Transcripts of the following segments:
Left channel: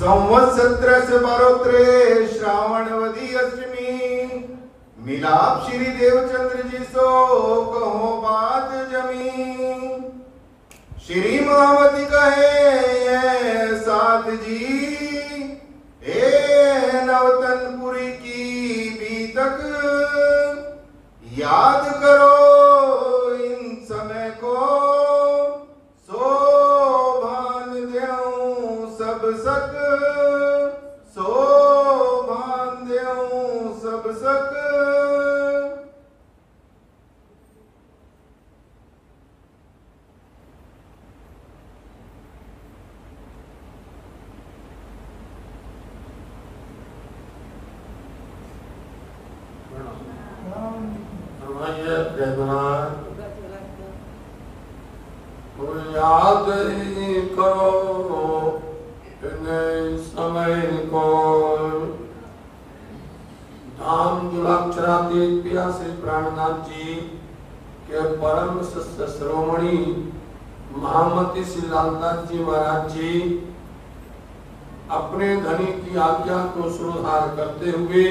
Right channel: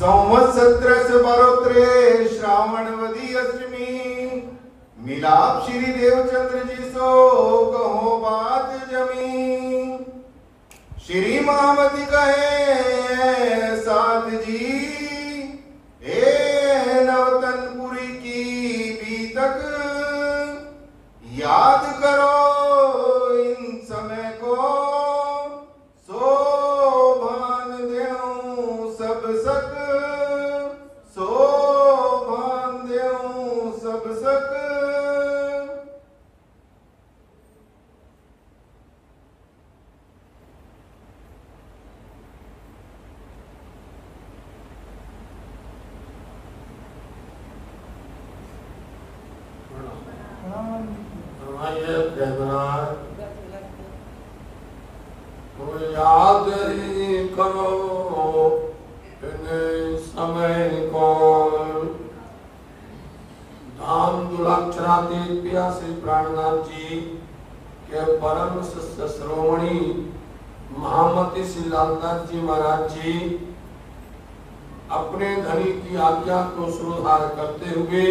संवत्सरस बरोत्रे श्रावणवदी अष्टमी मिलाप श्री देवचंद्र जी सो कहो बात जमी। श्री महावती कहे साथ जी ए नवतनपुरी की बीतक याद करो इन समय को शोभान देऊं सब सक शोभान देऊं सब सक। याद ही करो समय को। धाम दुराक्षरातीत पिया श्री प्राणनाथ जी के परम शिष्य शिरोमणि महामती श्री लालदास जी महाराज जी अपने धनी की आज्ञा को सुधार करते हुए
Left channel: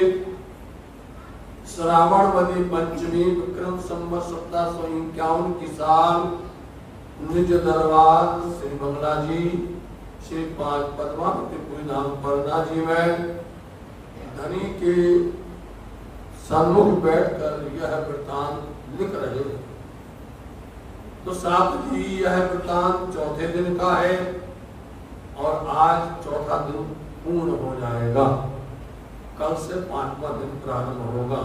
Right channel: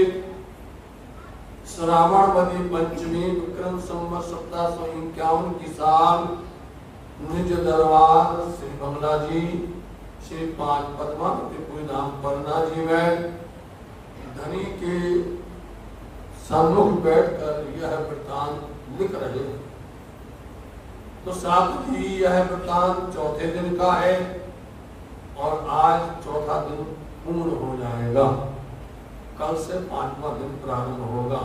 श्रावणवदी पंचमी विक्रम संवत 1751 की साल निज दरबार श्री बंगला जी श्री 5 पद्मावतीपुरी धाम परना जी में धनी के सम्मुख बैठकर यह वृत्तांत लिख रहे हैं। तो साथ ही यह वृत्तांत चौथे दिन का है और आज चौथा दिन पूर्ण हो जाएगा। कल से 5वां दिन प्रारंभ होगा।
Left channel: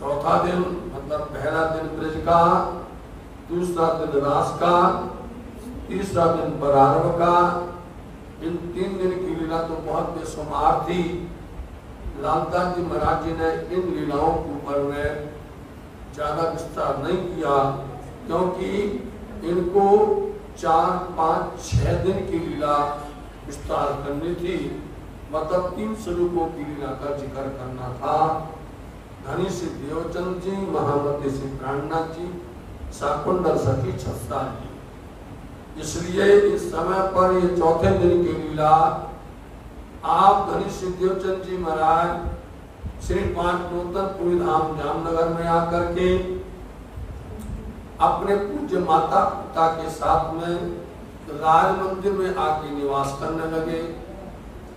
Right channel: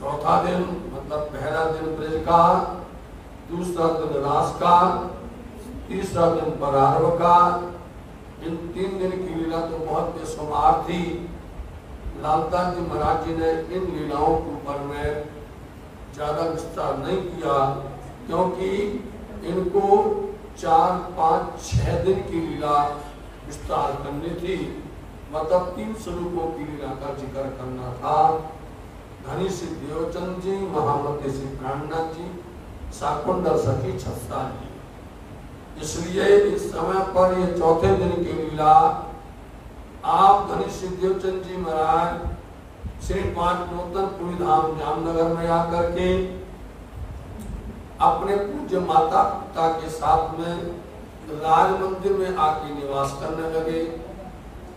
चौथा दिन मतलब पहला दिन ब्रज का, दूसरा दिन रास का, तीसरा दिन परार्व का। इन 3 दिन की लीला तो बहुत बेशुमार थी। लालदास जी महाराज जी ने इन लीलाओं के ऊपर में ज्यादा विस्तार नहीं किया क्योंकि इनको 4, 5, 6 दिन की लीला विस्तार करनी थी। मतलब 3 स्वरूपों की लीला का जिक्र करना था। धनी श्री देवचंद जी, महामती श्री प्राणनाथ जी, शाकुंडल सखी छत्ता जी। इसलिए इस समय पर ये चौथे दिन की लीला आप धनी श्री देवचंद जी महाराज श्री 5 नूतनपुरी धाम जामनगर में आकर के अपने पूज्य माता पिता के साथ में राज मंदिर में आके निवास करने लगे।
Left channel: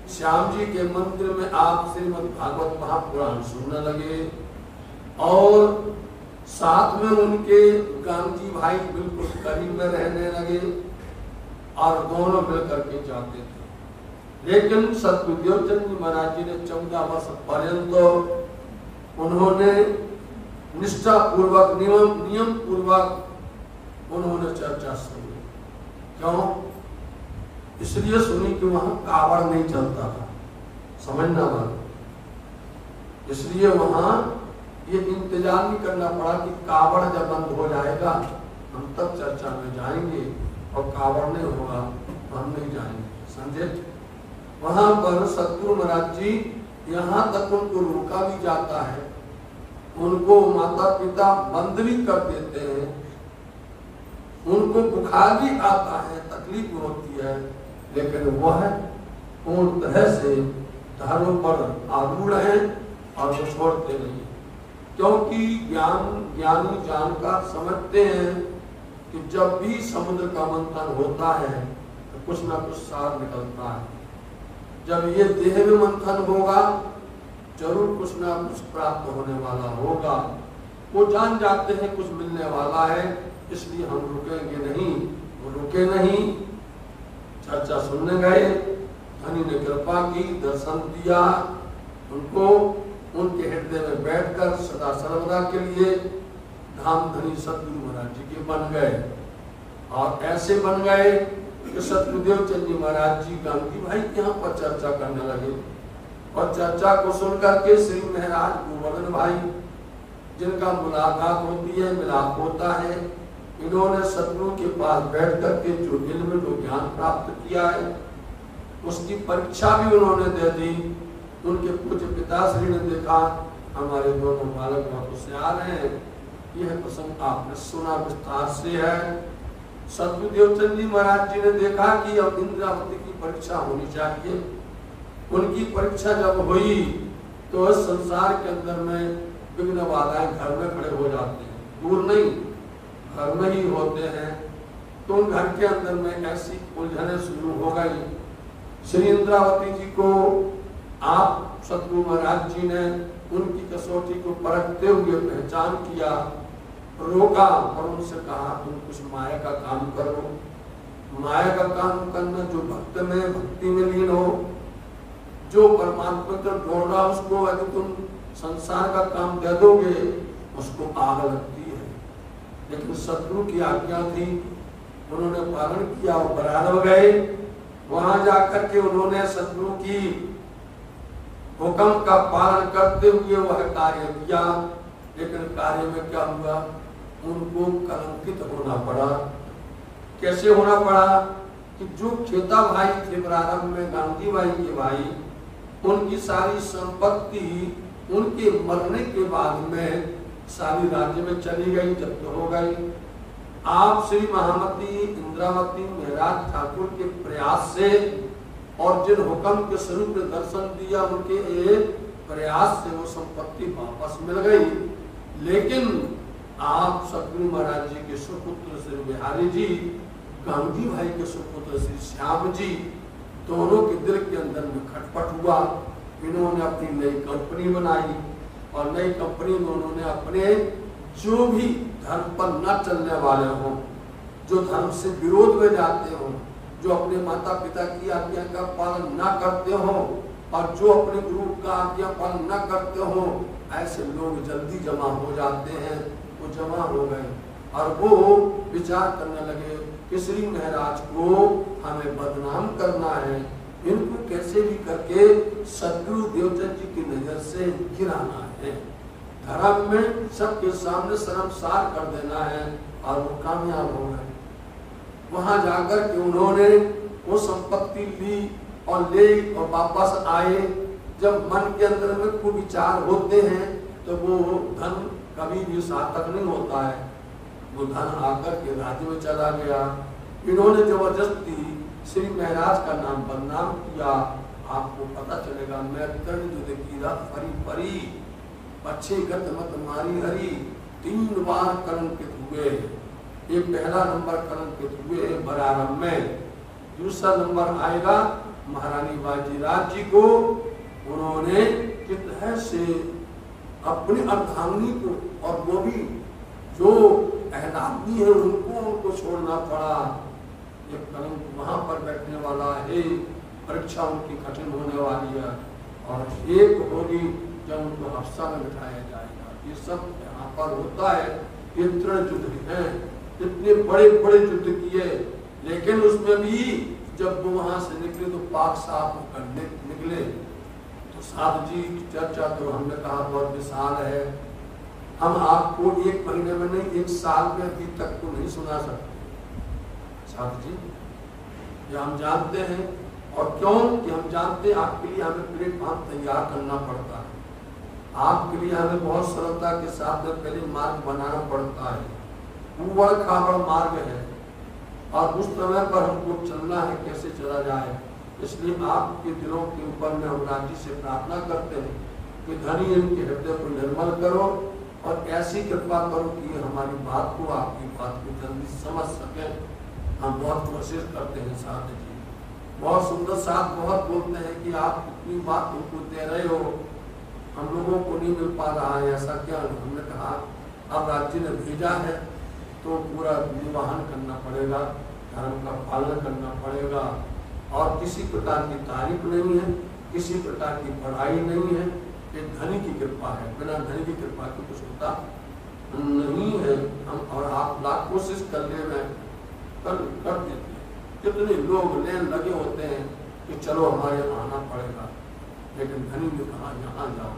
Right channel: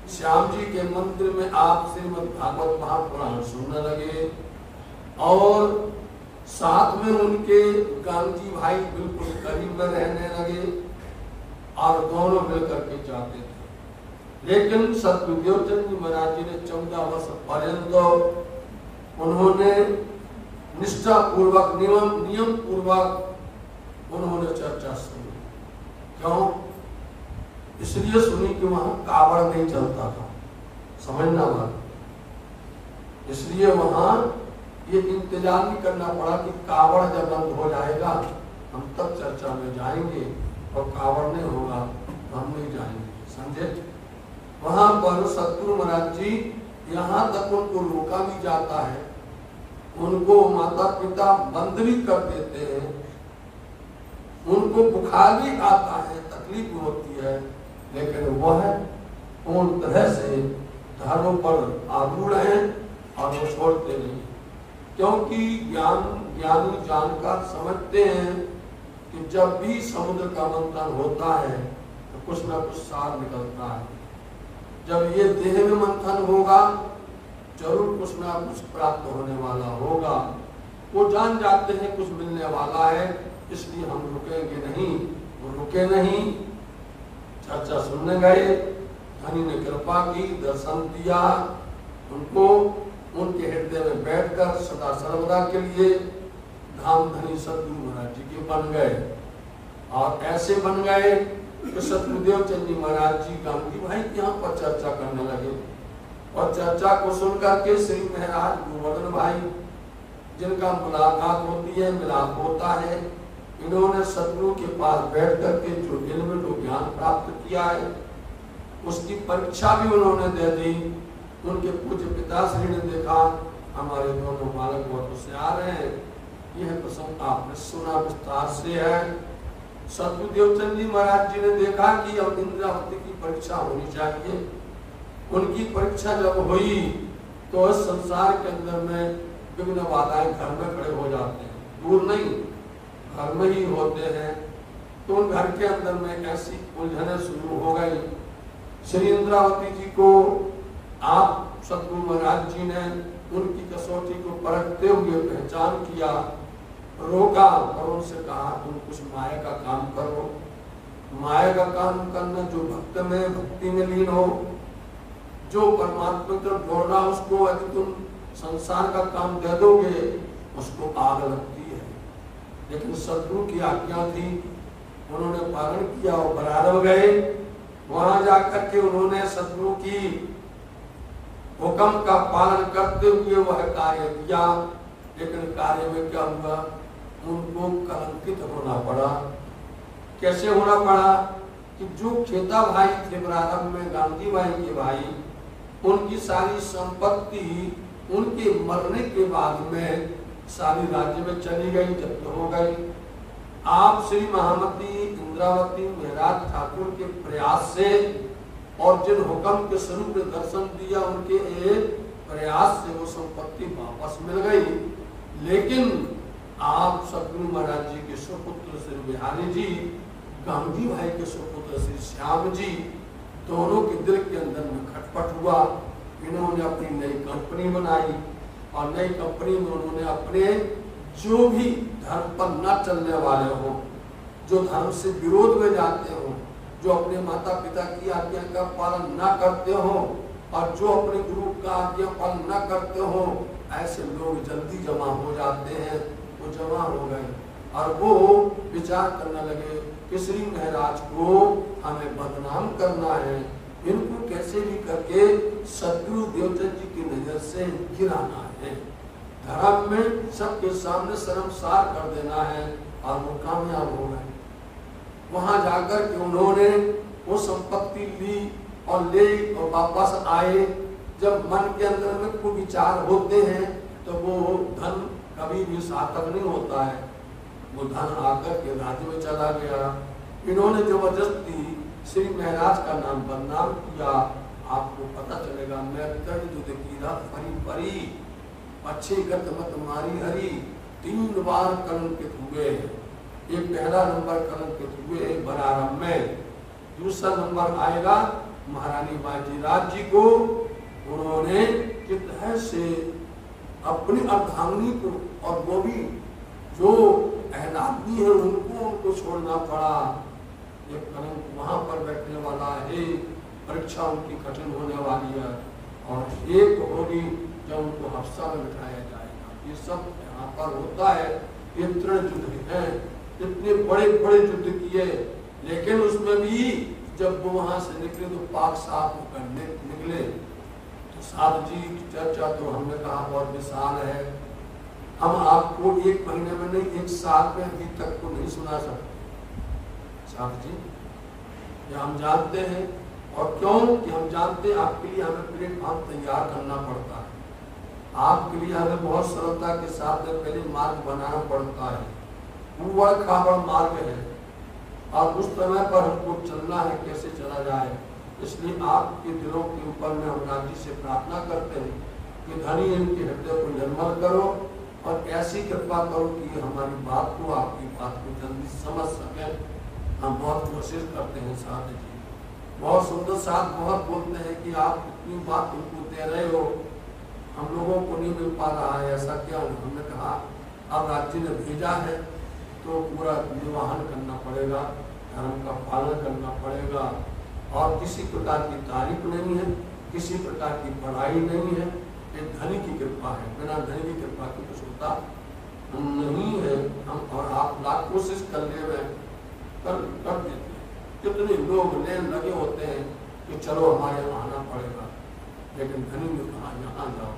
श्याम जी के मंदिर में आप श्रीमद् भागवत महापुराण सुनने लगे और साथ में उनके गांधी भाई बिल्कुल करीब में रहने लगे और दोनों मिलकर के जाते थे। लेकिन सतगुरुदेवचंद जी महाराज जी ने 14 वर्ष पर्यंत उन्होंने निष्ठा पूर्वक नियम पूर्वक उन्होंने चर्चा सुनी। क्यों? इसलिए सुनी कि वहां कावड़ नहीं चलता था, समझना बात। इसलिए वहां ये इंतजार नहीं करना पड़ा कि कावड़ जब बंद हो जाएगा हम तब चर्चा में जाएंगे और कावड़ नहीं होगा तो हम नहीं जाएंगे। समझे? वहां पर सतगुरु महाराज जी यहाँ तक उनको रोका भी जाता है, उनको माता पिता बंद भी कर देते हैं, उनको बुखार भी आता है, तकलीफ होती है, लेकिन वह पूर्ण तरह से धर्म पर आरूढ़ है और वो छोड़ते नहीं। क्योंकि ज्ञानी जानकार समझते हैं कि जब भी समुद्र का मंथन होता है तो कुछ न कुछ सार निकलता है। जब ये देह में मंथन होगा जरूर कुछ ना कुछ प्राप्त होने वाला होगा। वो जान जाते हैं कुछ मिलने वाला है, इसलिए हम रुकेंगे नहीं। वो रुके नहीं, चर्चा सुनने गए, धनी ने कृपा की, दर्शन दिया उनको, उनके हृदय में बैठकर सदा सर्वदा के लिए धाम धनी सतगुरु महाराज जी के बन गए। और ऐसे बन गए कि सतगुरुदेवचंद जी महाराज जी गांधी भाई यहाँ पर चर्चा करने लगे और चर्चा को सुनकर के श्री महाराज गोवर्धन भाई जिनका मुलाकात होती है, मिलाप होता है, इन्होंने सतगुरु के पास बैठ करके जो इल्म जो ज्ञान प्राप्त किया है उसकी परीक्षा भी उन्होंने दे दी। उनके पूज्य पिताश्री ने देखा हमारे दोनों बालक बहुत होशियार हैं, यह प्रसंग आपने सुना विस्तार से है। सतगुरुदेवचंद जी महाराज जी ने देखा कि अब इंद्रावती की परीक्षा होनी चाहिए। उनकी परीक्षा जब हुई तो इस संसार के अंदर में विघ्न बाधाएं घर में खड़े हो जाते हैं, दूर नहीं, घर में ही होते हैं। तो उन घर के अंदर में ऐसी उलझने शुरू हो गई। श्री इंद्रावती जी को आप सतगुरु महाराज जी ने उनकी कसौटी को परखते हुए पहचान किया, रोका और उनसे कहा तुम कुछ माया का काम करो। माया का काम करना जो भक्त में भक्ति में लीन हो, जो परमात्मा की तरफ दौड़ रहा उसको यदि तुम संसार का काम दे दोगे उसको आग लगती है। लेकिन सतगुरु की आज्ञा थी, उन्होंने पालन किया और बराबर गए। वहां जाकर के उन्होंने सतगुरु की हुक्म का पालन करते हुए वह कार्य किया। लेकिन कार्य में क्या हुआ, उनको कलंकित होना पड़ा। कैसे होना पड़ा कि जो खेता भाई थे प्रारंभ में गांधी भाई के भाई, उनकी सारी संपत्ति उनके मरने के बाद में सारी राज्य में चली गई, जब्त हो गई। आप श्री महामती इंद्रावती महाराज ठाकुर के प्रयास से और जिन हुक्म के स्वरूप में दर्शन दिया उनके एक प्रयास से वो संपत्ति वापस मिल गई। लेकिन आप सतगुरु महाराज जी के सुपुत्र श्री बिहारी जी, गांधी भाई के सुपुत्र श्री श्याम जी, दोनों के दिल के अंदर में खटपट हुआ। इन्होंने अपनी नई कंपनी बनाई और नई कंपनी में उन्होंने अपने जो भी धर्म पर न चलने वाले हो, जो धर्म से विरोध में जाते हो, जो अपने माता पिता की आज्ञा का पालन न करते हो और जो अपने गुरु का आज्ञा पालन न करते हो, ऐसे लोग जल्दी जमा हो जाते हैं। वो जमा हो गए और वो विचार करने लगे कि श्री महाराज को हमें बदनाम करना है, इनको कैसे भी करके सतगुरु देवचंद जी की नजर से गिराना है, धर्म में सबके सामने शर्मसार कर देना है। और वो कामयाब हो गए। वहां जाकर के उन्होंने वो संपत्ति ली और ले और वापस आए। जब मन के अंदर में खूब विचार होते हैं तो वो धन कभी भी सार्थक नहीं होता है। वो धन आकर के राज्य में चला गया। इन्होंने जबरदस्ती श्री महाराज का नाम बदनाम किया। आपको पता चलेगा, मैं जो कीरा फरी फरी अच्छे गत मत मारी हरी, 3 बार कलंकित हुए। ये पहला नंबर कलंकित हुए बरारम में। दूसरा नंबर आएगा महारानी बाजीराज जी को। उन्होंने कितने से अपनी अर्धांगिनी को और वो भी जो अहलादनी है उनको छोड़ना पड़ा। ये कलंक वहां पर बैठने वाला है। परीक्षा उनकी कठिन होने वाली है और एक होगी जब उनको हफ्सा में बिठाया जाएगा। ये सब यहाँ पर होता है। ये तृण युद्ध हैं, इतने बड़े बड़े युद्ध किए, लेकिन उसमें भी जब वो वहां से निकले तो पाक साफ होकर निकले। तो साधु जी की चर्चा तो हमने कहा बहुत विशाल है। हम आपको 1 महीने में नहीं, 1 साल में अभी तक तो नहीं सुना सकते साधु जी। ये हम जानते हैं। और क्यों कि हम जानते हैं आपके लिए हमें प्लेटफॉर्म तैयार करना पड़ता है। आपके लिए हमें बहुत सरलता के साथ में पहले मार्ग बनाना पड़ता है। ऊबड़ खाबड़ मार्ग है और उस समय पर हमको चलना है, कैसे चला जाए। इसलिए आपके दिलों के ऊपर में हम राज्य से प्रार्थना करते हैं कि धनी इनके हृदय को निर्मल करो और ऐसी कृपा करो कि हमारी बात को, आपकी बात को जल्दी समझ सके। हम बहुत कोशिश करते हैं साथ जी, बहुत सुंदर साथ बहुत बोलते हैं कि आप इतनी बात उनको दे रहे हो, हम लोगों को नहीं मिल पा रहा है, ऐसा क्या। हमने कहा अब राज्य ने भेजा है तो पूरा निर्वहन करना पड़ेगा, धर्म का पालन करना पड़ेगा। और किसी प्रकार की तारीफ नहीं है, किसी प्रकार की पढ़ाई नहीं है। ये धनी की कृपा है, बिना धनी की कृपा की कुछ होता नहीं है। हम और आप लाख कोशिश कर ले कर देते हैं। कितने लोग लेन लगे होते हैं कि चलो हमारे यहाँ आना पड़ेगा, लेकिन धनी ने कहा यहाँ जाओ।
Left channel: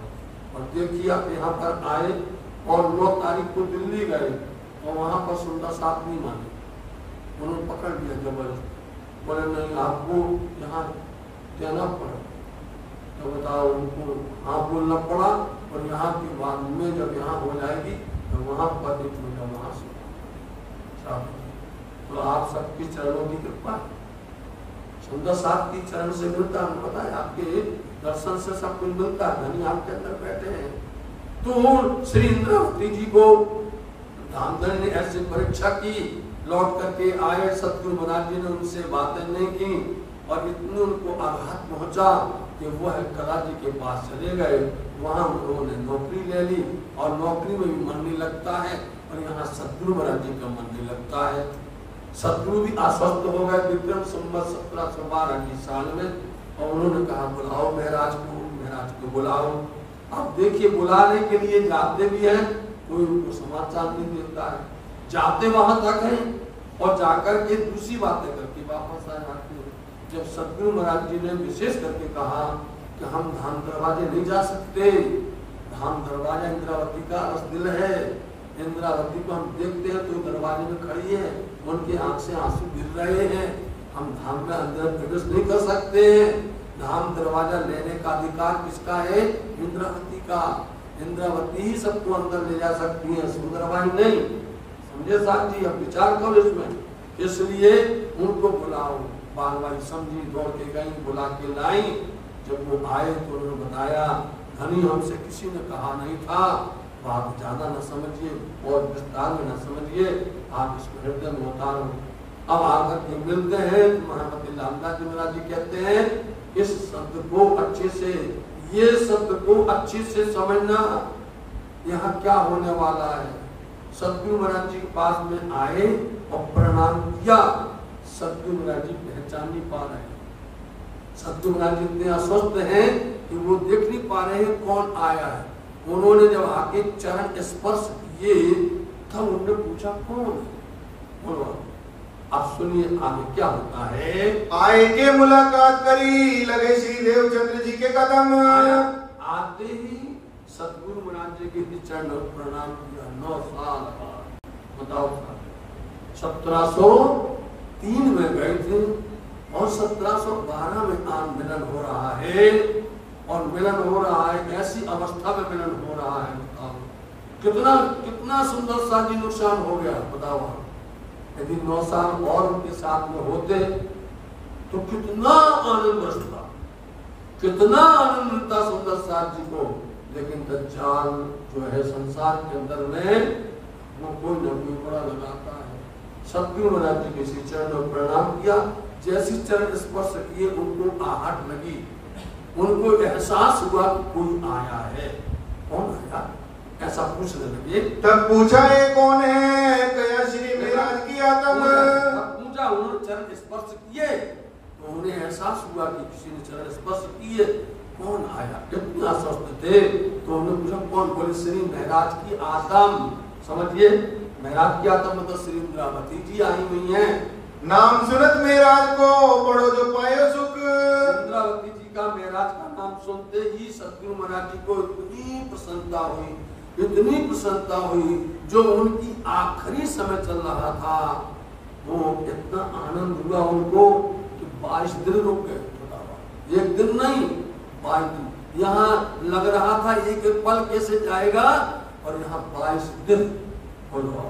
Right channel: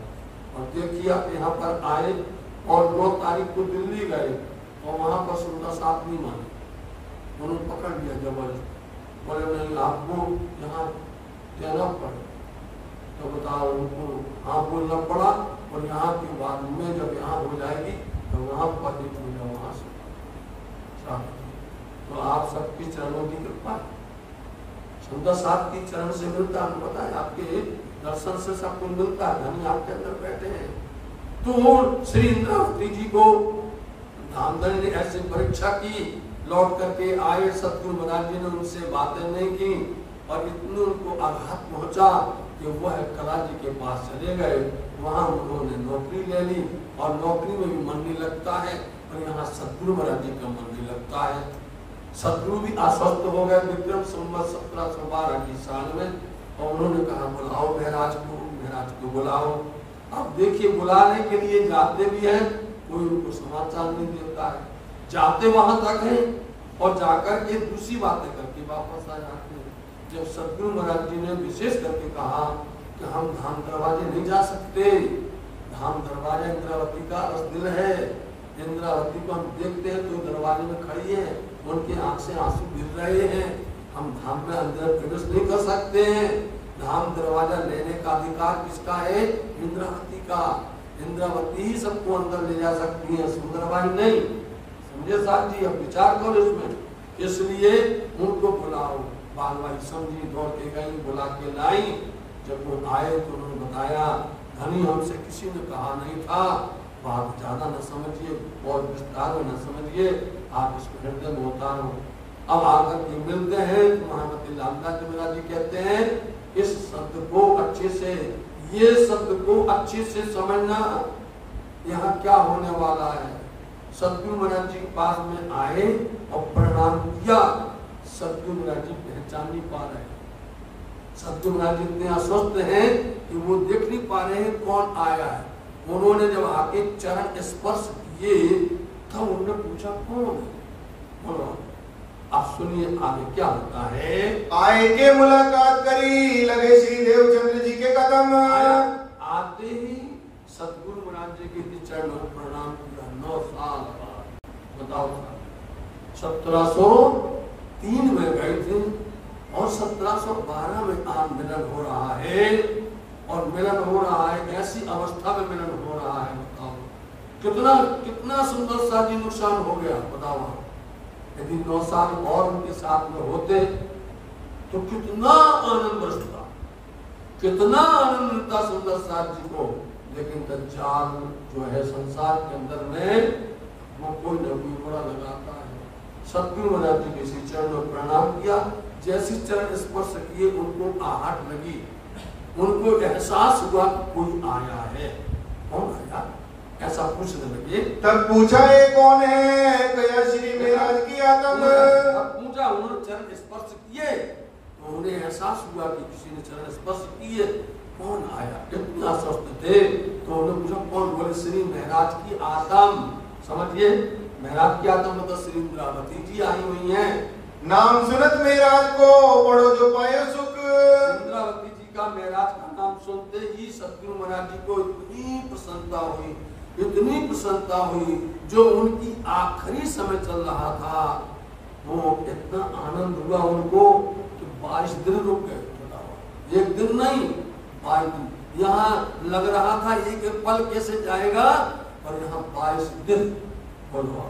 और देखिए आप यहाँ पर आए और 9 तारीख को दिल्ली गए और वहां पर सुंदर साथ नहीं माने, उन्होंने पकड़ लिया जबरदस्त। बोले नहीं आपको यहाँ देना पड़ा। तो बताओ उनको हाँ बोलना पड़ा। और यहाँ के बाद में जब यहाँ हो जाएगी तो वहां पर देखूंगा वहां से। तो आप सबकी चरणों की कृपा सुंदर साथ की चरण से मिलता है, पता है आपके दर्शन से सब कुछ मिलता है, धनी आपके अंदर बैठे हैं। तो श्री इंद्रावती जी को धामधन ने ऐसी परीक्षा की, लौट करके आए, सतगुरु महाराज जी ने उनसे बातें नहीं की और इतने उनको आघात पहुंचा कि वह कला जी के पास चले गए। वहां उन्होंने नौकरी ले ली और नौकरी में भी मन नहीं लगता है और यहाँ सतगुरु महाराज जी का मन नहीं लगता है। सतगुरु भी आश्वस्त हो गए विक्रम संवत 1712 की साल में और उन्होंने कहा बुलाओ महाराज को बुलाओ। अब देखिए बुलाने के लिए जाते भी हैं, कोई उनको समाचार नहीं देता है, जाते वहां तक है और जाकर के दूसरी बातें करके वापस आ जाते हैं। जब सतगुरु महाराज जी ने विशेष करके कहा कि हम धाम दरवाजे नहीं जा सकते, धाम दरवाजा इंद्रावती का रसदिल है, इंद्रावती को हम देखते हैं तो दरवाजे में खड़ी है, उनके आंख से आंसू गिर रहे हैं, हम धाम में अंदर प्रवेश नहीं कर सकते हैं। धाम दरवाजा लेने का अधिकार किसका है? इंद्रावती का। इंद्रावती ही सबको अंदर ले जा सकती है, सुंदरबाई नहीं। समझे साहब जी? अब विचार करो इसमें। इसलिए उनको बुलाओ। बालबाई समझी, दौड़ के गई, बुला के लाई। जब वो आए तो उन्होंने बताया धनी हमसे किसी ने कहा नहीं था, बात ज्यादा न समझिए और विस्तार में न समझिए, आप इसको हृदय में उतारो। अब आकर के मिलते हैं तो महामती लालदास जी महाराज जी कहते हैं इस शब्द को अच्छे से, ये शब्द को अच्छे से समझना, यहाँ क्या होने वाला है। सतगुरु महाराज जी के पास में आए और प्रणाम किया। सतगुरु महाराज जी पहचान नहीं पा रहे, सतगुरु महाराज जी इतने अस्वस्थ हैं कि वो देख नहीं पा रहे हैं कौन आया है। उन्होंने जब आके चरण स्पर्श किए तब उन्होंने पूछा कौन है। बोलो आप सुनिए आगे क्या होता है। आए के मुलाकात करी, लगे श्री देवचंद्र जी के कदम। आते ही सतगुरु महाराज जी के चरणों में प्रणाम किया। 9 साल बाद, बताओ 1703 में गए थे और 1712 में आज मिलन हो रहा है और मिलन हो रहा है, ऐसी अवस्था में मिलन हो रहा है। बताओ कितना कितना सुंदर शादी नुकसान हो गया। बताओ यदि 9 साल और उनके साथ में होते तो कितना आनंद बरसता, कितना आनंद मिलता सुंदर साथ जी को। लेकिन दज्जाल जो है संसार के अंदर में वो कोई न कोई बड़ा लगाता है। सतगुरु महाराज जी के श्री चरण में प्रणाम किया। जैसी चरण स्पर्श किए उनको आहट लगी, उनको एहसास हुआ कि कोई आया है। कौन आया ऐसा पूछने लगे। तब पूछा ये कौन है? कया श्री महाराज की आत्म। पूछा, उन्होंने चरण स्पर्श किए तो उन्हें एहसास हुआ कि किसी ने चरण स्पर्श किए। कौन आया? कितने अस्वस्थ थे तो उन्होंने पूछा कौन? बोले श्री महाराज की आत्म। समझिए महाराज की आत्म मतलब श्री इंद्रावती जी आई हुई है। नाम सुनत महाराज को बड़ो जो पायो सुख। इंद्रावती जी का महाराज का नाम सुनते ही सतगुरु महाराज जी को इतनी प्रसन्नता हुई, इतनी प्रसन्नता हुई, जो उनकी आखिरी समय चल रहा था वो इतना आनंद हुआ उनको कि 22 दिन रुक गए। बताओ एक दिन नहीं 22 दिन। यहाँ लग रहा था एक पल कैसे जाएगा और यहाँ 22 दिन। बोलो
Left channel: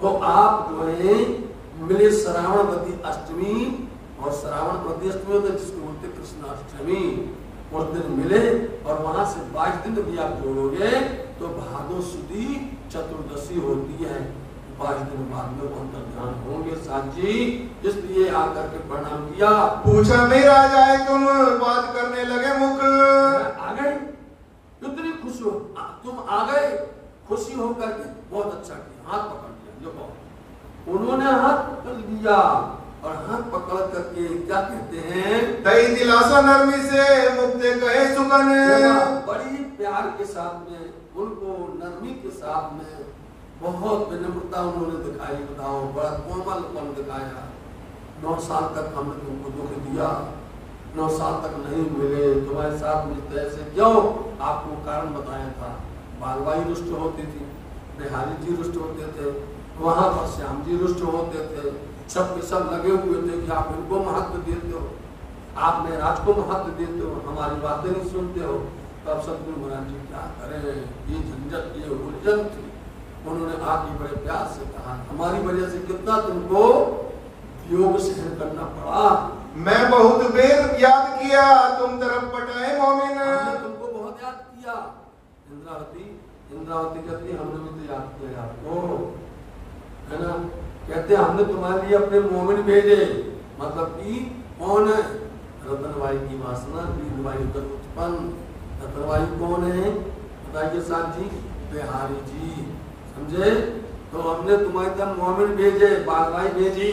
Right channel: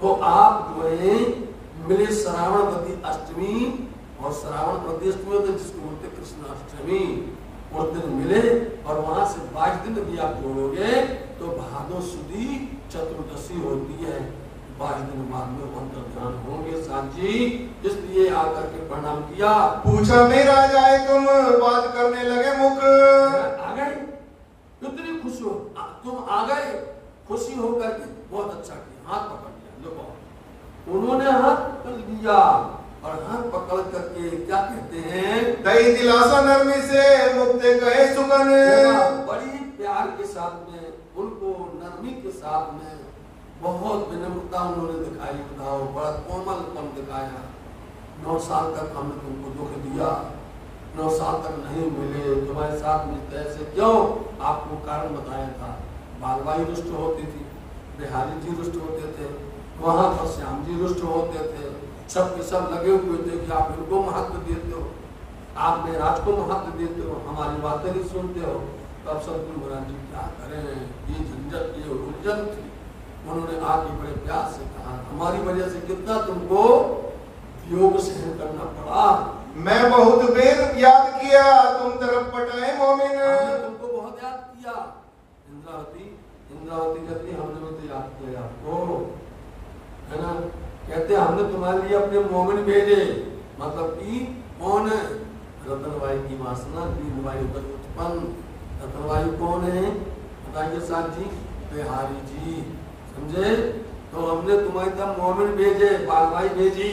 तो आप जो है मिले श्रावणवती अष्टमी और श्रावणवती अष्टमी होते जिसको बोलते कृष्णाष्टमी, उस दिन मिले और वहां से 22 दिन भी आप जोड़ोगे तो भादो सुदी चतुर्दशी होती है। 22 दिन बाद में वो अंतर ध्यान होंगे साथ जी। इसलिए आकर के प्रणाम किया। पूछा मेरा जाए तुम बात करने लगे मुख। आ गए, कितनी खुशी हो, तुम आ गए, खुशी होकर के बहुत अच्छा किया, हाथ पकड़ लिया। देखो उन्होंने हाथ पकड़ लिया और हाथ पकड़ करके क्या कहते हैं, दई दिलासा नरमी से मुक्ते कहे सुगन। बड़ी प्यार के साथ में उनको नरमी के साथ में बहुत विनम्रता उन्होंने दिखाई। बताओ बड़ा कोमलपन दिखाया। 9 साल तक हमने तुमको दुख दिया, 9 साल तक नहीं मिले, तुम्हारे साथ मिलते ऐसे क्यों? आपको कारण बताया था। बालबाई रुष्ट होती थी, बिहारी जी रुष्ट होते थे, वहां पर श्याम जी रुष्ट होते थे, सब के सब लगे हुए थे कि आप इनको महत्व देते हो, आप महाराज को महत्व देते हो, हमारी बातें नहीं सुनते हो। तब सतगुरु महाराज जी क्या करें, ये झंझट ये उलझन थी। उन्होंने आके बड़े प्यार से कहा हमारी वजह से कितना तुमको वियोग सहन करना पड़ा, मैं बहुत बेर याद किया तुम तरफ पटाए मोमिन। हमने तुमको बहुत याद किया। इंद्रावती कहती हमने भी तो याद किया आपको, है ना। कहते हमने तुम्हारे लिए अपने मोमिन भेजे, मतलब कि कौन है? रतनबाई की वासना दीनबाई पर उत्पन्न। रतनबाई कौन है बताइए साथ जी? बिहारी जी, समझे। तो हमने तुम्हारे तरफ मोमिन भेजे, बालबाई भेजी।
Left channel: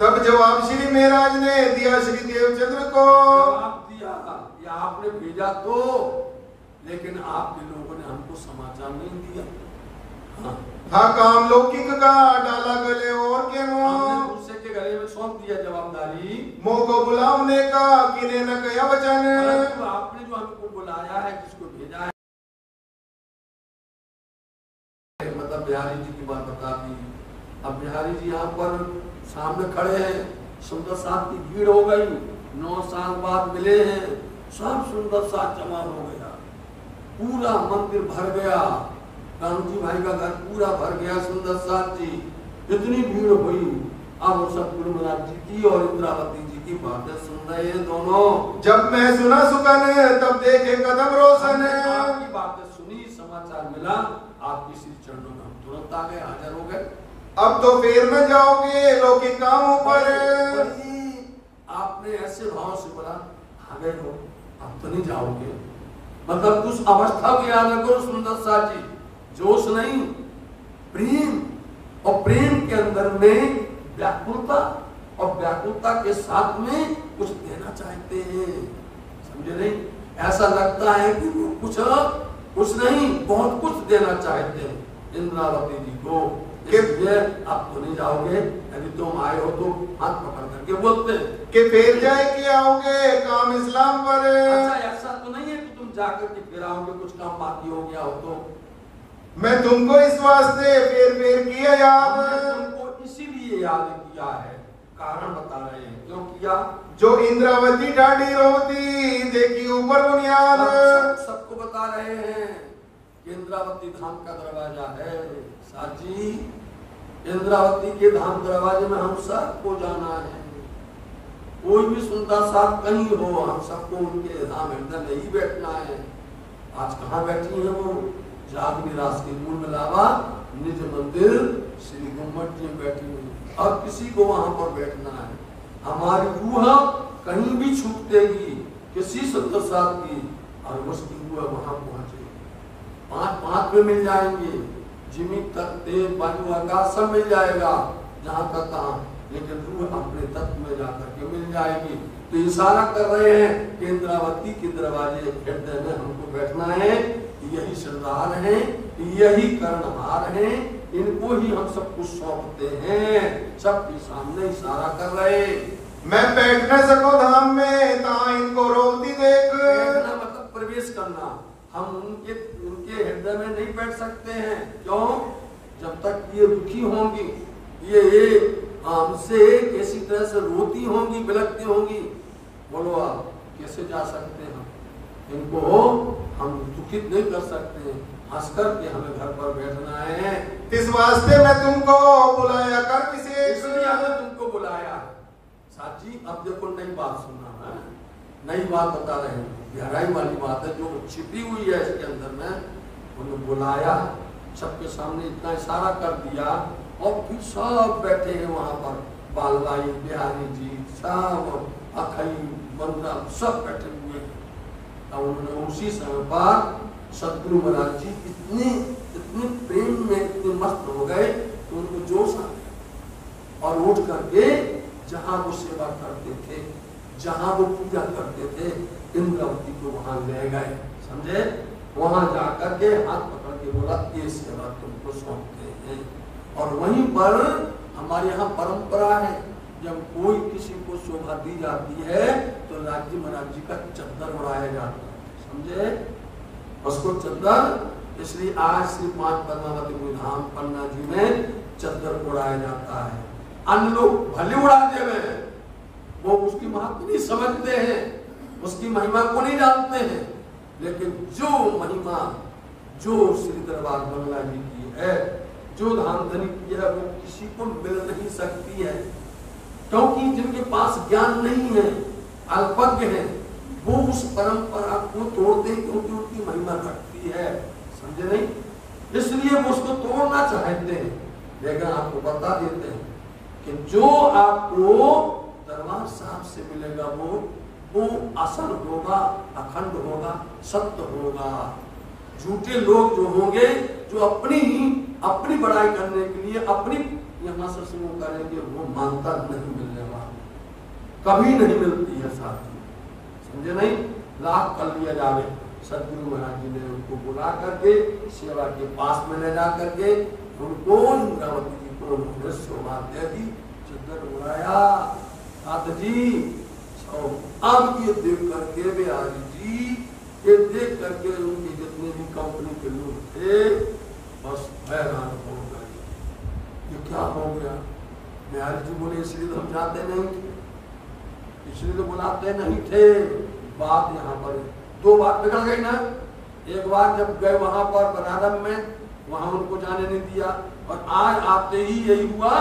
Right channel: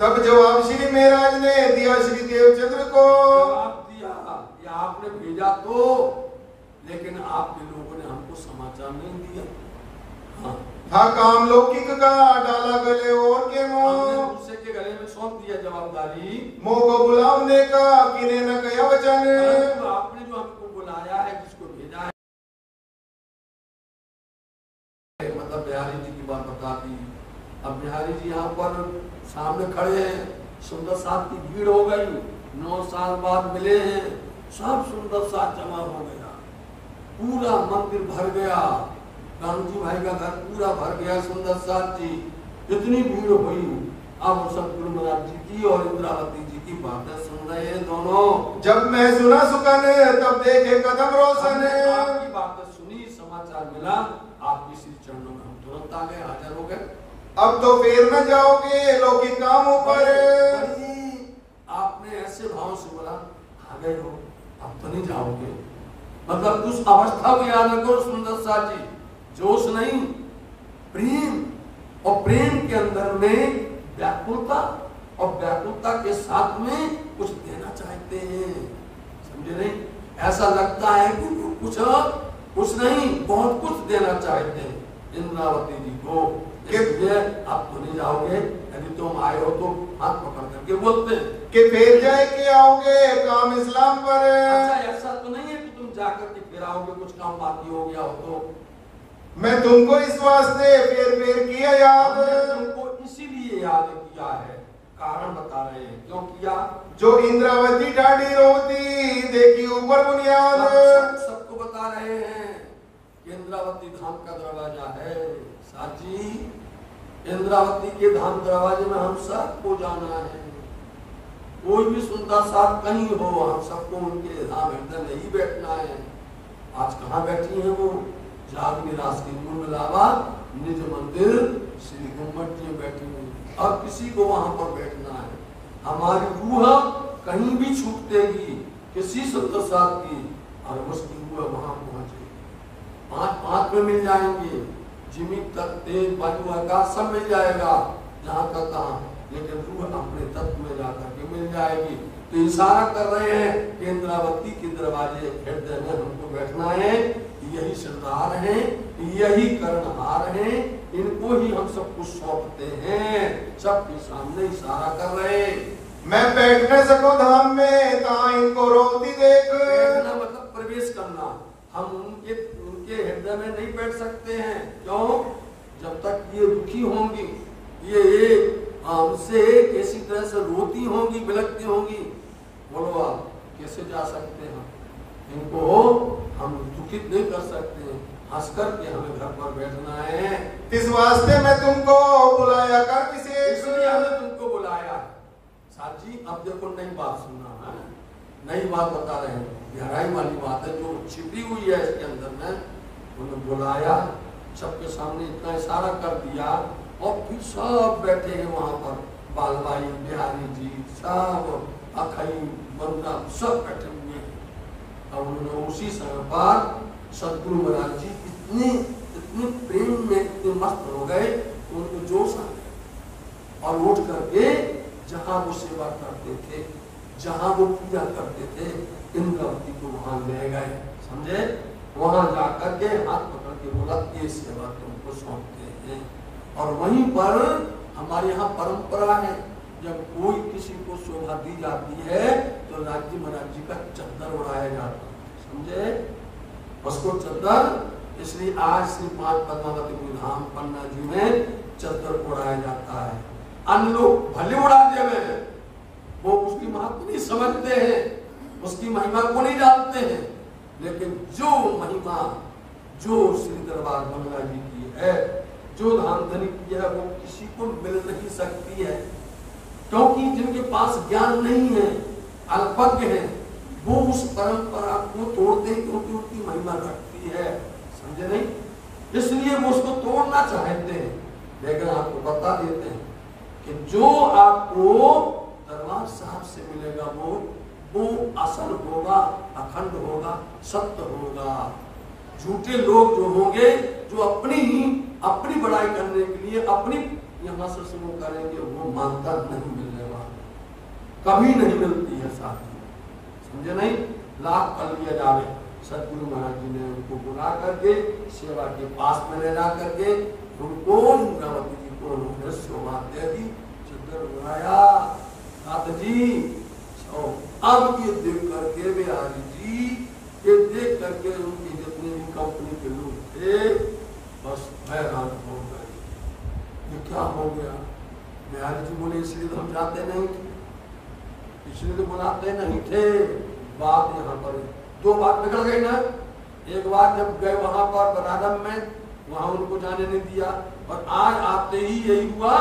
तब जवाब श्री महाराज ने दिया श्री देवचंद्र को। जवाब दिया कि आपने भेजा तो, लेकिन आपके लोगों ने हमको समाचार नहीं दिया। हाँ, था काम लौकिक का डाला गले और के हमने दूसरे के गले में सौंप दिया जवाबदारी। मोह को बुलाने का किने न कया वचन। तो आपने जो हमको बुलाया है, जिसको भेजा है, मतलब बिहारी जी की बात बता दी। अब बिहारी जी यहाँ पर सामने खड़े हैं, सुंदर साथ की भीड़ हो गई, 9 साल बाद मिले हैं, सब सुंदर साथ जमा हो गया, पूरा मंदिर भर गया, कानूजी भाई का घर पूरा भर गया, सुंदर साथ जी, इतनी भीड़ हुई। अब सब गुरु महाराज जी की और इंद्रावती जी की बातें सुन रहे हैं दोनों। जब मैं सुना सुकन तब देखे कदम रोशन। आपकी बातें सुनी, समाचार मिला, आपकी श्री चरणों में हम तुरंत आ गए, हाजिर हो गए। अब तो फेर न जाओगे लौकिक कामों पर। आपने ऐसे भाव से बोला, आ गए हो, अब तो नहीं जाओगे। मतलब उस अवस्था को याद रखो सुंदर सा जी, जोश नहीं, प्रेम, और प्रेम के अंदर में व्याकुलता, और व्याकुलता के साथ में कुछ देना चाहते हैं, समझे नहीं? ऐसा लगता है कि कुछ नहीं, बहुत कुछ देना चाहते हैं इंद्रावती जी को। इसलिए आप तो नहीं जाओगे, यदि तुम आए हो तो हाथ पकड़ करके बोलते हैं कि फेर जाए कि आओगे काम इस्लाम पर। अच्छा, ऐसा तो नहीं है कि तुम जाकर के फिर आओगे, कुछ काम बाकी हो गया हो तो। मैं तुमको इस वास्ते फेर किया याद। तुमको इसीलिए याद किया है, कारण बता रहे हैं क्यों किया। जो इंद्रावती ढाडी रोती देखी ऊपर बुनियाद। सबको बता रहे हैं कि इंद्रावती धाम का दरवाजा है साजी, इंद्रावती के धाम दरवाजे में हम सबको जाना है। कोई भी सुनता साथ कहीं हो, हम सबको उनके धाम हृदय में ही बैठना है। आज कहाँ बैठी है वो? जागनी रास के मूल में लावा निज मंदिर श्री गुम्मट जी बैठी हुई, अब किसी को वहां पर बैठना है। हमारी रूह कहीं भी छूटेगी किसी सत्तर साथ की, और उसकी रूह वहां पहुंचेगी, 5 में मिल जाएंगे, जिमी तक तेज वायु आकाश सब मिल जाएगा, जहां तक कहा, लेकिन रूह अपने तत्व में जाकर के मिल जाएगी। तो इशारा कर रहे हैं कि इंद्रावती के दरवाजे हृदय में हमको बैठना है। यही सरदार है, यही कर्णहार है, इनको ही हम सब कुछ सौंपते हैं, सबके सामने इशारा कर रहे। मैं बैठ न सको धाम में ता इनको रोती देख। बैठना मतलब प्रवेश करना, हम उनके हृदय में नहीं बैठ सकते हैं। क्यों? जब तक ये दुखी होंगी, ये हमसे किसी तरह से रोती होंगी, बिलखती होंगी, बोलो आप कैसे जा सकते हैं? इनको हम दुखित नहीं कर सकते, हंस करके हमें घर पर बैठना है। इस वास्ते मैं तुमको बुलाया कर विशेष। इसलिए हमने तुमको बुलाया। साथ जी अब देखो नई बात सुनना है, नई बात बता रहे हैं, गहराई वाली बात है जो छिपी हुई है इसके अंदर में। उन्हें बुलाया, सबके सामने इतना इशारा कर दिया, और फिर सब बैठे हैं वहां पर, बालबाई, बिहारी जी, सब अखई, बंदा सब बैठे हुए। और उन्होंने उसी समय पर सतगुरु महाराज जी इतने प्रेम में इतने मस्त हो गए कि उनको जोश आ गया, और उठ करके जहां वो सेवा करते थे, जहां वो पूजा करते थे, इंद्रावती को वहां ले गए, समझे? वहां जाकर के हाथ पकड़ के बोला ये सेवा तुमको सौंपते हैं। और वहीं पर हमारे यहाँ परंपरा है, जब कोई किसी को शोभा दी जाती है तो राज्य महाराज जी का चद्दर उड़ाया जाता है, समझे? उसको चद्दर, इसलिए आज श्री 5 पद्मावती गुरु धाम पन्ना जी में चद्दर उड़ाया जाता है। अन्य लोग भले उड़ा देवे, वो उसकी महत्व नहीं समझते हैं, उसकी महिमा को नहीं जानते हैं, लेकिन जो महिमा जो श्री दरबार मंगला जी की है, जो धामधनी की है, वो किसी को मिल नहीं सकती है। क्योंकि जिनके पास ज्ञान नहीं है, अल्पज्ञ है, वो उस परंपरा को तोड़ते क्योंकि उनकी महिमा घटती है, समझे नहीं? इसलिए वो उसको तोड़ना चाहते हैं। लेकिन आपको बता देते हैं कि जो आपको दरबार साहब से मिलेगा वो असल होगा, अखंड होगा, सत्य होगा। झूठे लोग जो होंगे, जो अपनी बड़ाई करने के लिए अपनी यहां से शुरू करेंगे, वो मानता नहीं मिलने वाला, कभी नहीं मिलती है साथी, समझे नहीं? लाभ कर लिया जावे। सदगुरु महाराज जी ने उनको बुला करके सेवा के पास में ले जा करके उनको इंद्रावती जी को उन्होंने शोभा दे दी, चद्दर बुलाया, साथ जी अब ये देख करके बिहारी जी, ये देख करके उनके जितने भी कंपनी के लोग थे बस हैरान हो गए, ये क्या हो गया? बिहारी जी बोले इसलिए तो हम जाते नहीं थे, इसलिए तो बुलाते नहीं थे। बात यहाँ पर दो बात निकल गई ना। एक बार जब गए वहां पर बनारस में, वहां उनको जाने नहीं दिया, और आज आते ही यही हुआ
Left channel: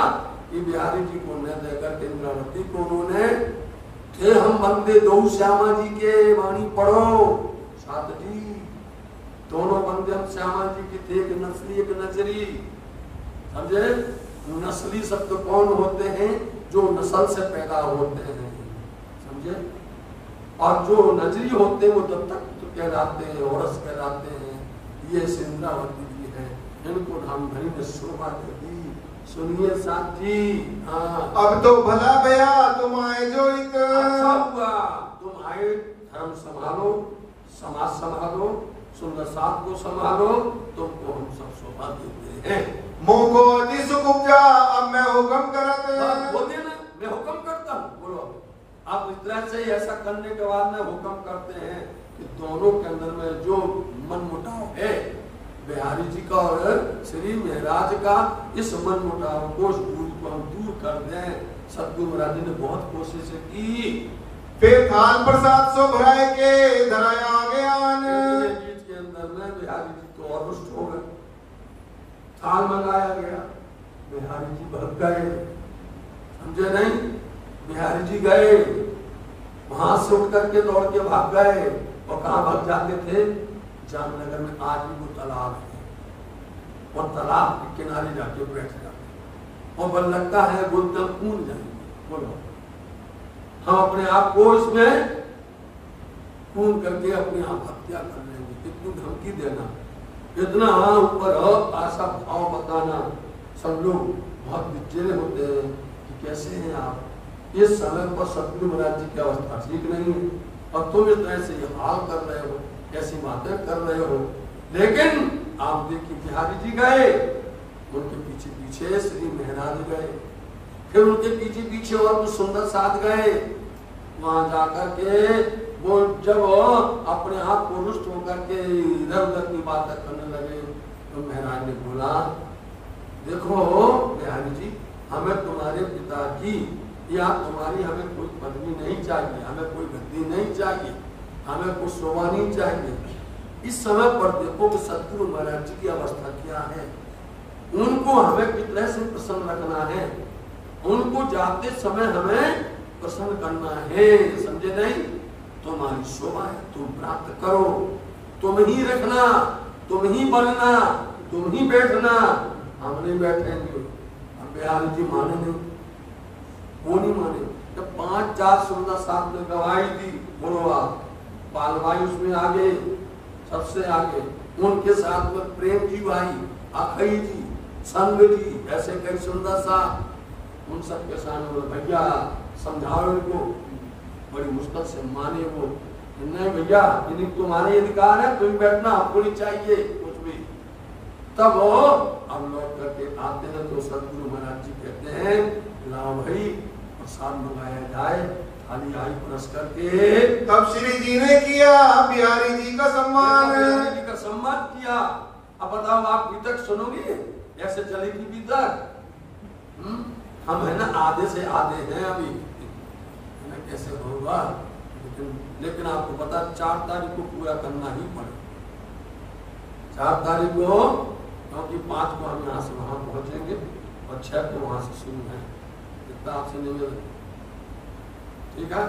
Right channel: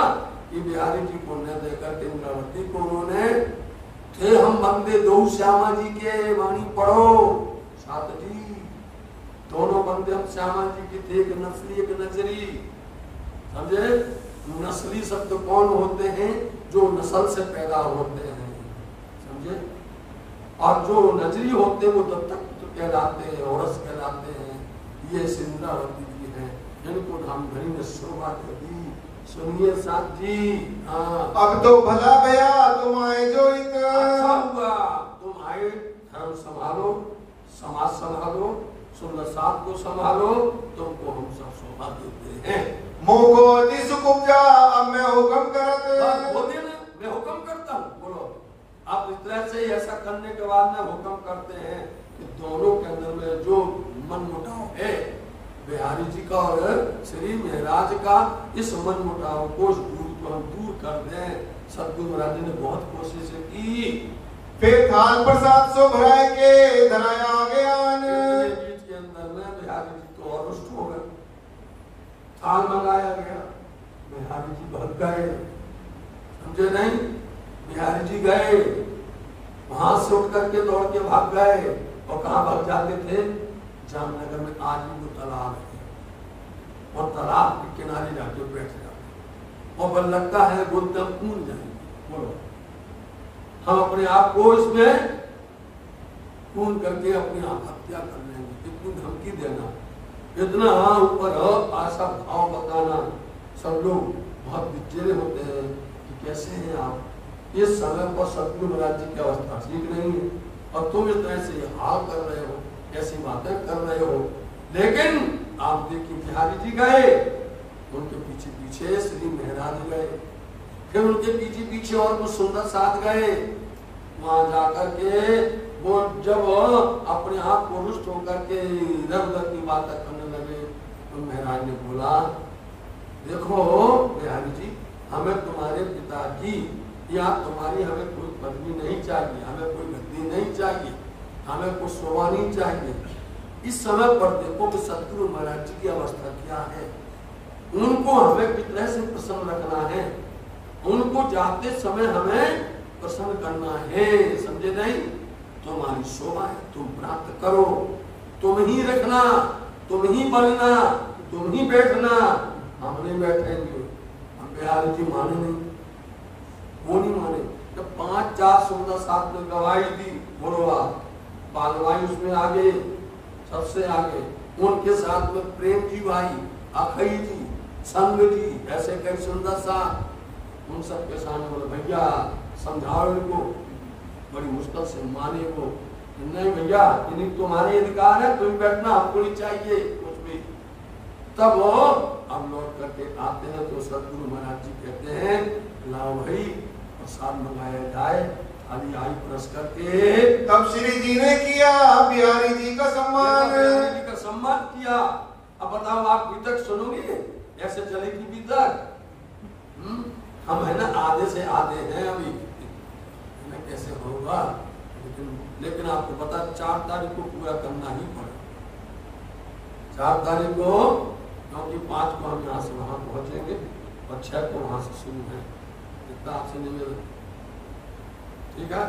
कि बिहारी जी को न देकर के इंद्रावती को उन्होंने थे हम बंदे दो श्यामा जी के वाणी पढ़ो, साथ जी दोनों बंदे हम श्यामा जी के थे, एक नस्ली एक नजरी, समझे? नस्ली शब्द कौन होते हैं? जो नस्ल से पैदा होते हैं, समझे? और जो नजरी होते हैं वो दत्तक कहलाते हैं, औरस कहलाते हैं। ये इंद्रावती जी हैं, इनको धामधनी ने शोभा दे दी। सुनिए साथ जी, हाँ अब तो भला भया तुम आए जो एक, अच्छा हुआ तुम आए, धर्म संभालो, समाज संभालो, सुंदर साथ को संभालो, तुमको हम सब शोभा देते हैं। मोको अति सुख उपजा, अब मैं हुक्म करत, बोलिए ना, मैं हुक्म करता हूँ, बोलो। आप इस तरह से ऐसा करने के बाद में हुक्म करते हैं कि दोनों के अंदर में जो मन मुटाव है, बिहारी जी का और श्री महाराज का, इस मन मुटाव को, इस दूरी को हम दूर कर दें। सतगुरु महाराज जी ने बहुत कोशिश की। फिर थाल प्रसाद सो भराए के धराया आगे आन, बीच के अंदर में बिहारी जी तो और रुष्ट हो गए। थाल मंगाया गया, बिहारी जी भाग गए, समझे नहीं? बिहारी जी गए, वहां से उठ करके दौड़ के भाग गए, और कहां भाग जाते थे? जामनगर में आज भी वो तालाब है, और तालाब के किनारे जाके बैठ जाते, और बल लगता है बुद्धम कूद जाएंगे। बोलो, हम अपने आप को इसमें कूद करके अपनी आप हत्या कर लेंगे। इतनी धमकी देना, इतना ऊपर आशा भाव बताना, सब लोग बहुत विचेले होते हैं कि कैसे हैं आप। इस समय पर सतगुरु महाराज जी की अवस्था ठीक नहीं है, और तुम इस तरह से ये हाल कर रहे हो, ऐसी बातें कर रहे हो। लेकिन आप देखिए बिहारी जी गए, उनके पीछे पीछे श्री महाराज गए, फिर उनके पीछे पीछे और कुछ सुंदर साथ गए। वहां जाकर के वो जब अपने आप को रुष्ट होकर के इधर उधर की बातें करने लगे, तो महाराज ने बोला, देखो बिहारी जी, हमें तुम्हारे पिता की या तुम्हारी हमें कोई पदवी नहीं चाहिए, हमें कोई गद्दी नहीं चाहिए, हमें कुछ शोभा नहीं चाहिए। इस समय पर देखो कि सतगुरु महाराज जी की अवस्था क्या है। उनको हमें किस तरह से प्रसन्न रखना है, उनको जाते समय हमें प्रसन्न करना है, समझे नहीं? तुम्हारी शोभा है, तुम प्राप्त करो, तुम ही रखना, तुम ही बनना, तुम ही बैठना, हम नहीं बैठेंगे। हम बिहारी जी माने नहीं, वो नहीं माने। जब 5-4 सुंदर साथ में गवाही दी, बोलो आप, बालवाई उसमें आगे, सबसे आगे, उनके साथ में प्रेम जी भाई, अखई जी, संग जी, ऐसे कई सुंदर साथ, उन सबके सामने बोले, भैया समझाओ इनको। बड़ी मुश्किल से माने वो, नहीं भैया इन्हीं तुम्हारे अधिकार है, तुम बैठना, हमको नहीं चाहिए कुछ भी। तब वो अब लौट करके आते हैं तो सतगुरु महाराज जी कहते हैं, लाओ भाई प्रसाद मंगाया जाए, थाली आई परस करके। तब श्री जी ने किया बिहारी जी का सम्मान, बिहारी जी का सम्मान किया। अब बताओ आप बीतक सुनोगे, ऐसे चलेगी बीतक? हम है ना आधे से आधे हैं अभी, कैसे होगा? लेकिन आपको पता 4 तारीख को पूरा करना ही पड़ेगा। 4 तारीख को, क्योंकि 5 को हम यहाँ से वहां पहुंचेंगे और 6 को वहां से शुरू है। इतना आपसे निवेदन ठीक है,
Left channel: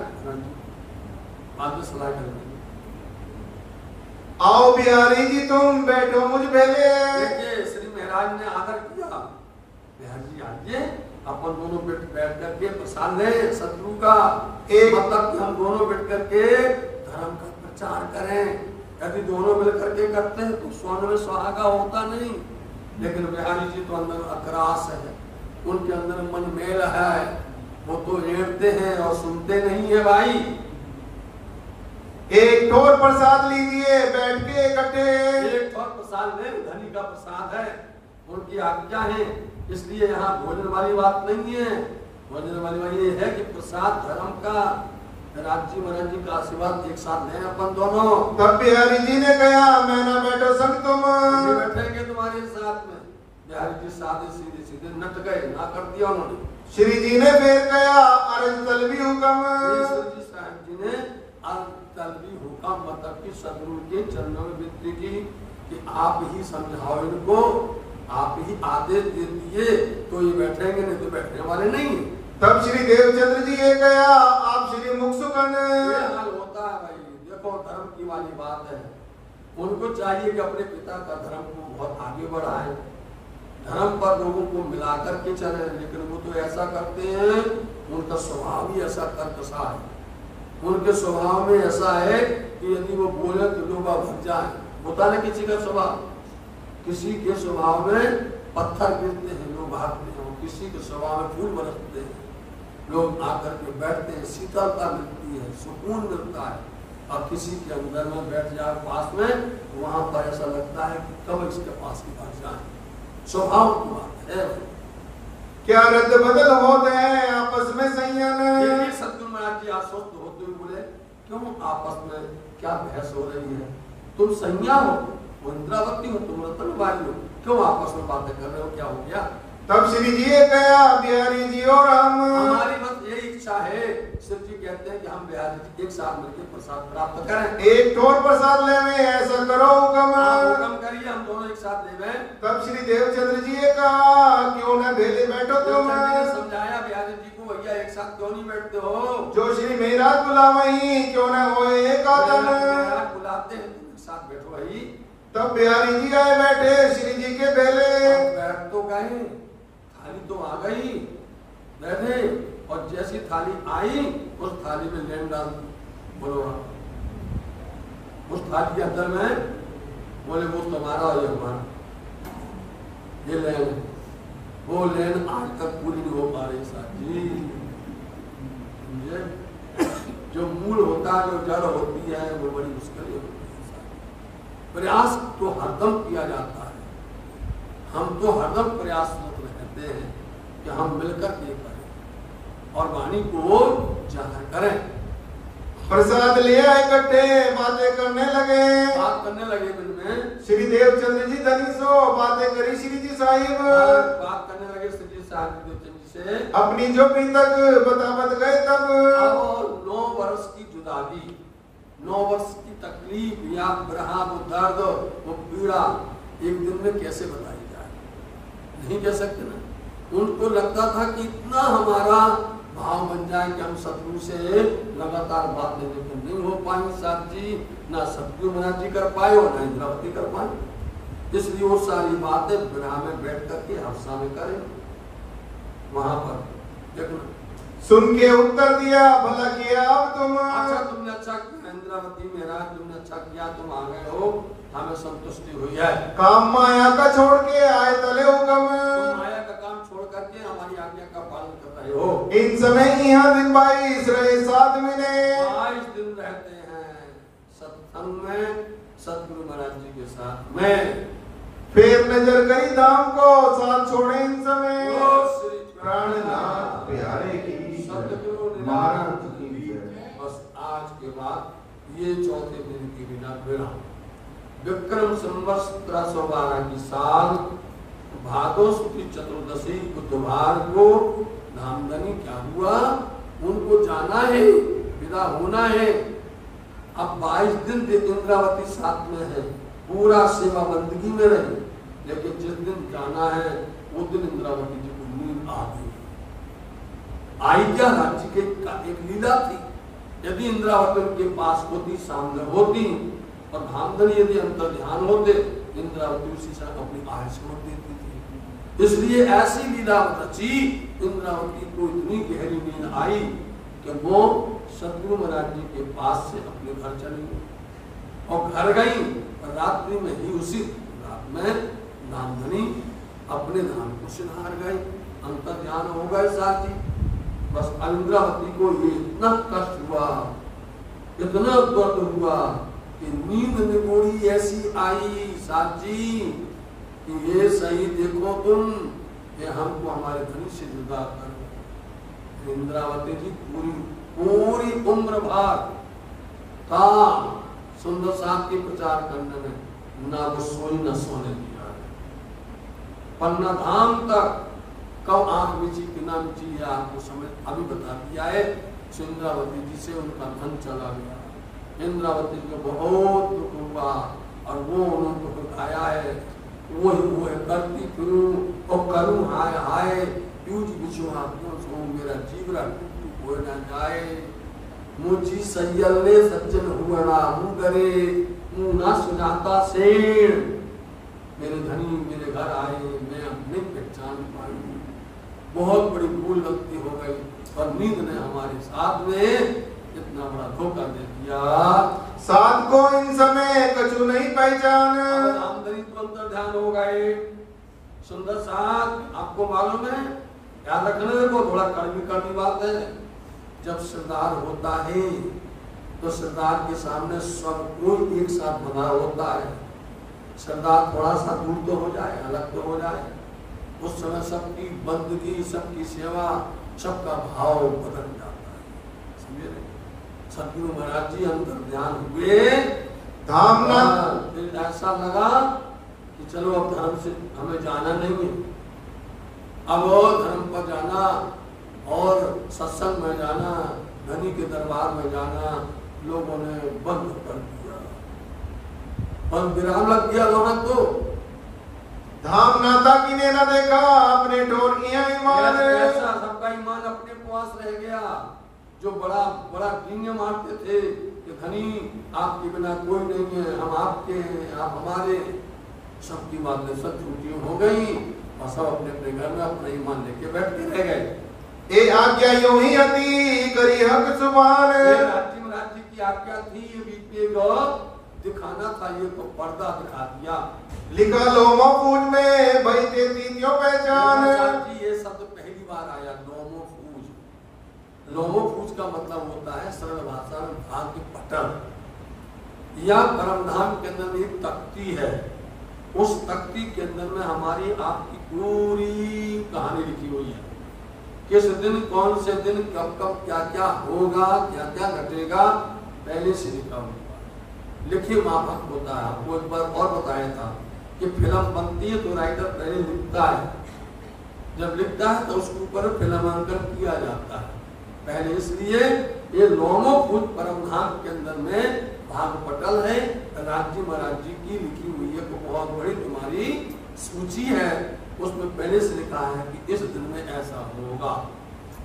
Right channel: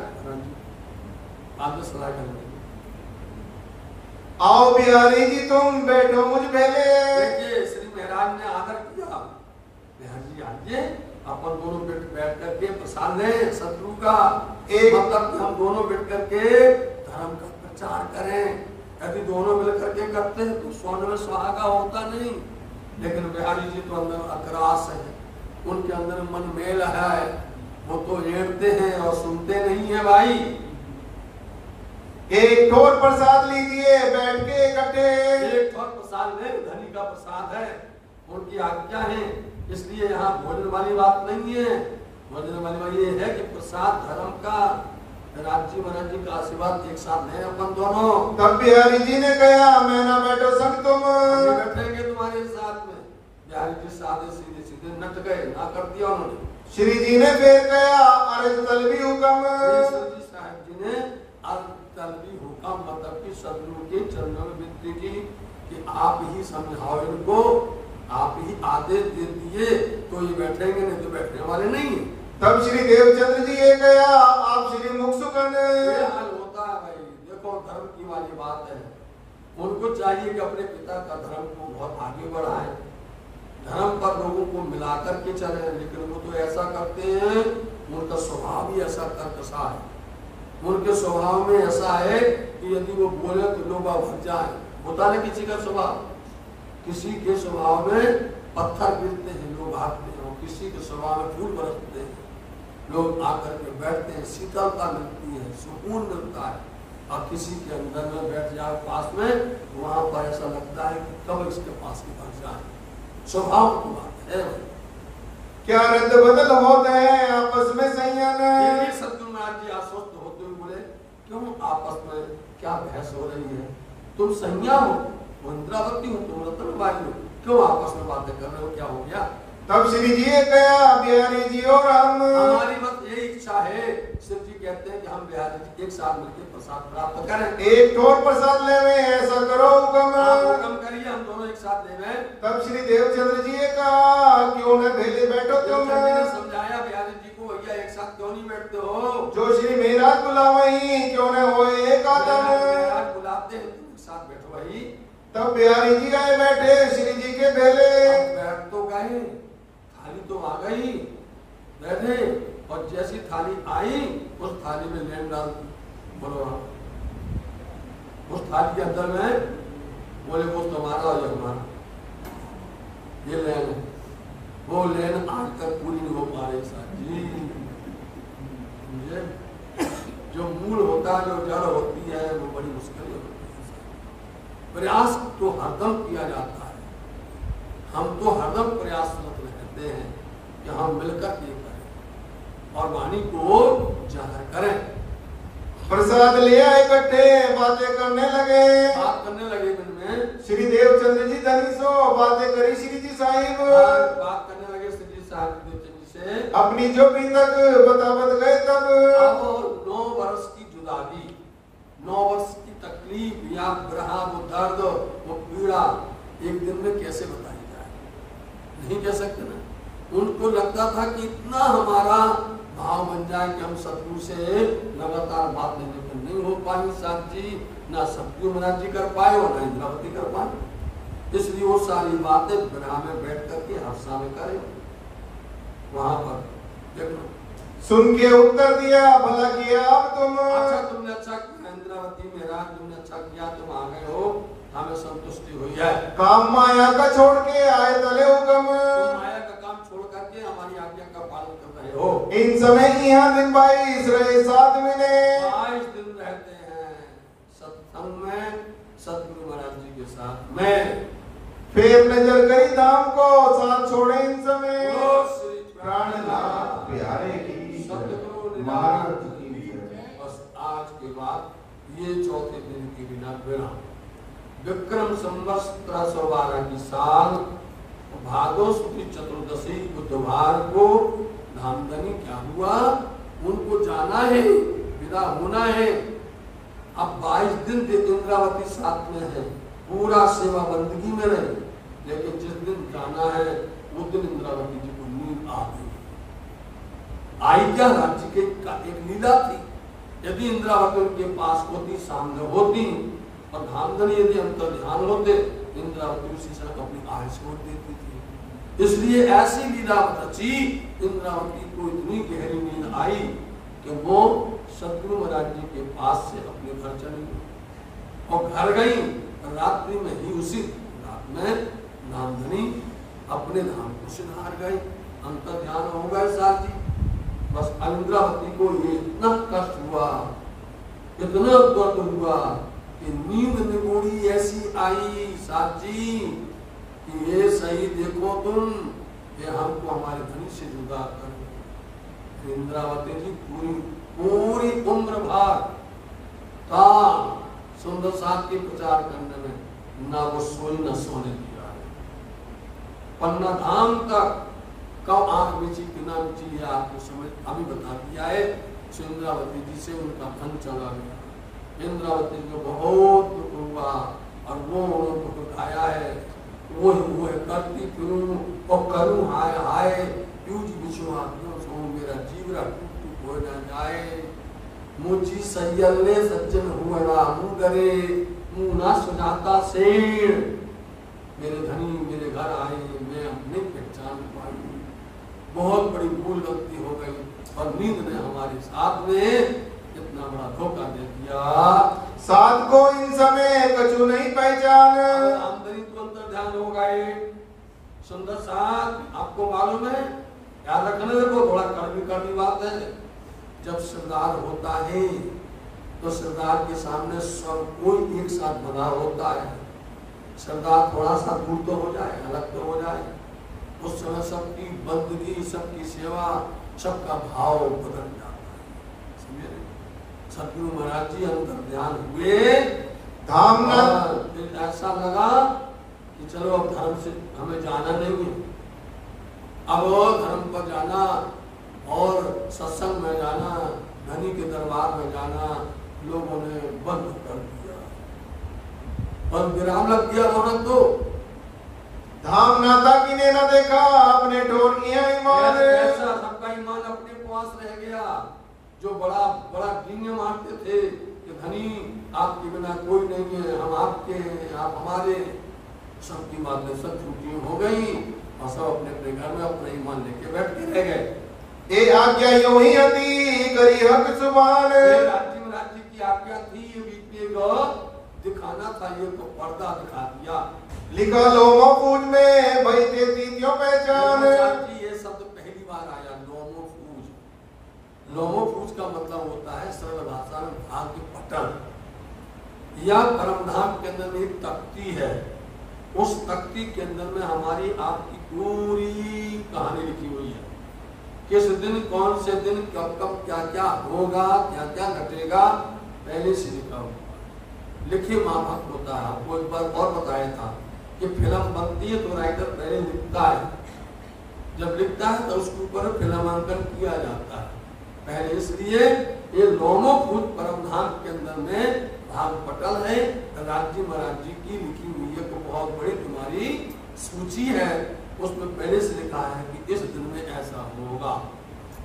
बाद में सलाह करेंगे। आओ बिहारी जी तुम बैठो मुझ पहले। देखिए श्री महाराज ने आदर किया, बिहारी जी आइए अपन दोनों बैठ करके प्रसाद लें शत्रु का, मतलब हम दोनों बैठ करके धर्म का प्रचार करें। यदि दोनों मिलकर के करते हैं तो स्वर्ण में सुहागा होता नहीं, लेकिन बिहारी जी तो अंदर अक्रास है, उनके अंदर मन मेल है, वो तो एड़ते हैं और सुनते नहीं है भाई। एक ठोर प्रसाद लीजिए बैठ के इकट्ठे। एक ठोर प्रसाद ले, धनी का प्रसाद है, उनकी आज्ञा है, इसलिए यहाँ भोजन वाली बात नहीं है। भोजन वाली बात ये है कि प्रसाद धर्म का, राज्य महाराज जी का आशीर्वाद एक साथ लें अपन दोनों। तब बिहारी जी ने कहा मैं ना बैठो संग तुम बैठेंगे तुम्हारे साथ में। बिहारी जी साधे सीधे सीधे नट गए, ना कर दिया उन्होंने। श्री जी ने फिर कहा अरे तलबी हुक्म। श्री जी साहब जी ने तलबी हुक्म मतलब कि सदगुरु के चरणों में विनती की कि आप ही समझाओ इनको, आप ही आदेश दे दिए तो ये बैठेंगे, नहीं तो बैठने वाले नहीं। तब श्री देवचंद्र जी ये कहा आप श्री मुख सुकन। ये हाल होता है भाई, देखो धर्म की वाली बात है, उनको चाहिए कि अपने पिता का धर्म को बहुत आगे बढ़ाएं, धर्म पर लोगों को मिलाकर के चले, लेकिन वो तो ऐसा करते हैं, उनका स्वभाव ही ऐसा कर्कशा है, उनके स्वभाव में ऐसा है कि यदि वो बोले तो लोग भग जाए। होता ना किसी का स्वभाव, किसी के स्वभाव में पत्थर गिरते हैं लोग भागते हैं, और किसी के स्वभाव में फूल बरसते हैं लोग आकर के बैठते हैं, शीतलता मिलती है, सुकून मिलता है। और किसी के अंदर में बैठ जाए पास में, वहां पर ऐसा लगता है कि कब इसके पास की बात जाए। स्वभाव की बात है। क्या रद्द बदल होते हैं आपस में संयम। सतगुरु महाराज जी आश्वस्त होते हुए बोले क्यों आपस में क्या बहस हो रही है, तुम संज्ञा हो, इंद्रावती हो, तुम रतन बाई हो, क्यों आपस में बातें कर रहे हो, क्या हो गया। तब श्री जी ने कहा बिहारी जी और हम, हमारी बस यही इच्छा है, शिव जी कहते हैं कि हम बिहारी जी एक साथ मिलकर प्रसाद प्राप्त करें। एक ठोर प्रसाद ले में ऐसा करो हुक्म करिए, हम दोनों एक साथ ले में। तब श्री देवचंद्र जी ने कहा क्यों न भेले बैठो तुम। समझाया बिहारी जी को, भैया एक साथ क्यों नहीं बैठते हो, जो श्री मेहराज बुलावही क्यों न होए एक आदम। बुलाते हैं तुम एक साथ बैठो भाई। तब बिहारी जी आए बैठे श्री जी के पहले। बैठ तो गए, थाली तो आ गई, बैठे, और जैसी थाली आई उस थाली में लेन डाल बोलो, उस थाली के अंदर में बोले वो तुम्हारा और ये हमारा, ये लेन, वो लेन आज तक पूरी नहीं हो पा रही साहब जी। जो मूल होता है, जो जड़ होती है, वो बड़ी मुश्किल होती है। प्रयास तो हरदम किया जाता है, हम तो हरदम प्रयासरत रहते हैं कि हम मिलकर ये करें और वाणी को जाहिर करें। प्रसाद लिया इकट्ठे बातें करने लगे। बात करने लगे दिन में श्री देवचंद्र जी धनी सो बातें करी श्री जी साहिब। बात करने लगे श्री जी साहिब देवचंद्र जी से, अपनी जो भी तक बतावत गए तब। अब 9 वर्ष की जुदाई, 9 वर्ष की तकलीफ या ग्रहा, वो दर्द, वो पीड़ा एक दिन में कैसे बताई जाए, नहीं कह सकते ना। उनको लगता था कि इतना हमारा भाव बन जाए कि हम शत्रु से लगातार बात नहीं हो पाई साहब जी, ना सतगुरु महाराज जी कर पाए और ना इंद्रावती कर पाए। इसलिए वो सारी बातें विरह में बैठ करके हर्षा में करें। वहां पर देखना, सुन के उत्तर दिया भला किया अब तुम। अच्छा तुमने अच्छा किया इंद्रावती महाराज, तुमने अच्छा किया, तुम आ गए हो, हमें संतुष्टि हुई है। काम माया का छोड़ के आए तले हुक्म। तुम माया का काम छोड़ करके हमारी आज्ञा का पालन कर रहे हो। इन समय यहाँ दिन 22 रहे साथ मिले। 22 दिन रहते हैं सत्संग में सतगुरु महाराज जी के साथ में। फिर नजर करी धाम को साथ छोड़े इन समय। श्री प्राणनाथ प्यारे की सतगुरु महाराज की जय। बस आज के बाद ये चौथे दिन की बिना विराम, विक्रम संवत्सर 1312 की साल भादो शुक्ल चतुर्दशी बुधवार को धामधनी क्या हुआ, उनको जाना है, विदा होना है। अब 22 दिन इंद्रावती साथ में है, पूरा सेवा बंदगी में रहे, लेकिन जिस दिन जाना है वो दिन इंद्रावती जी को नींद आ गई। आई क्या राज्य के का एक लीला थी। यदि इंद्रावती उनके पास होती, सामने होती और धामधनी यदि अंतर ध्यान होते, इंद्रावती उसी से अपनी आय छोड़ देती थी। इसलिए ऐसी लीला रची, इंद्रावती को इतनी गहरी नींद आई कि वो सतगुरु महाराज जी के पास से अपने घर चली गई और घर गई और रात्रि में ही उसी रात में धामधनी अपने धाम को सिधार गए, अंतर ध्यान हो गए साथी। बस इंद्रावती को ये इतना कष्ट हुआ, इतना दर्द हुआ कि नींद निगोड़ी ऐसी आई साथी कि ये सही देखो तुम, ये हमको हमारे धनी से जुदा करो। इंद्रावती जी पूरी उम्र भर था सुंदर साथ के प्रचार करने में, ना वो सोई न सोने दिया। पन्ना धाम तक कब आंख बिची कि ना बिची, ये आपको समझ अभी बता दिया है। इंद्रावती जी से उनका धन चला गया। इंद्रावती जी को बहुत दुख हुआ और वो उनको दुखाया है, वो करती फिरूं और करूं हाय हाय, यूज बिछुआ सो मेरा जीवरा टूट हो न जाए। मुझी सैयले सज्जन हुआ ना मुँह करे, मुँह ना सुनाता शेर। मेरे धनी मेरे घर आए, मैं अपनी पहचान पाई, बहुत बड़ी भूल गलती हो गई और नींद ने हमारे साथ में इतना बड़ा धोखा दे दिया। साथ को इन समय कछु नहीं पहचान, आमदनी तुरंत ध्यान हो गए। सुंदर साथ आपको मालूम है, याद रखना, देखो थोड़ा कड़वी बात है। जब सरदार होता है तो सरदार के सामने सब कोई एक साथ बना होता है। सरदार थोड़ा सा दूर तो हो जाए, अलग तो हो जाए, उस समय सबकी बंदगी, सबकी सेवा, सबका भाव बदल जाता है। समझे? सतगुरु महाराज जी अंतर ध्यान हुए, धाम फिर ऐसा लगा कि चलो अब धर्म से हमें जाना नहीं है, अब धर्म पर जाना और सत्संग में जाना, धनी के दरबार में जाना लोगों ने बंद कर दिया। पर विराम लग गया वहां तो। धाम नाता किने न देखा, अपने ठोर किया ईमान, ऐसा सबका ईमान अपने पास रह गया। जो बड़ा बड़ा डींगे मारते थे कि धनी आपके बिना कोई नहीं है, हम आपके हैं, आप हमारे, सबकी बातें सब झूठी हो गई और सब अपने अपने घर में अपना ईमान लेके बैठ के रह गए। ए आज्ञा यूं ही हती करी हक सुभान, राज्य की आज्ञा थी, ये बीतेगा दिखाना था, ये तो पर्दा दिखा दिया। लिखा लोमो पूज में भाई देती क्यों पहचान, ये शब्द पहली बार आया, लोमो पूज। लोमो पूज का मतलब होता है सरल भाषा में भाग्य पटल या परमधाम के अंदर एक तख्ती है, उस तख्ती के अंदर में हमारी आपकी पूरी कहानी लिखी हुई है। किस दिन, कौन से दिन, कब कब क्या क्या होगा, क्या क्या घटेगा, पहले से लिखा हुआ लिखे माफक होता है। आपको एक बार और बताया था कि फिल्म बनती है तो राइटर पहले लिखता है, जब लिखता है तो उसके ऊपर फिल्मांकन किया जाता है पहले। इसलिए ये लोमो पूज परमधाम के अंदर में भाग पटल है, राज्य महाराज जी की लिखी हुई है, बहुत बड़ी तुम्हारी सूची है, उसमें पहले से लिखा है कि इस दिन में ऐसा होगा,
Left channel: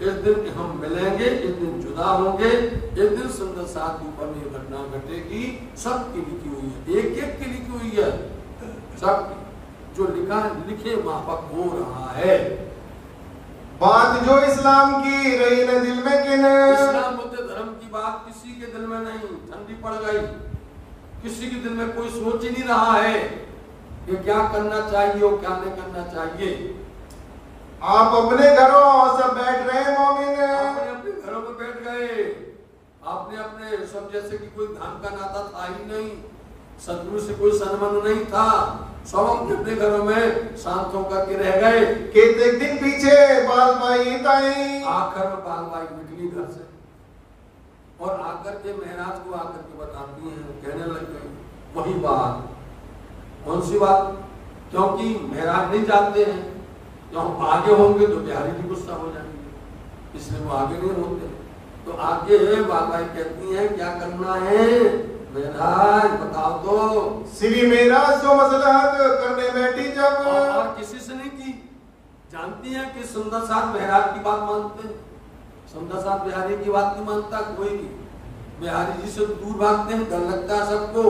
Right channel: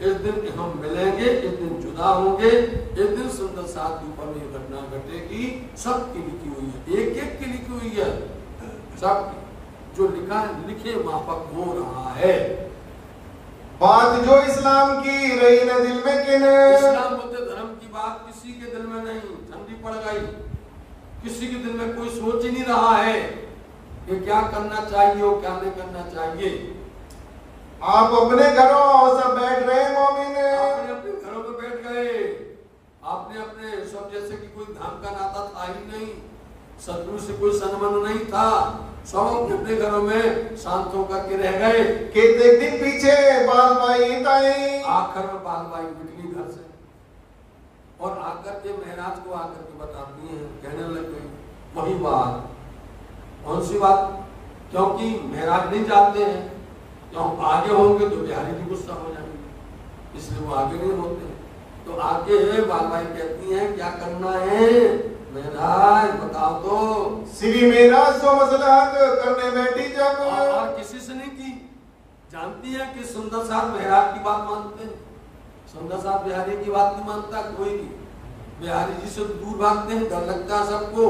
इस दिन हम मिलेंगे, इस दिन जुदा होंगे, इस दिन सुंदर साथ ऊपर में घटना घटेगी, सबकी लिखी हुई है, एक एक की लिखी हुई है, सब जो लिखा है लिखे माफक हो रहा है। बात जो इस्लाम की रही न दिल में किन, इस्लाम बुद्ध धर्म की बात किसी के दिल में नहीं, ठंडी पड़ गई, किसी के दिल में कोई सोच ही नहीं रहा है कि क्या करना चाहिए और क्या नहीं करना चाहिए। आप अपने घरों सब बैठ रहे मोमिन, अपने अपने घरों में बैठ गए, आपने अपने सब, जैसे कि कोई धाम का नाता था ही नहीं, सतगुरु से कोई संबंध नहीं था, सब अपने घरों में शांत होकर के रह गए। एक दिन पीछे बाल बाई ताई, आखिर में बाल बाई निकली घर से और आकर के महाराज को आकर के बताती हैं, कहने लग गई वही बात। कौन सी बात? क्योंकि महाराज नहीं जानते हैं, तो हम आगे होंगे तो बिहारी जी गुस्सा हो जाएंगे, इसलिए वो आगे नहीं होते। तो आगे बाल बाई कहती हैं क्या करना है महाराज बताओ तो। श्री मेरा सो मसलहत करने बैठी जब, और किसी से नहीं की, जानती है कि सुंदर साथ महाराज की बात मानते हैं, सुंदर साथ बिहारी की बात नहीं मानता कोई। बिहारी जी से दूर भागते हैं, डर लगता है सबको,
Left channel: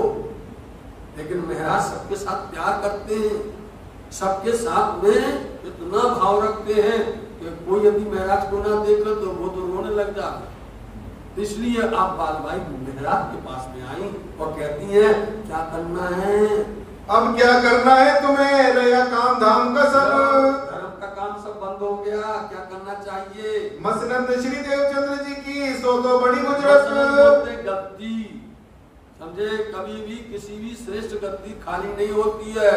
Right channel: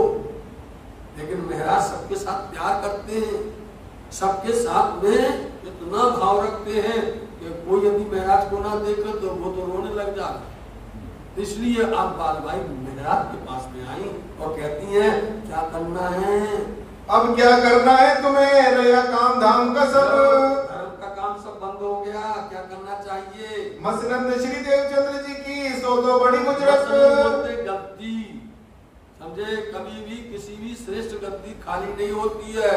लेकिन महाराज सबके साथ प्यार करते हैं, सबके साथ में इतना भाव रखते हैं कि कोई यदि महाराज को ना देखे तो वो तो रोने लग जाता। इसलिए आप बाल भाई महाराज के पास में आई और कहती हैं क्या करना है, अब क्या करना है तुम्हें, रहा काम धाम का सब, धर्म का काम सब बंद हो गया, क्या करना चाहिए। मसनद श्री देवचंद्र जी की सो तो बड़ी गुजरत। गद्दी समझे, कभी भी किसी भी श्रेष्ठ गद्दी खाली नहीं होती है,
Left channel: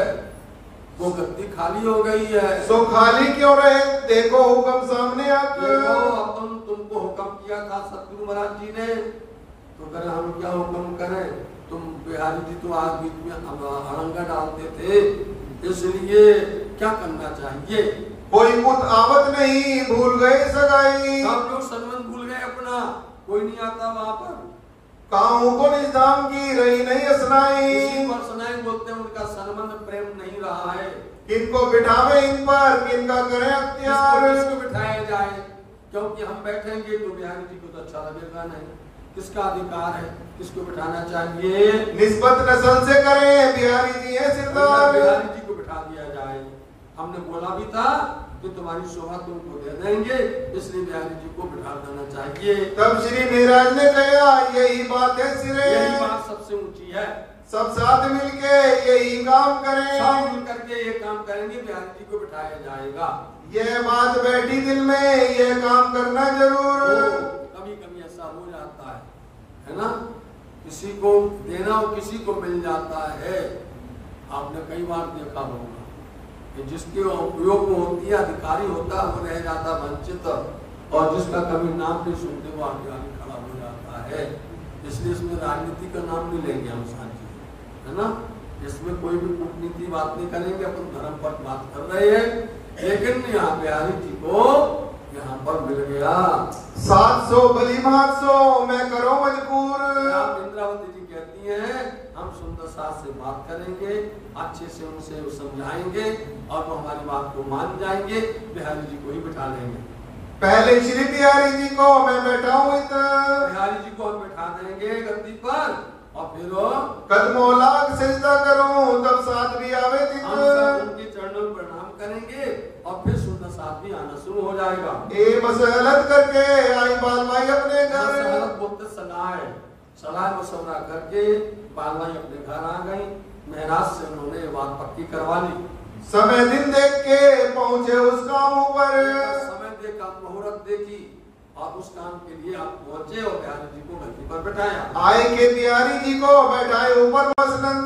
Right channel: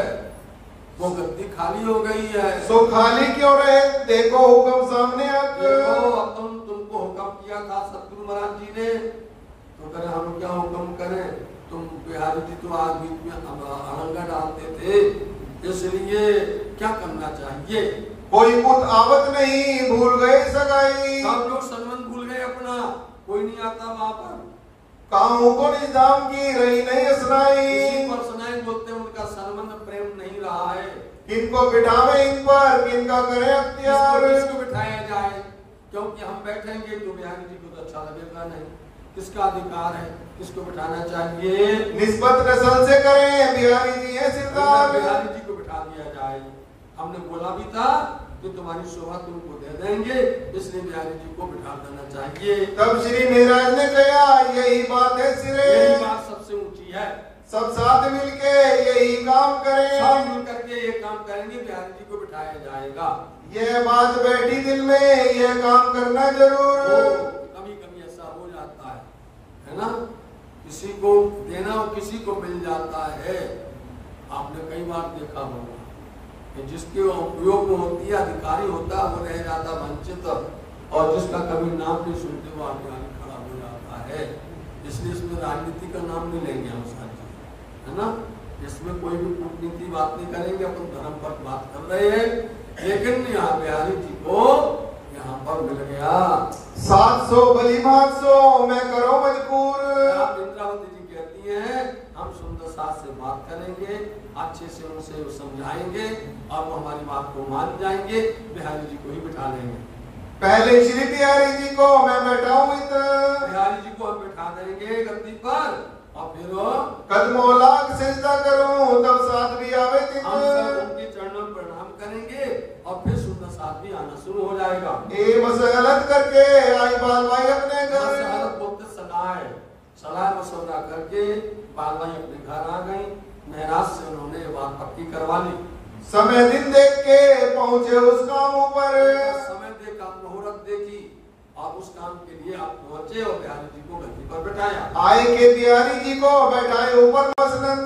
वो गद्दी खाली हो गई है। सो खाली क्यों रहे, देखो हुक्म सामने आकर। देखो अपन तुमको हुक्म किया था सतगुरु महाराज जी ने, तो करें हम क्या हुक्म करें, तुम बिहारी जी तो आज बीच में अड़ंगा डालते थे, इसलिए क्या करना चाहिए। कोई पुत आवत नहीं, भूल गए सगाई, सब लोग संबंध भूल गए अपना, कोई नहीं आता वहां पर। कामों को निजाम की रही नहीं असनाई, पर सुनाई बोलते हैं उनका संबंध प्रेम नहीं रहा है। किनको बिठावे इन पर, किनका करें अख्तियार, किसको बिठाया जाए, क्योंकि हम बैठेंगे तो बिहारी जी को तो अच्छा लगेगा नहीं, किसका अधिकार है, किसको बिठाना चाहिए। निस्बत नस्ल से करें, बिहारी जी है सिरदार, बिहारी जी को बिठा दिया जाए। हमने बोला भी था कि तुम्हारी शोभा तुमको दे देंगे, इसलिए बिहारी जी को बिठा देना चाहिए। तब श्री महाराज ने कहा यही बात है सिरे, यही बात सबसे ऊंची है, सब साथ मिलके यही काम करें, सब मिल करके ये काम करेंगे, बिहारी जी को बिठाया जाएगा। ये बात बैठी दिल में, ये काम करना जरूर। कभी कभी ऐसा हो जाता है ना, किसी को देना और किसी को मिल जाता है। आपने कई बार देखा होगा कि जिसके उपयोग में होती है, अधिकारी होता है, वो रह जाता वंचित, और जिसका कभी नाम नहीं सुनते वो आगे आगे खड़ा हो जाता है। इसलिए इसमें राजनीति का नाम नहीं लेंगे हम साथी, है ना, इसमें कोई भी कूटनीति बात नहीं करेंगे, अपन धर्म पर बात कर रहे हैं। लेकिन यहाँ बिहारी जी को यहाँ पर मिल गया 700 भली 800 मैं करो मजबूर। इंद्रावती जी कहती हैं हम सुंदर साथ से बात करेंगे, अच्छे से उनसे समझाएंगे और वो हमारी बात को मान जाएंगे, बिहारी जी को ही बिठा लेंगे। पहले श्री बिहारी जी को मैं बैठाऊं इधर, बिहारी जी को हम बिठा देंगे गद्दी पर, और फिर कदमों लाख सजदा करूं तब साथ भी आवे हम सब उनके चरणों में प्रणाम करेंगे और फिर सुंदर साथ भी आना शुरू हो जाएगा। ए मसलत करके आई बाल भाई अपने घर, मसलत बोलते सलाह मशवरा करके बाल भाई अपने घर आ गई। महाराज से उन्होंने बात पक्की करवा ली। समय दिन देख के पहुंचे उस काम पर, समय देखा, मुहूर्त देखी और उस काम के लिए आप पहुंचे और बिहारी जी को गद्दी पर बैठाया। आए के बिहारी जी को बैठाए ऊपर मसलन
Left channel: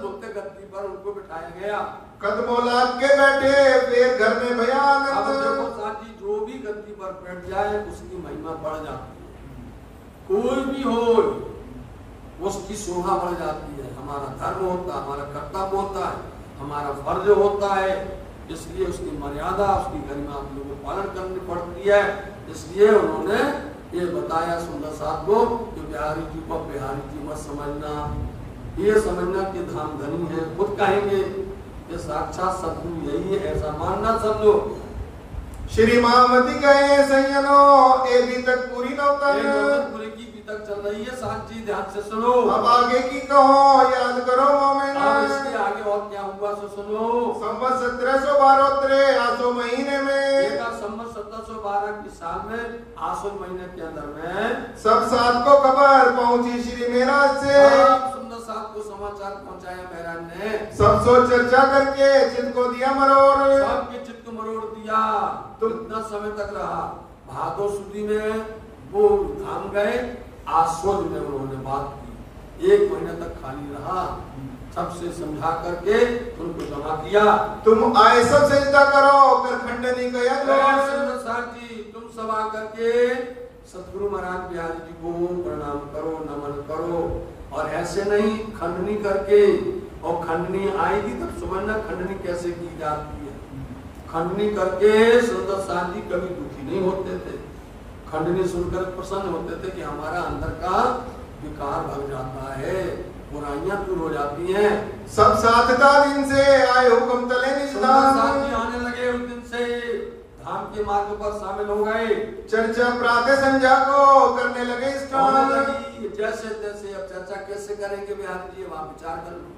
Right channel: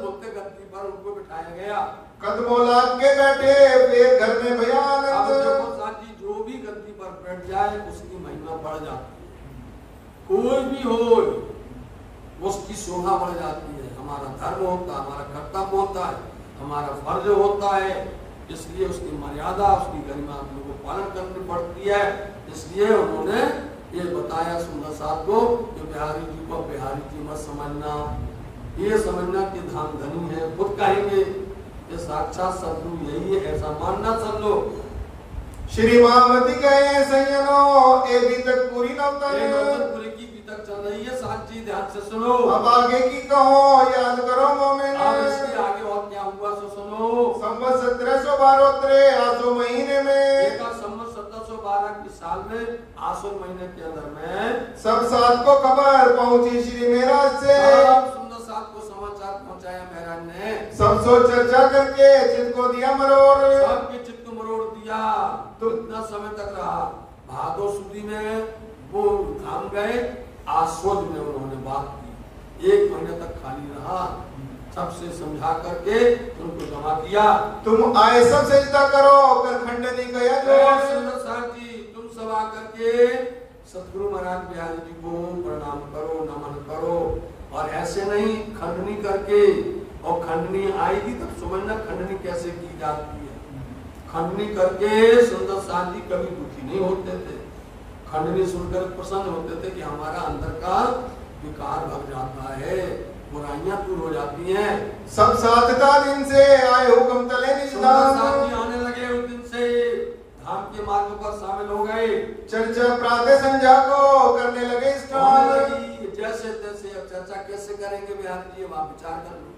बोलते गद्दी पर उनको बिठाया गया। कदमों लाग के बैठे फिर घर में बयान। अब देखो साथी, जो भी गद्दी पर बैठ जाए उसकी महिमा बढ़ जाती है, कोई भी हो उसकी शोभा बढ़ जाती है। हमारा धर्म होता है, हमारा कर्तव्य होता है, हमारा फर्ज होता है, इसलिए उसकी मर्यादा, उसकी गरिमा आप लोगों को पालन करनी पड़ती है। इसलिए उन्होंने ये बताया सुंदर साथ को कि बिहारी जी को बिहारी जी मत समझना, ये समझना कि धाम धनी है, खुद कहेंगे ये साक्षात सदगुरु यही है, ऐसा मानना सब लोग। श्री महामती कहे सैयनो ये भी तक पूरी पूरी की भी तक चल रही है, साथ जी ध्यान से सुनो। अब आगे की कहो याद करो मोमिन, अब इसके आगे और क्या हुआ सो सुनो। संवत 1712 आसो महीने में, संवत 1712 की साल में आसो महीने के अंदर में सब साथ को खबर पहुंची श्री महाराज से, सुंदर साथ को समाचार पहुंचाया महाराज ने। सब सो चर्चा करके चित्त को दिया मरोड़, सबके चित्त को मरोड़ दिया। तो इतना समय तक रहा, भादो सुदी में वो धाम गए, आश्वज में उन्होंने बात की, 1 महीने तक खाली रहा, सबसे समझा करके उनको जमा किया। तुम आए सब सजदा करो कर खंडनी गया सुंदर साथ जी, तुम सब आकर के सतगुरु महाराज बिहारी जी को प्रणाम करो, नमन करो, और ऐसे नहीं खंडनी करके, और खंडनी आएगी तब समझना खंडनी कैसे की जाती है। खंडनी करके सुंदर साथ जी कभी दुखी नहीं होते थे, खंडनी सुनकर प्रसन्न होते थे कि हमारा अंदर का विकार भग जाता है, बुराइयां दूर हो जाती हैं। सब साथ था दिन से आए हुक्म तले साथी आने लगे उस दिन से, धाम के मार्ग पर शामिल हो गए। चर्चा प्रातः संध्या को करने लगे होने स्टार्ट। लगी जैसे तैसे। अब चर्चा कैसे करेंगे बिहारी जी, अब आप विचार कर लो।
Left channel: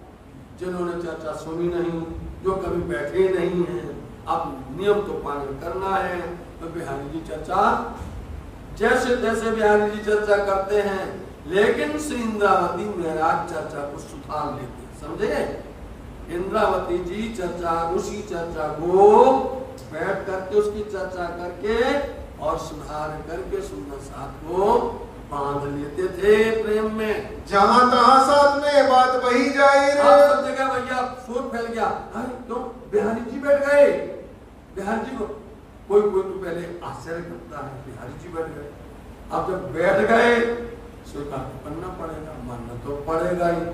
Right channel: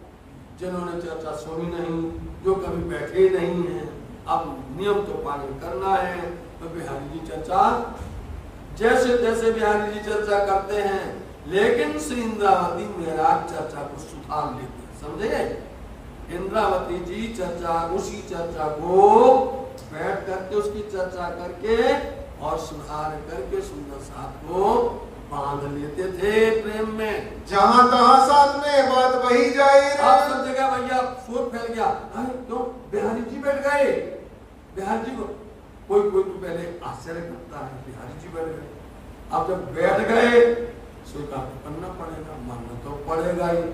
जिन्होंने चर्चा सुनी नहीं, जो कभी बैठे नहीं है, अब नियम तो पालन करना है। तो बिहारी जी चर्चा जैसे तैसे बिहारी जी चर्चा करते हैं, लेकिन श्री इंद्रावती महाराज चर्चा को सुधार लेते हैं। समझे? इंद्रावती जी चर्चा, उसी चर्चा को बैठ करके उसकी चर्चा करके और सुधार करके सुंदर साथ को बांध लेते थे प्रेम में। जहां तहां साथ में बात वही जाहिर अब है। सब जगह भैया शोर फैल गया। अरे क्यों बिहारी जी बैठ गए? बिहारी जी कोई कोई तो पहले आश्चर्य करता है, बिहारी जी बैठ गए। अब जब बैठ गए स्वीकार तो करना पड़ेगा, मानना तो पड़ेगा ही।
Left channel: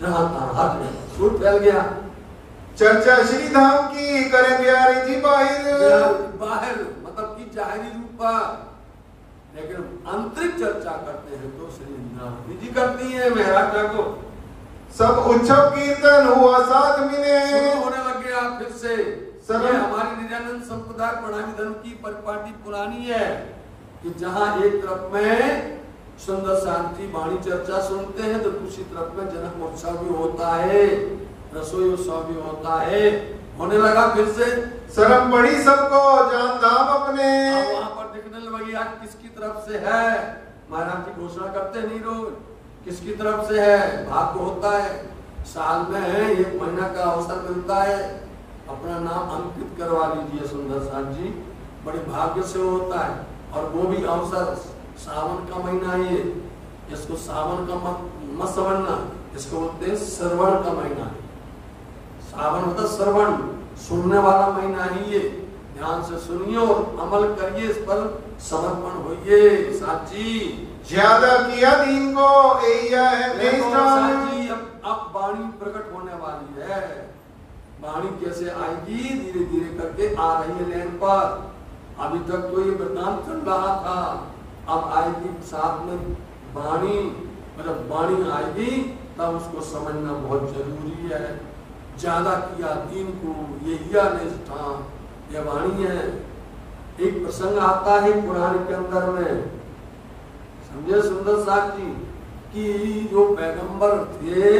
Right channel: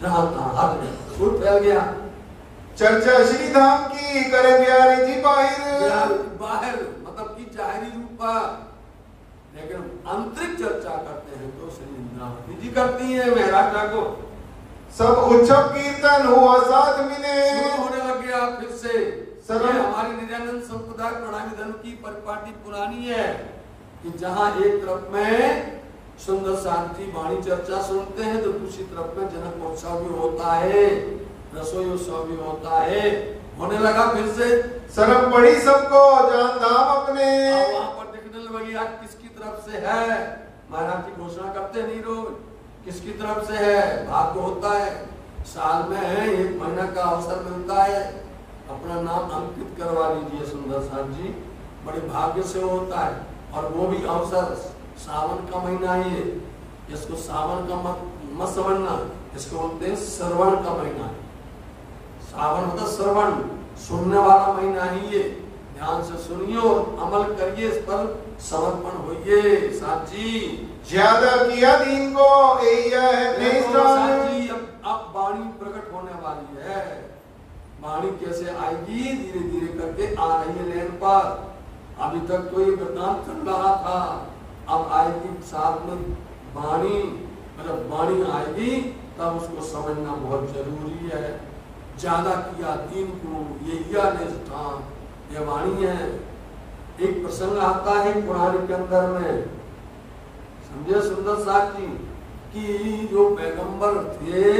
जहां तहां हाथ में शोर फैल गया। चर्चा श्री धाम की करे बिहारी जी बाहर। बाहर मतलब कि जाहिरी रूप पर, लेकिन आंतरिक चर्चा करते हैं तो श्री इंद्रावती जी करती है महाराज ठाकुर। सब उत्सव कीर्तन हुआ साथ मिले। शुरू होने लग गया फिर से। सब ये हमारी नित्यानंद संप्रदाय प्रणामी धर्म की परिपाटी पुरानी है कि जहां एक तरफ में सुंदर शांति वाणी चर्चा सुनते हैं तो दूसरी तरफ में जनक उत्सव भी होता है, रसोई उत्सव भी होता है। होने लगा फिर से। सरप पड़ी सबको जान धाम अपने। अब वहां पर देखने लगी आज किसकी तरफ से है। महाराज जी घोषणा करते नहीं रोज किसकी तरफ से है। भाग्य होता है साल में 1 महीना का अवसर मिलता है, अपना नाम अंकित करवा लीजिए सुंदर साथ जी, बड़े भाग्य से होता है। और वो भी अवसर सावन का महीना ही है। इसको सावन का मत समझना, इसको बोलते हैं श्रवण का महीना है। सावन मतलब श्रवण, सुनने वाला महीना ही है। ध्यान से सुनिए और अमल करिए, इस पर समर्पण होइए साची। ज्यादा किया दीन को साची। अब वाणी प्रकट होने वाली है। वाणी कैसे आएगी? धीरे धीरे करके आ रही है लेन पर। अभी तक तो ये वृतांत चल रहा था, अब आएगी साथ में वाणी। मतलब वाणी आएगी तब उसको समझना बहुत जरूरी है। ज्यादा किया दीन को ये निष्ठान, ये वाणी है। एक प्रसंग आता है पुराण के अंदर में, समझे सुंदर साथ जी, कि जो पैगंबर थे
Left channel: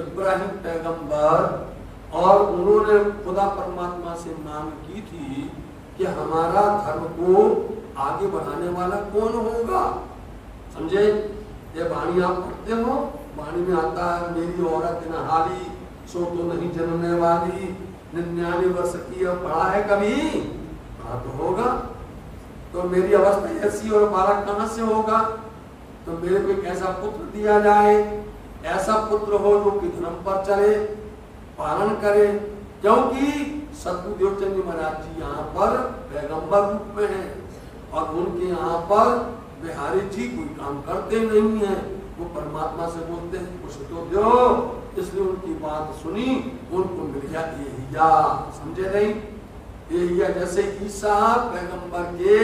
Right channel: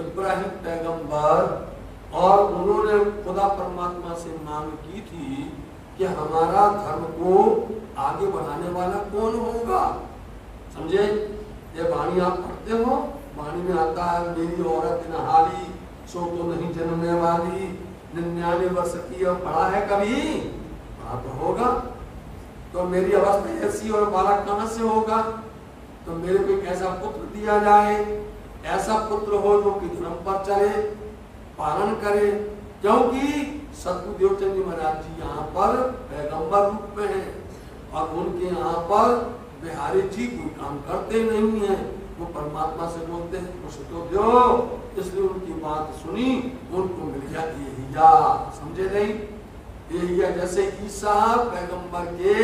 इब्राहिम पैगंबर, और उन्होंने खुदा परमात्मा से मांग की थी कि हमारा धर्म को आगे बढ़ाने वाला कौन होगा। समझे? ये वाणी आप पढ़ते हो, वाणी में आता है मेरी औरत नहाली सो तो नहीं जन्मने वाली, 99 वर्ष की। अब पढ़ा है कभी? पढ़ा तो होगा। तो मेरी अवस्था ऐसी और बालक कहां से होगा? तो मेरे को एक ऐसा पुत्र दिया जाए, ऐसा पुत्र हो जो कि धर्म पर चले, पालन करे। क्योंकि सतगुरुदेव जी महाराज जी यहाँ पर पैगंबर रूप में हैं और उनके यहाँ पर बिहारी जी कोई काम करते नहीं है। वो परमात्मा से बोलते हैं कुछ तो दो, इसलिए उनकी बात सुनी, उनको मिल गया एलिया। समझे नहीं? एलिया जैसे ईसा पैगंबर के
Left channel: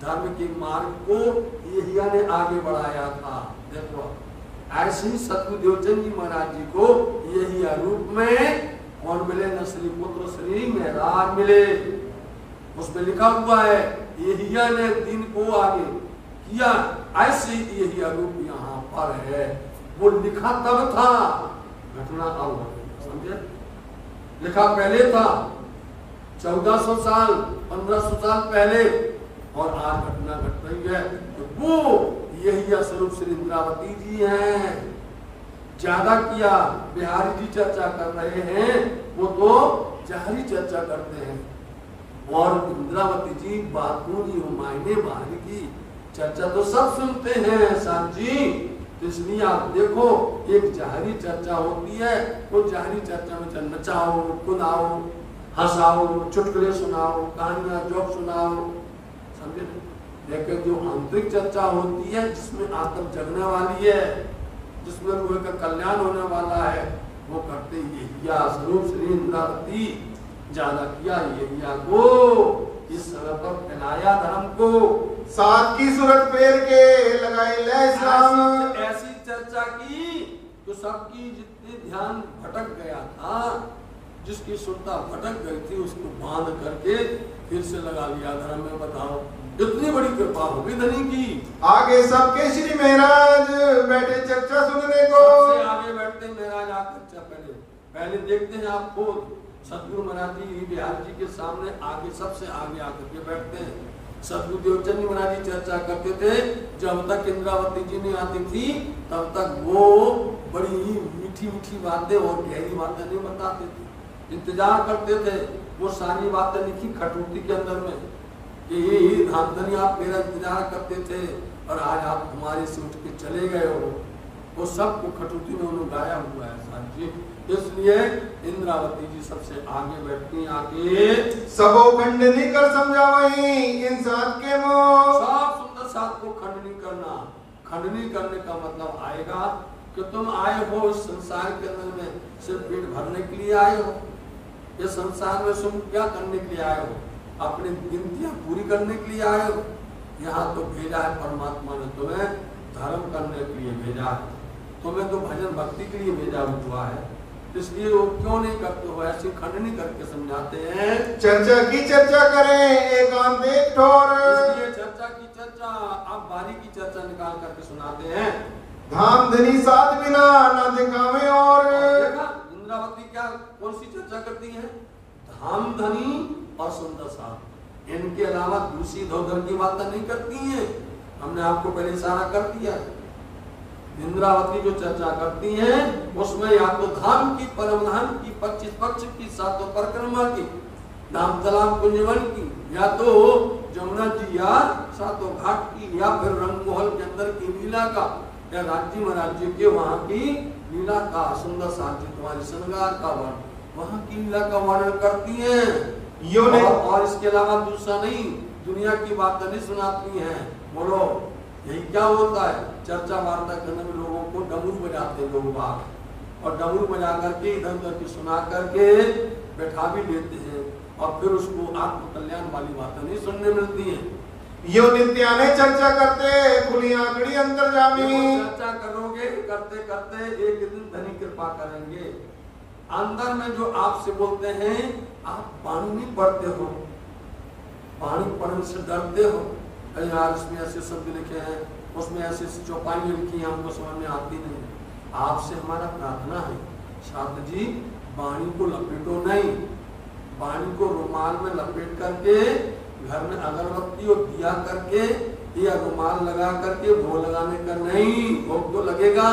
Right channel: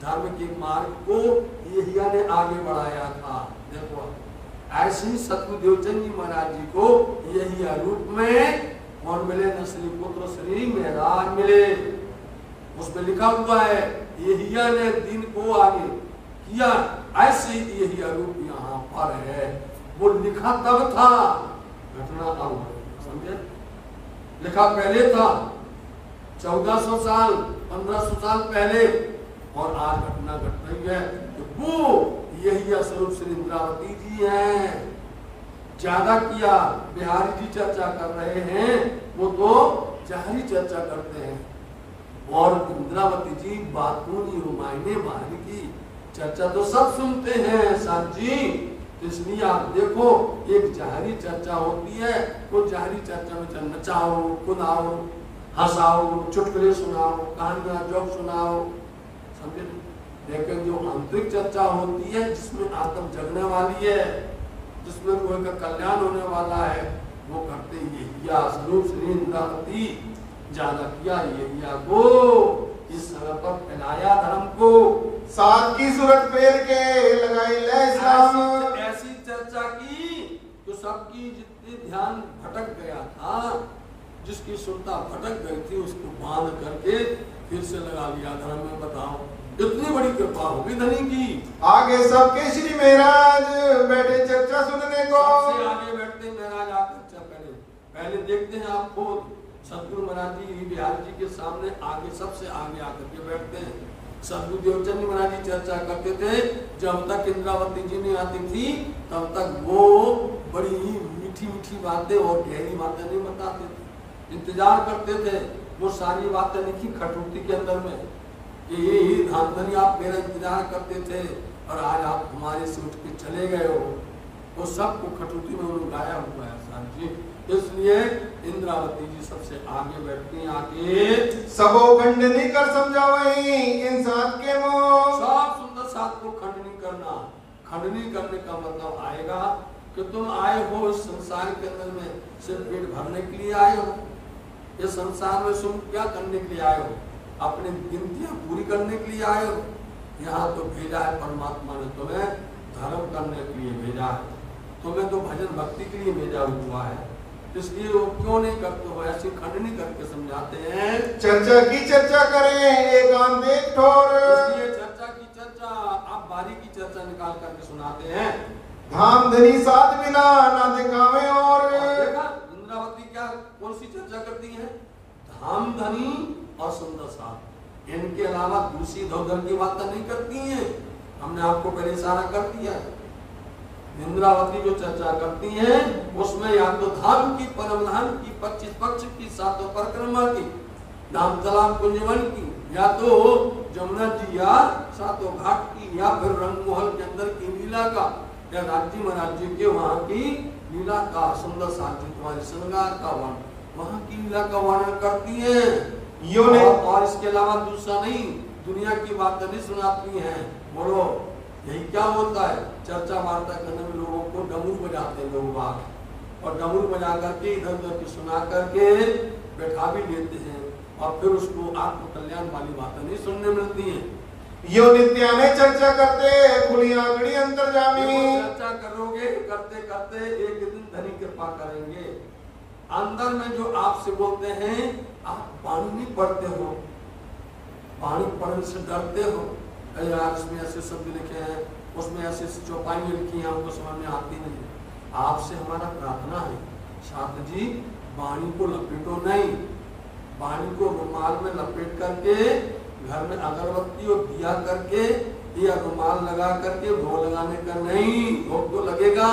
धर्म के मार्ग को एलिया ने आगे बढ़ाया था। देखो ऐसे ही सतगुरुदेव जी महाराज जी को यही रूप में कौन मिले? न श्री पुत्र श्री महाराज मिले। उसमें लिखा हुआ है एलिया ने दिन को आगे किया, ऐसे ही यही रूप यहाँ पर है। वो लिखा तब था, घटना अब समझे? लिखा पहले था 1400 साल 1500 साल पहले, और आज घटना घट रही है। तो वो यही स्वरूप श्री इंद्रावती जी हैं। ज्यादा किया बिहारी जी चर्चा कर रहे हैं, वो तो जाहिरी चर्चा करते हैं। और इंद्रावती जी बातूनी मायने बाहरी की चर्चा तो सब सुनते हैं साथ जी। तो इसलिए आप देखो एक जाहिरी चर्चा होती है, वो जाहिरी चर्चा में नचाओ, कुदाओ, हंसाओ, चुटकुले सुनाओ, कहानियां जोक सुनाओ, समझे? लेकिन जो आंतरिक चर्चा होती है जिसमें आत्म जगने वाली है, जिसमें लोगों का कल्याण होने वाला है, वो करते ये स्वरूप श्री इंद्रावती। ज्यादा किया ये को इस समय पर फैलाया धर्म को, सात की सूरत फेर के लगाई ले इस्लाम। ऐसी चर्चा की तो सबकी जितने ध्यान भटक गया था जिसकी सुरता भटक गई थी उसको बांध करके फिर से लगा लिया धर्म में। बताओ इतनी बड़ी कृपा होगी धनी की। आगे सबके श्री महाराज बैठे चर्चा सुनने को। सबसे आगे बैठते महाराज आकर पहले देखते हैं आप खुद सदगुरु महाराज जी बिहार जी के सामने आगे सबसे आगे आकर के बैठते हैं। सदगुरु देवचंद जी महाराज जी चर्चा करते थे। जब तक इंद्रावती जी नहीं आती थी तब तक वो बड़ी मीठी मीठी बातें और गहरी बातें नहीं बताते थे, इंतजार करते थे। वो सारी बातें लिखी खटूती के अंदर में कि ये धांधनी आप मेरा इंतजार करते थे और आज आप हमारे से उठ के चले गए हो। वो सबको खटूती में उन्होंने गाया हुआ है साहब जी। इसलिए इंद्रावती जी सबसे आगे बैठती हैं। आगे सबो खंडनी कर समझावही इन साथ के मोह। सब सुंदर साथ को खंडनी करना। खंडनी करने का मतलब आएगा कि तुम आए हो इस संसार के अंदर में सिर्फ पेट भरने के लिए आए हो। इस संसार में तुम क्या करने के लिए आए हो? अपनी गिनतियां पूरी करने के लिए आए हो। यहाँ तो भेजा है परमात्मा ने तुम्हें धर्म करने के लिए भेजा है, तुम्हें तो भजन भक्ति के लिए भेजा हुआ है। इसलिए वो क्यों नहीं करते हो? ऐसी खंडनी करके समझाते हैं। चर्चा की चर्चा करें एक आम देख ठोर। इसलिए चर्चा की चर्चा आप बारी की चर्चा निकाल करके सुनाते हैं। धाम धनी साथ बिना ना दिखावे और देखा इंद्रावती क्या कौन सी चर्चा करती है? धाम धनी और सुंदर साथ, इनके अलावा दूसरी इधर की बातें नहीं करती हैं। हमने आपको पहले इशारा कर दिया। इंद्रावती जो चर्चा करती हैं उसमें या तो धाम की, परम धाम की, 25 पक्ष की, 7 परिक्रमा की, नाम तालाब कुंजवन की, या तो जमुना जी या 7 घाट की, या फिर रंगमहल के अंदर की लीला का, या राज्य महाराज जी के वहां की लीला का, सुंदर साथी तुम्हारे श्रृंगार का वर्णन, वहां की लीला का वर्णन करती हैं। और इसके अलावा दूसरा नहीं, दुनिया की बातें नहीं सुनाती हैं। बोलो यही क्या होता है? चर्चा वार्ता करने में लोगों को डमरू बजाते हैं लोग बाग, और डमरू बजा करके इधर उधर की सुना करके बैठा भी लेते हैं, और फिर उसको आत्म कल्याण वाली बातें नहीं सुनने मिलती हैं। यो नित्याने चर्चा करते खुली आंकड़ी अंतर्जामी। चर्चा करोगे करते करते एक दिन धनी कृपा करेंगे। अंदर में जो आपसे बोलते हैं आप पानी नहीं पढ़ते हो, पानी पढ़ने से डरते हो। यार इसमें ऐसे शब्द लिखे हैं, उसमें ऐसे चौपाई लिखी हैं, हमको समझ में आती नहीं। आपसे हमारा प्रार्थना है छात्र जी, वाणी को लपेटो नहीं, वाणी को रुमाल में लपेट करके घर में अगरबत्ती और दिया करके या रुमाल लगा करके भोग लगाने का नहीं। भोग तो लगेगा।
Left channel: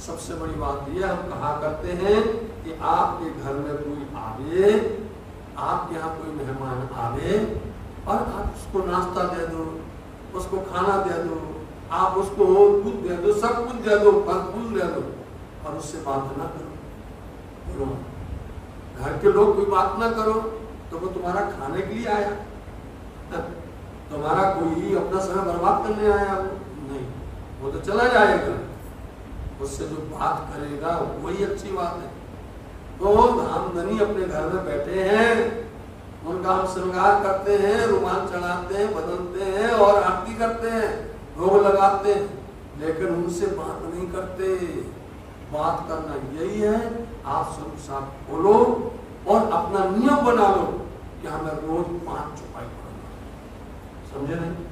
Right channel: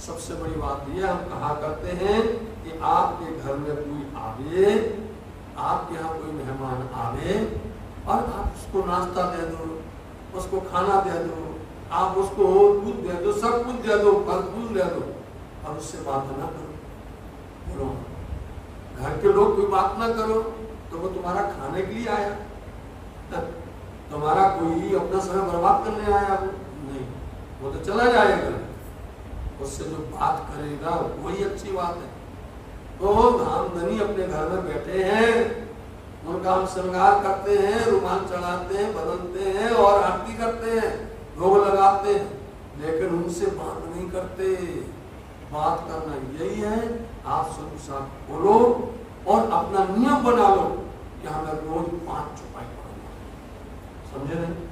सबसे बड़ी बात यह हम कहा करते हैं कि आपके घर में कोई आवे, आपके यहाँ कोई मेहमान आवे और आप उसको नाश्ता दे दो, उसको खाना दे दो, आप उसको दूध दे दो, सब कुछ दे दो, फल फूल दे दो, और उससे बात ना करो। घर के लोग कोई बात ना करो तो वो तुम्हारा खाने के लिए आया, तुम्हारा कोई अपना समय बर्बाद करने आया नहीं, वो तो चला जाएगा। उससे जो बात करेगा वही अच्छी बात है। तो धामधनी अपने घर में बैठे हैं, उनका हम श्रृंगार करते हैं, रुमाल चढ़ाते हैं, बदलते हैं और आरती करते हैं, भोग लगाते हैं, लेकिन उनसे बात नहीं करते। बात करना यही है, आप सब साथ बोलो और अपना नियम बना लो कि हमें रोज 5 चौपाई पढ़ूंगा। समझे नहीं?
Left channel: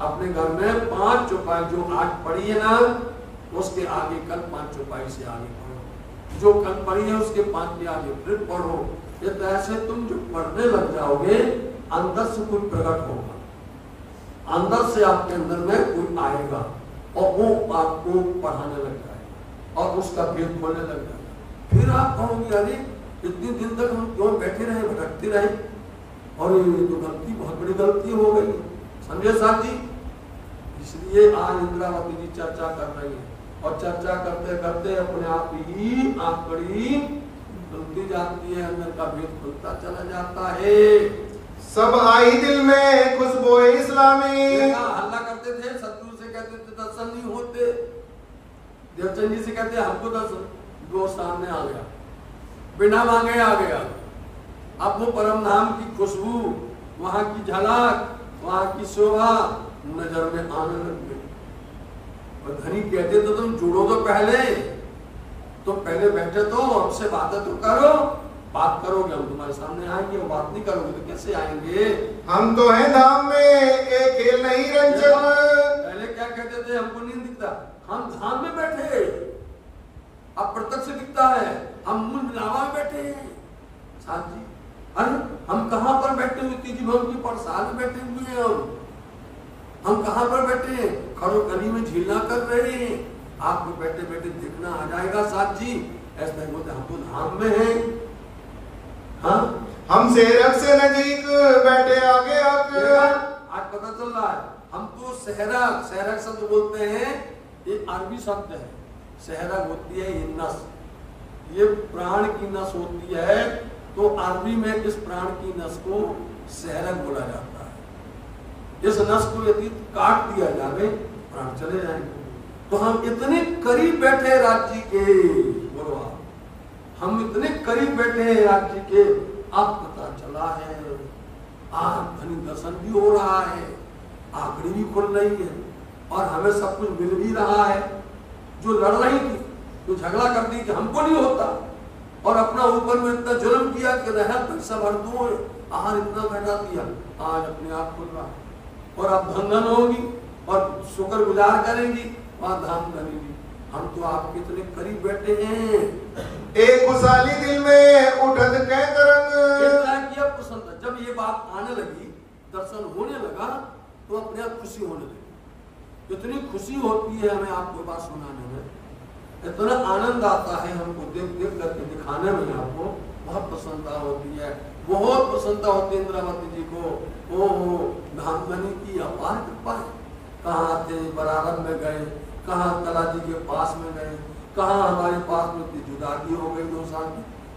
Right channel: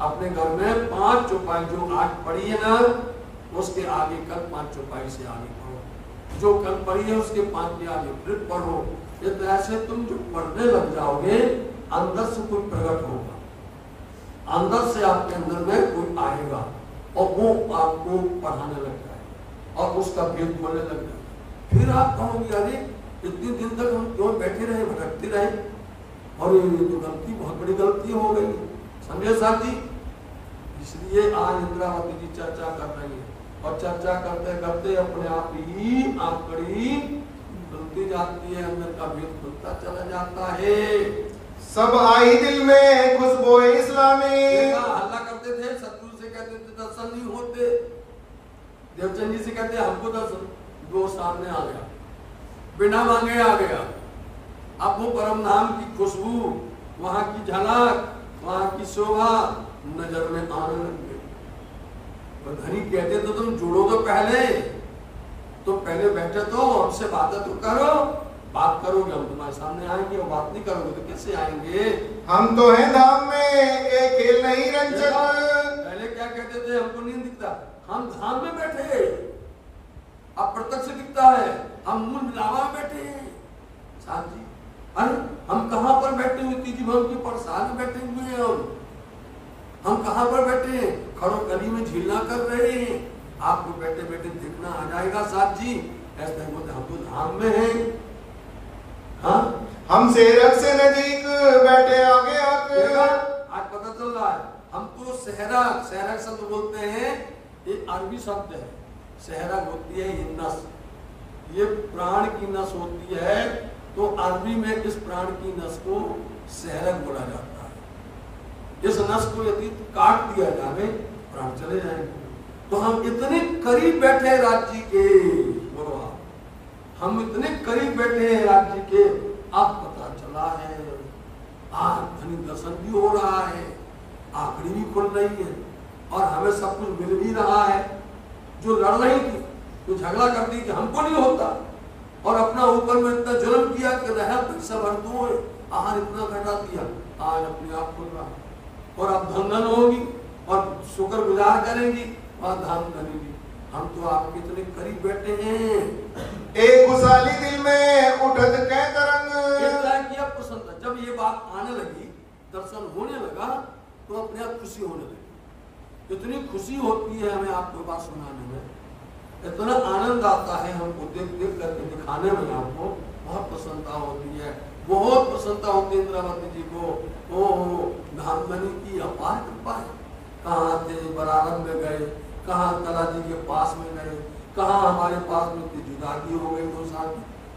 अपने घर में 5 चौपाई जो आज पढ़ी है ना, उसके आगे कल 5 चौपाई से आगे पढ़ो, जो कल पढ़ी है उसके 5 के आगे फिर पढ़ो। ये तो ऐसे तुम जो पढ़ने लग जाओगे अंदर से कोई प्रकट होगा, अंदर से आपके अंदर में कोई आएगा और वो आपको पढ़ाने लग जाएगा और उसका भेद बोलने लग जाएगा। फिर आप कहोगे अरे इतने दिन तक हम क्यों बैठे रहे, भटकते रहे, और ये तो गलती, बहुत बड़ी गलती हो गई। समझे साथी? इसलिए आज इंद्रावती जी चर्चा कर रही है और चर्चा करते करते अपने आप ही आंकड़ी खुलती जाती है, अंदर का भेद खुलता चला जाता है। सब आई दिल में खुशबू इस्लामी। हल्ला करते थे, सतगुरु से कहते थे दर्शन नहीं होते, देवचंद जी से कहते हमको दर्शन, दो सामने आ गया, बिना मांगे आ गया। अब वो परम धाम की खुशबू, वहां की झलक, वहां की शोभा नजर में आने लग गई। और धनी कहते तो तुम जुड़ो तो पहले बैठे तो हमसे बातें तो करो, बात करोगे हम तुम्हारे सामने आएंगे, वो बात नहीं करोगे तो कैसे आएंगे? हम तो हैं धाम में, एक खेल नहीं रंजक। पहले क्या कहते थे, हमको नहीं दिखता, हम धाम में बैठे, अब प्रत्यक्ष दिखता है, हम मूल लावा में बैठे हैं साथ जी। अरे हम कहां पर बैठे हुए, तीजी भवन की परसाद में बैठे हुए हैं, हम कहां पर बैठे हैं, खड़ो गली में झीलना कर रहे हैं, आपको बैठे बैठे देखना आ जाएगा साथ जी। ऐसा ही बोलते हम तो धाम में हैं। हाँ, हम सेरक से नजीक बैठे आगे आगे। आज पता चल रहा है, हम तो सहरक, सहरक शब्द बोलते हैं, ये अरबी शब्द है। सहरक होती है ये नस, ये प्राण की नस होती है, तो अरबी में इस प्राण की नस को सहरक बोला जाता है। इस नस को यदि काट दिया जाए प्राण चले जाएंगे। तो हम इतने करीब बैठे हैं राज्य के, बोलो आप, हम इतने करीब बैठे हैं राज्य के, अब पता चला है, आज धनी दर्शन भी हो रहा है, आंखड़ी भी खुल रही है, और हमें सब कुछ मिल भी रहा है। जो लड़ रही थी, जो झगड़ा करती कि हमको नहीं होता, और अपना ऊपर में इतना जुल्म किया कि रह पैसा भर दो, आहार इतना घटा दिया, आज अपने आप खुल रहा है, और अब धन होगी और शुक्र गुजार करेंगी, वहां धाम करेंगी। हम तो आपके इतने करीब बैठे हैं, एक खुशहाली दिल में उठत कह करंग। पसंद। जब ये बात आने लगी, दर्शन होने लगा, तो अपने आप खुशी होने लगी। इतनी खुशी होती है हमें आपको बात सुनाने में, इतना आनंद आता है हमको देख देख करके दिखाने में, आपको बहुत प्रसन्नता होती है, बहुत प्रसन्नता होती है इंद्रावती जी को। ओ धामधनी की अपार कृपा है। कहाँ थे, बराबर में गए, कहाँ कला जी के पास में गए, कहाँ हमारे पास में थी, जुदागी हो गई 2 साल,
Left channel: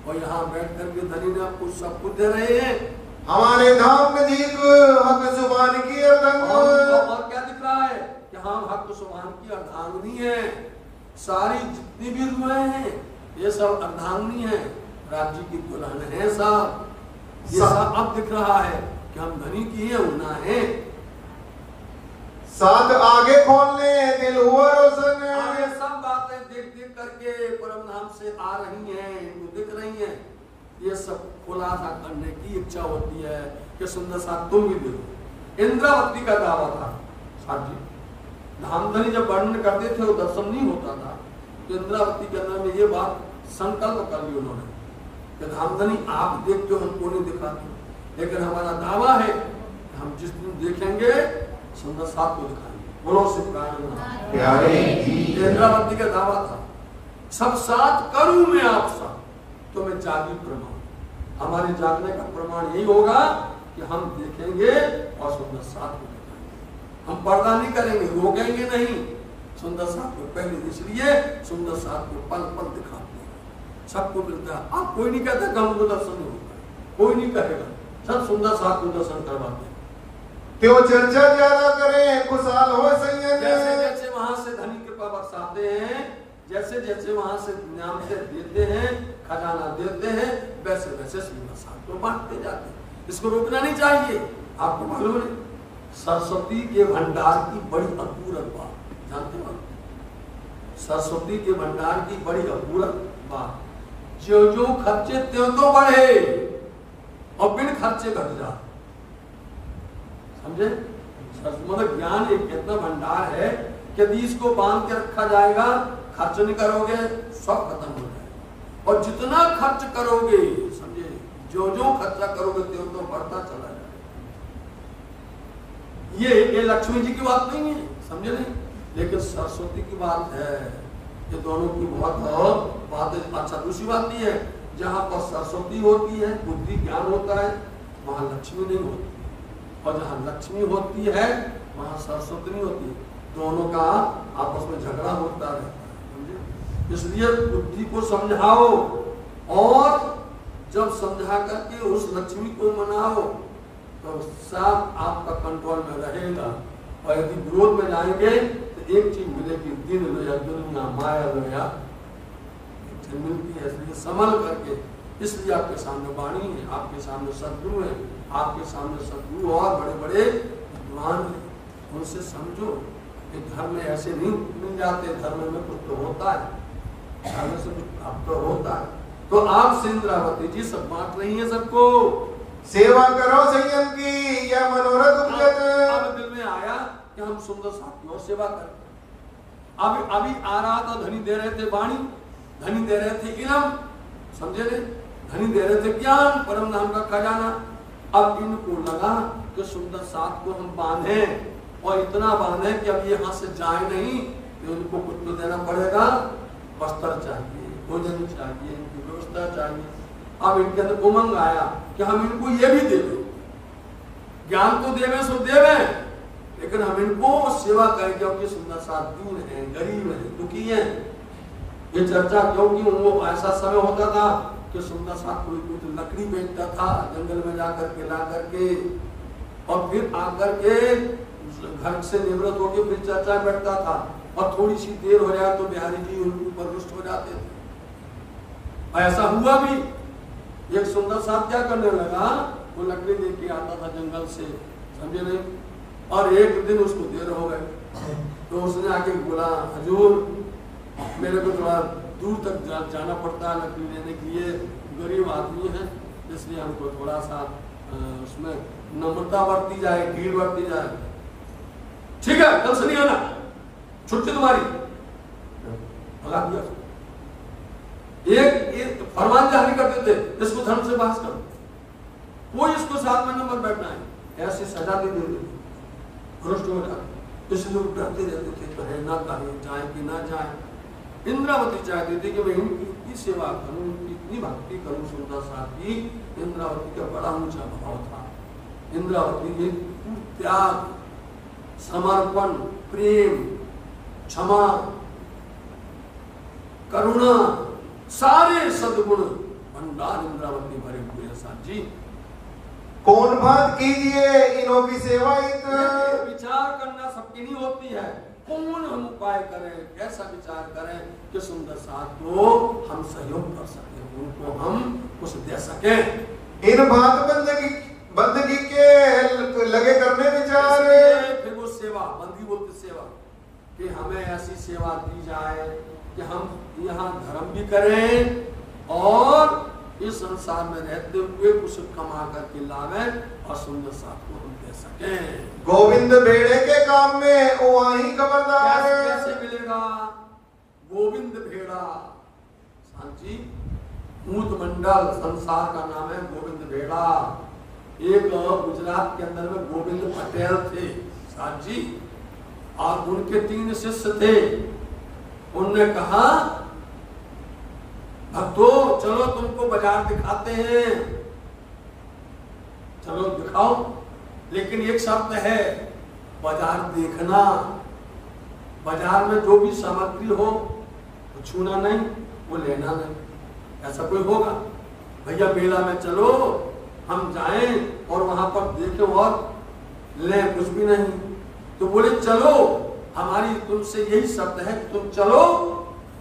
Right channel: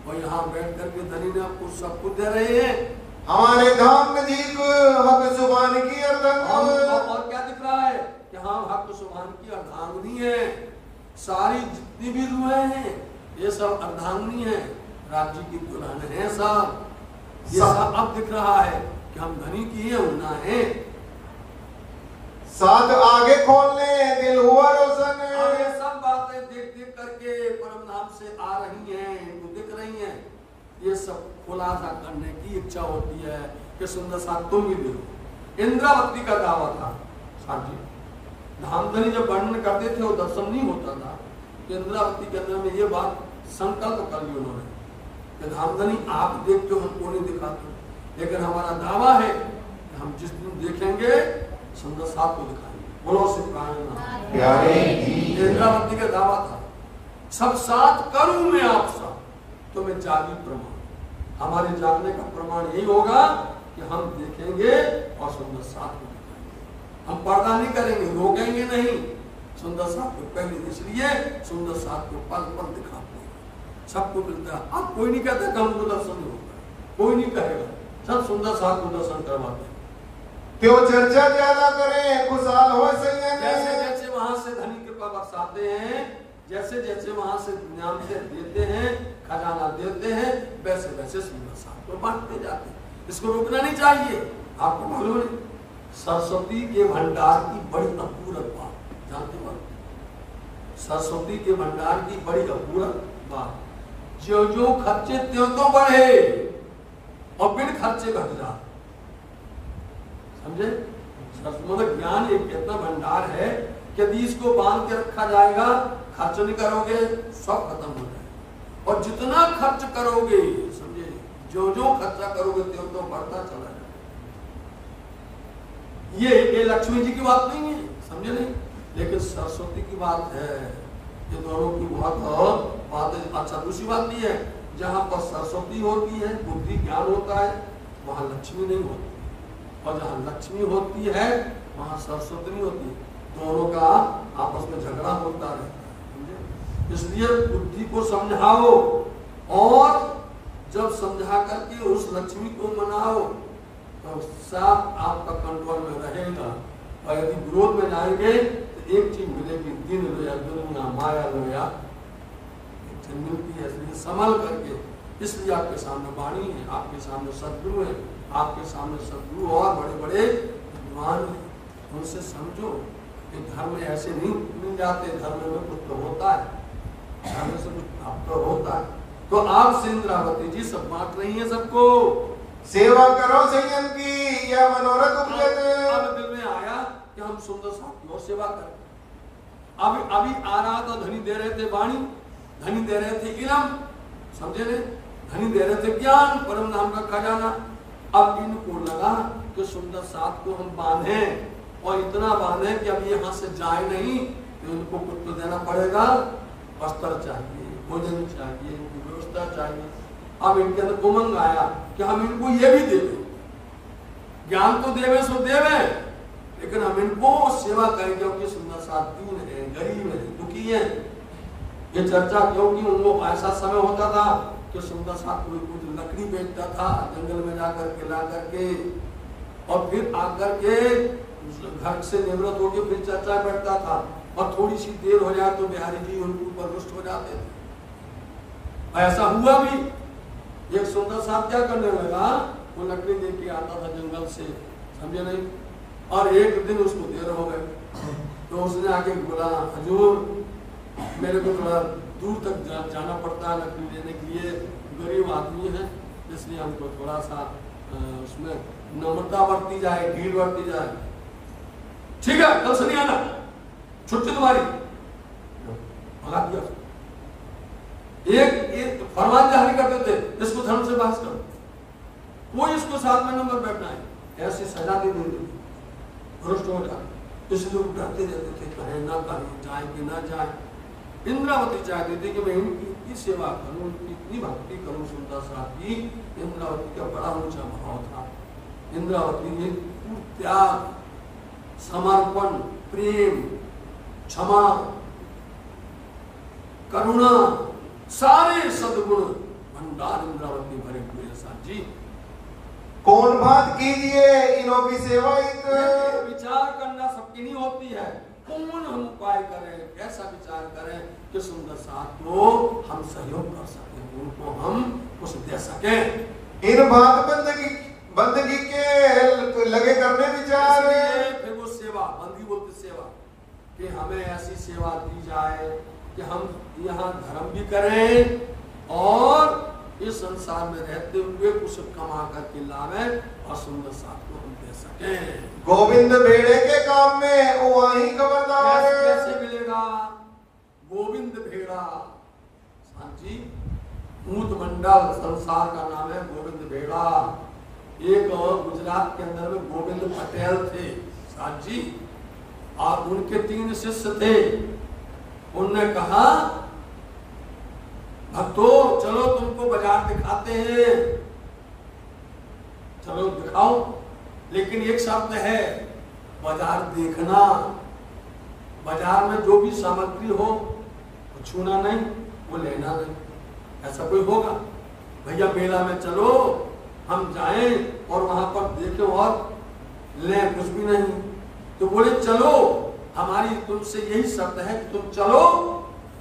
और यहाँ बैठ करके धनी ने आपको सब कुछ दे रहे हैं। हमारे धाम नजीक हक जुबान की अर्धांगिनी। और क्या दिख रहा है कि हम हक जुबान की अर्धांगिनी है। सारी जितनी भी रुएं हैं ये सब अर्धांगिनी है, राज्य की दुल्हन है साहब। ये सब अब दिख रहा है कि हम धनी की है, होना है। साथ आगे खोलने दिल हुआ रोशन। आगे सब बातें देख देख करके परम धाम से आ रही हैं, इनको दिख रही हैं। ये सब खुलासा करने की इच्छा होती है कि सुंदर साथ तुम भी दो। इंद्रावती का दावा था साथ जी, धामधनी जब वर्णन करते थे वो दर्शन नहीं होता था, तो इंद्रावती के अंदर में ये बात संकल्प कर ली उन्होंने कि धामधनी आप देखते हो, हमको नहीं दिखाते, लेकिन हमारा दावा है कि हम जिस दिन देखेंगे सुंदर साथ को दिखाएंगे। बोलो इंद्रावती का दावा था, सब साथ करूं मैं आप साथ, तो मैं जागी प्रमाण। हमारे जागने का प्रमाण यही होगा कि हम देखेंगे और सुंदर साथ को दिखाएंगे। हम पर्दा नहीं करेंगे, रोकेंगे नहीं, सुंदर साथ को पहले इसलिए सुंदर साथ को पल पल दिखाते हैं, सबको मिलता है। अब कोई नहीं कहता कि हमको दर्शन नहीं होता है, कोई नहीं कहेगा, सब सुंदर साथ को दर्शन करवाते हैं। त्यो चर्चा ज्यादा करें खुशहाल हो सैयद। जैसे जैसे वहां से धनी कृपा बरसाते हैं, जैसे जैसे वहां से नाम से देते हैं, खजाना देते हैं, वैसे वैसे सुंदर साथ को बांटते जाते हैं। इसको रोकना नहीं चाहिए। आपको मालूम है सरस्वती के भंडार की बड़ी अपूर्व बात जानते हो? सरस्वती के भंडार की बड़ी अपूर्व बात, जो जो खर्चे त्यों तो बढ़े और बिन खर्चे घट जाते। समझे? मतलब ज्ञान एक इतना भंडार है कि यदि इसको बांध के रखा जाएगा, खर्च नहीं करोगे सब खत्म हो जाएगा, और जितना खर्च करोगे, समझे, जो जो खर्चा करोगे त्यों तो बढ़ता चला जाएगा। ये लक्ष्मी जी की बात नहीं है, समझे नहीं, लेकिन सरस्वती की बात है। ये दोनों की बहुत बात है। अच्छा, दूसरी बात नहीं है, जहां पर सरस्वती होती है, बुद्धि ज्ञान होता है, वहां लक्ष्मी नहीं होती, और जहां लक्ष्मी होती है वहां सरस्वती नहीं होती। दोनों का आपस में झगड़ा होता रहता है। इसलिए बुद्धि को समझाओ, और जब समझा करके उस लक्ष्मी को मनाओ तो सब आपका कंट्रोल में रहेगा। और यदि विरोध में जाएंगे तो एक चीज मिलेगी, दिन लोया दुनिया माया लोया मिलती है। इसलिए संभल करके, इसलिए आपके सामने वाणी है, आपके सामने सद्गुरु है, आपके सामने सद्गुरु और बड़े बड़े विद्वान हैं, उनसे समझो कि धर्म में ऐसे नहीं मिल जाते। धर्म में कुछ तो होता है, धर्म से कुछ प्राप्त होता है, तो आप से इंद्रावती जी सब बांट रही हैं सबको। सेवा करो संयम की या मनोरथ उपजत। अब दिल में आया कि हम सुंदर साथ की और सेवा करें। अभी आ रहा था, धनी दे रहे थे वाणी, धनी दे रहे थे इलम, समझे ने, धनी दे रहे थे ज्ञान, परम नाम का खजाना। अब इनको लगा कि सुंदर साथ को हम बांधे और इतना बांधे कि अब यहाँ से जाए नहीं, तो इनको कुछ तो देना पड़ेगा, वस्त्र चाहिए, भोजन चाहिए, इनकी व्यवस्था चाहिए। अब इनके अंदर उमंग आया कि हम इनको ये भी देवे, ज्ञान तो देवे सो देवे, लेकिन हम इनको सेवा करें, क्योंकि सुंदर साथ दीन है, गरीब है, दुखी है। ये चर्चा क्योंकि वो ऐसा समय होता था कि सुंदर साथ कोई कुछ लकड़ी बेचता था जंगल में जाकर के ला करके, और फिर आकर के घर से निवृत्त होकर फिर चर्चा बैठता था, और थोड़ी सी देर हो जाए तो बिहारी जी उनके ऊपर रुष्ट हो जाते थे। ऐसा हुआ भी। एक सुंदर साथ क्या करने लगा, वो लकड़ी लेके आता था जंगल से, समझे नहीं, और एक दिन उसको देर हो गए, तो उसने आके बोला, हजूर मेरे को थोड़ा दूर तक जाना पड़ता है लकड़ी लेने के लिए, गरीब आदमी है, इसलिए हमको थोड़ा सा उसमें नम्रता बरती जाए, भीड़ बरती जाए। ठीक है, कल से नहीं आना, छुट्टी तुम्हारी। भगा दिया। एक फरमान जारी करते थे, इसको धर्म से बहस करो, कोई इसको साथ में नंबर बैठना है, ऐसी सजा दे देते थे, भ्रष्ट हो जाए। इसलिए लोग डरते रहते थे, कहें ना कहें, जाए कि ना जाए। इंद्रावती चाहती थी कि मैं इनकी इतनी सेवा करूं, इनकी इतनी भक्ति करूं सुंदर साथ की। इंद्रावती का बड़ा ऊंचा भाव था। इंद्रावती ये त्याग, समर्पण, प्रेम, क्षमा, करुणा, सारे सद्गुण भंडार इंद्रावती भरे हुए हैं साथ जी। कौन बात कीजिए इनो की सेवा। विचार करना सबकी नहीं होती है, कौन हम उपाय करें, कैसा विचार करें कि सुंदर साथ को हम सहयोग कर सकें, उनको हम कुछ दे सकें। इन बात बंदगी के लगे करने विचार। फिर वो सेवा, बंदी बोलते सेवा, कि हमें ऐसी सेवा दी जाए कि हम यहाँ धर्म भी करें और इस संसार में रहते हुए कुछ कमा करके लावें और सुंदर साथ को हम दे सकें। गोविंद भेड़े के काम में वही खबरदार। कैसे मिलेगा गोविंद भेड़ा सांची, ऊंट मंडल संसार का नाम है गोविंद भेड़ा। एक गुजरात के अंदर में गोविंद पटेल थे सांची, और उनके 3 शिष्य थे। उनने कहा, भक्तों चलो तुमको बाजार दिखाते हैं, चलो दिखाओ, लेकिन एक शर्त है, बाजार देखना, बाजार में जो भी सामग्री हो वो छूना नहीं, वो लेना नहीं। ऐसा कोई होगा भैया, मेला में चलो, हम जाएं और वहां पर देखें और लें, कुछ भी नहीं। तो बोले चलो, हमारी तुमसे यही शर्त है कि तुम चलो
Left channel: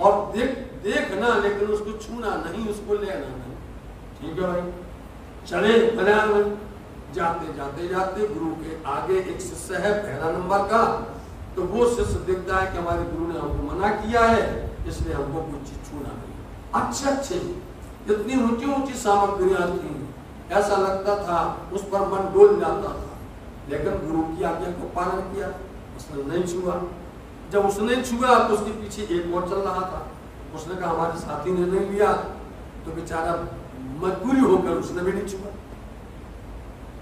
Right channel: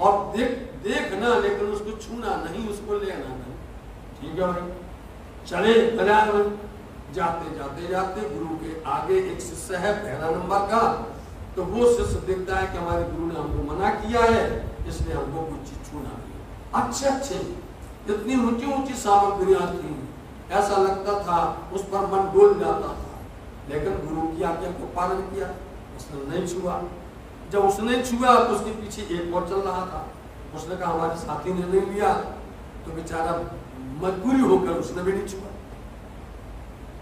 और देखना, लेकिन उसको छूना नहीं, उसको लेना नहीं। ठीक है भाई, चले बाजार में। जाते जाते जाते गुरु के आगे एक शिष्य है 11 नंबर का, तो वो शिष्य देखता है कि हमारे गुरु ने हमको मना किया है, इसलिए हमको कोई चीज छूना नहीं। अच्छे इतनी ऊंची ऊंची सामग्रियां थी, ऐसा लगता था उस पर मन डोल जाता था, लेकिन गुरु की आज्ञा को पालन किया, उसने नहीं छुआ। जब उसने छुआ तो उसके पीछे एक और चल रहा था, उसने कहा हमारे साथी ने नहीं लिया, तो बेचारा मजबूरी होकर उसने भी नहीं छुआ।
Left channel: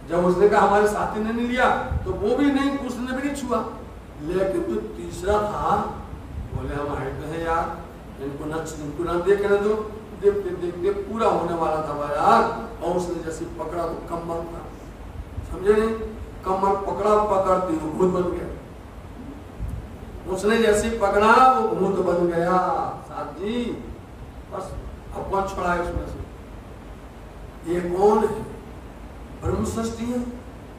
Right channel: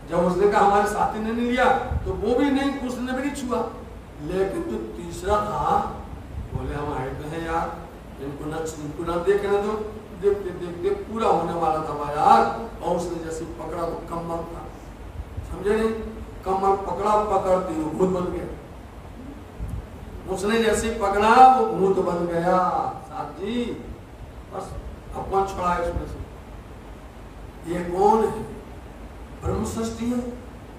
जब उसने कहा हमारे साथी ने नहीं लिया, तो वो भी नहीं, उसने भी नहीं छुआ। लेकिन जो तीसरा था, बोले हम आए तो हैं यार, इनको ना देखने दो। देखते देखते पूरा होने वाला था बाजार, और उसने जैसे पकड़ा तो कम्बल था, समझे नहीं, कमर पकड़ा, पकड़ती वो भूत बन गया। उसने जैसे पकड़ा वो भूत बन गया साथ जी, बस अपना छोड़ा उसमें से। ये कौन है? ब्रह्म सृष्टि है,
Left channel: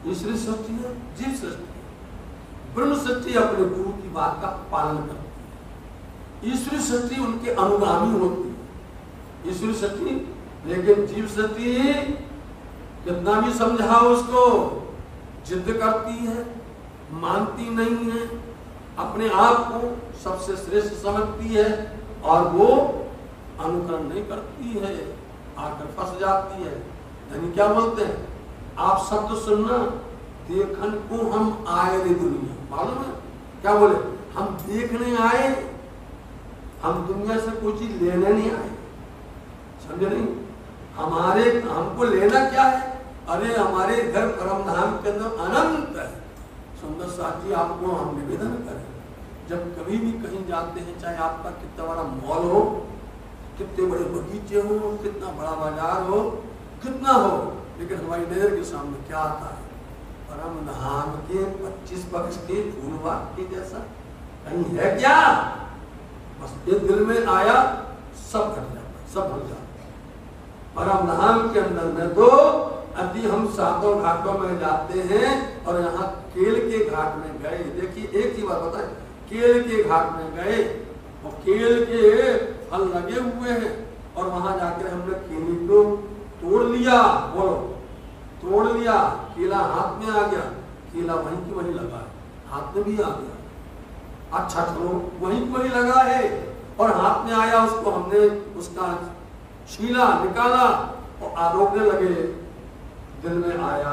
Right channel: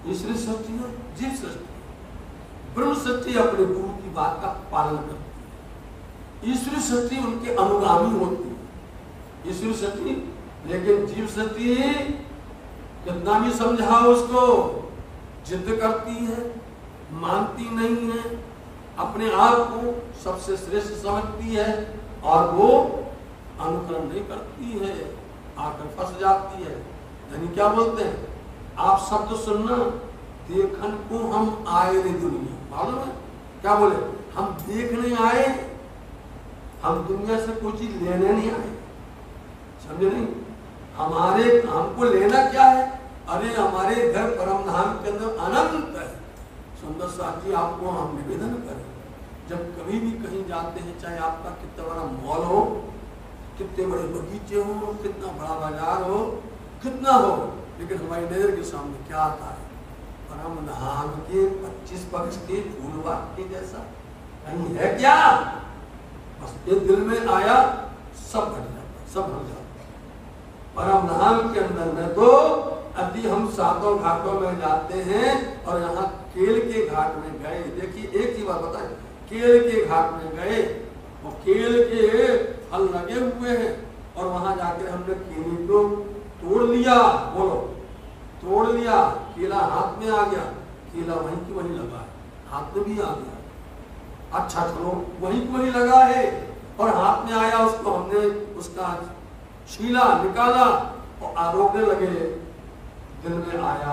ईश्वरी सृष्टि है, जीव सृष्टि है। ब्रह्म सृष्टि अपने गुरु की बात का पालन करती है, ईश्वरी सृष्टि उनके अनुगामी होती है। ईश्वरी सृष्टि, लेकिन जीव सृष्टि कितना भी समझाओ उसको, जिद करती है, मानती नहीं है, अपने आप को सबसे श्रेष्ठ समझती है, और वो अनुकरण नहीं करती है, आकर फंस जाती है। यानी क्या बोलते हैं, आप शब्द सुनना, देखन को हम आए रे दुनिया, मालूम है क्या बोले, हम देखने आए, हम दुनिया से कोई चीज लेने नहीं आए, समझे नहीं। हमारे हमको लेना क्या है, अरे हमारे घर परम धाम के अंदर अनंत है। सुंदर साथ जी आपको हम निवेदन करें, जब कभी भी कहीं जाते हैं, चाहे आपका कितना बड़ा मॉल हो, कितने बड़े बगीचे हो, कितना बड़ा बाजार हो, कितना हो, लेकिन हमारी नजर के सामने क्या आता है, परम धाम के 25 पक्ष के फूलबाग के जैसा कहीं है क्या। बस ये दिल में आया, सब घट जाता, सब भर जाता। परम धाम के अंदर में तो अति हम सातों घाटों में जाते हैं, और यहाँ केल के घाट में गए, देखिए एक ही बात बताए, केल के घाट में गए और केल के फल लगे हुए हैं, और वहां जाकर हमने केले को तोड़ लिया, बोलो तोड़ लिया, केला हाथ में आ गया, केला वहीं की वहीं लगा है, हाथ में भी आ गया, अच्छा चलो वहीं की वहीं लगा है, और हाथ में आया, उसको हमने उसका छीला निकाला और आरोपने लगे, दिल में आया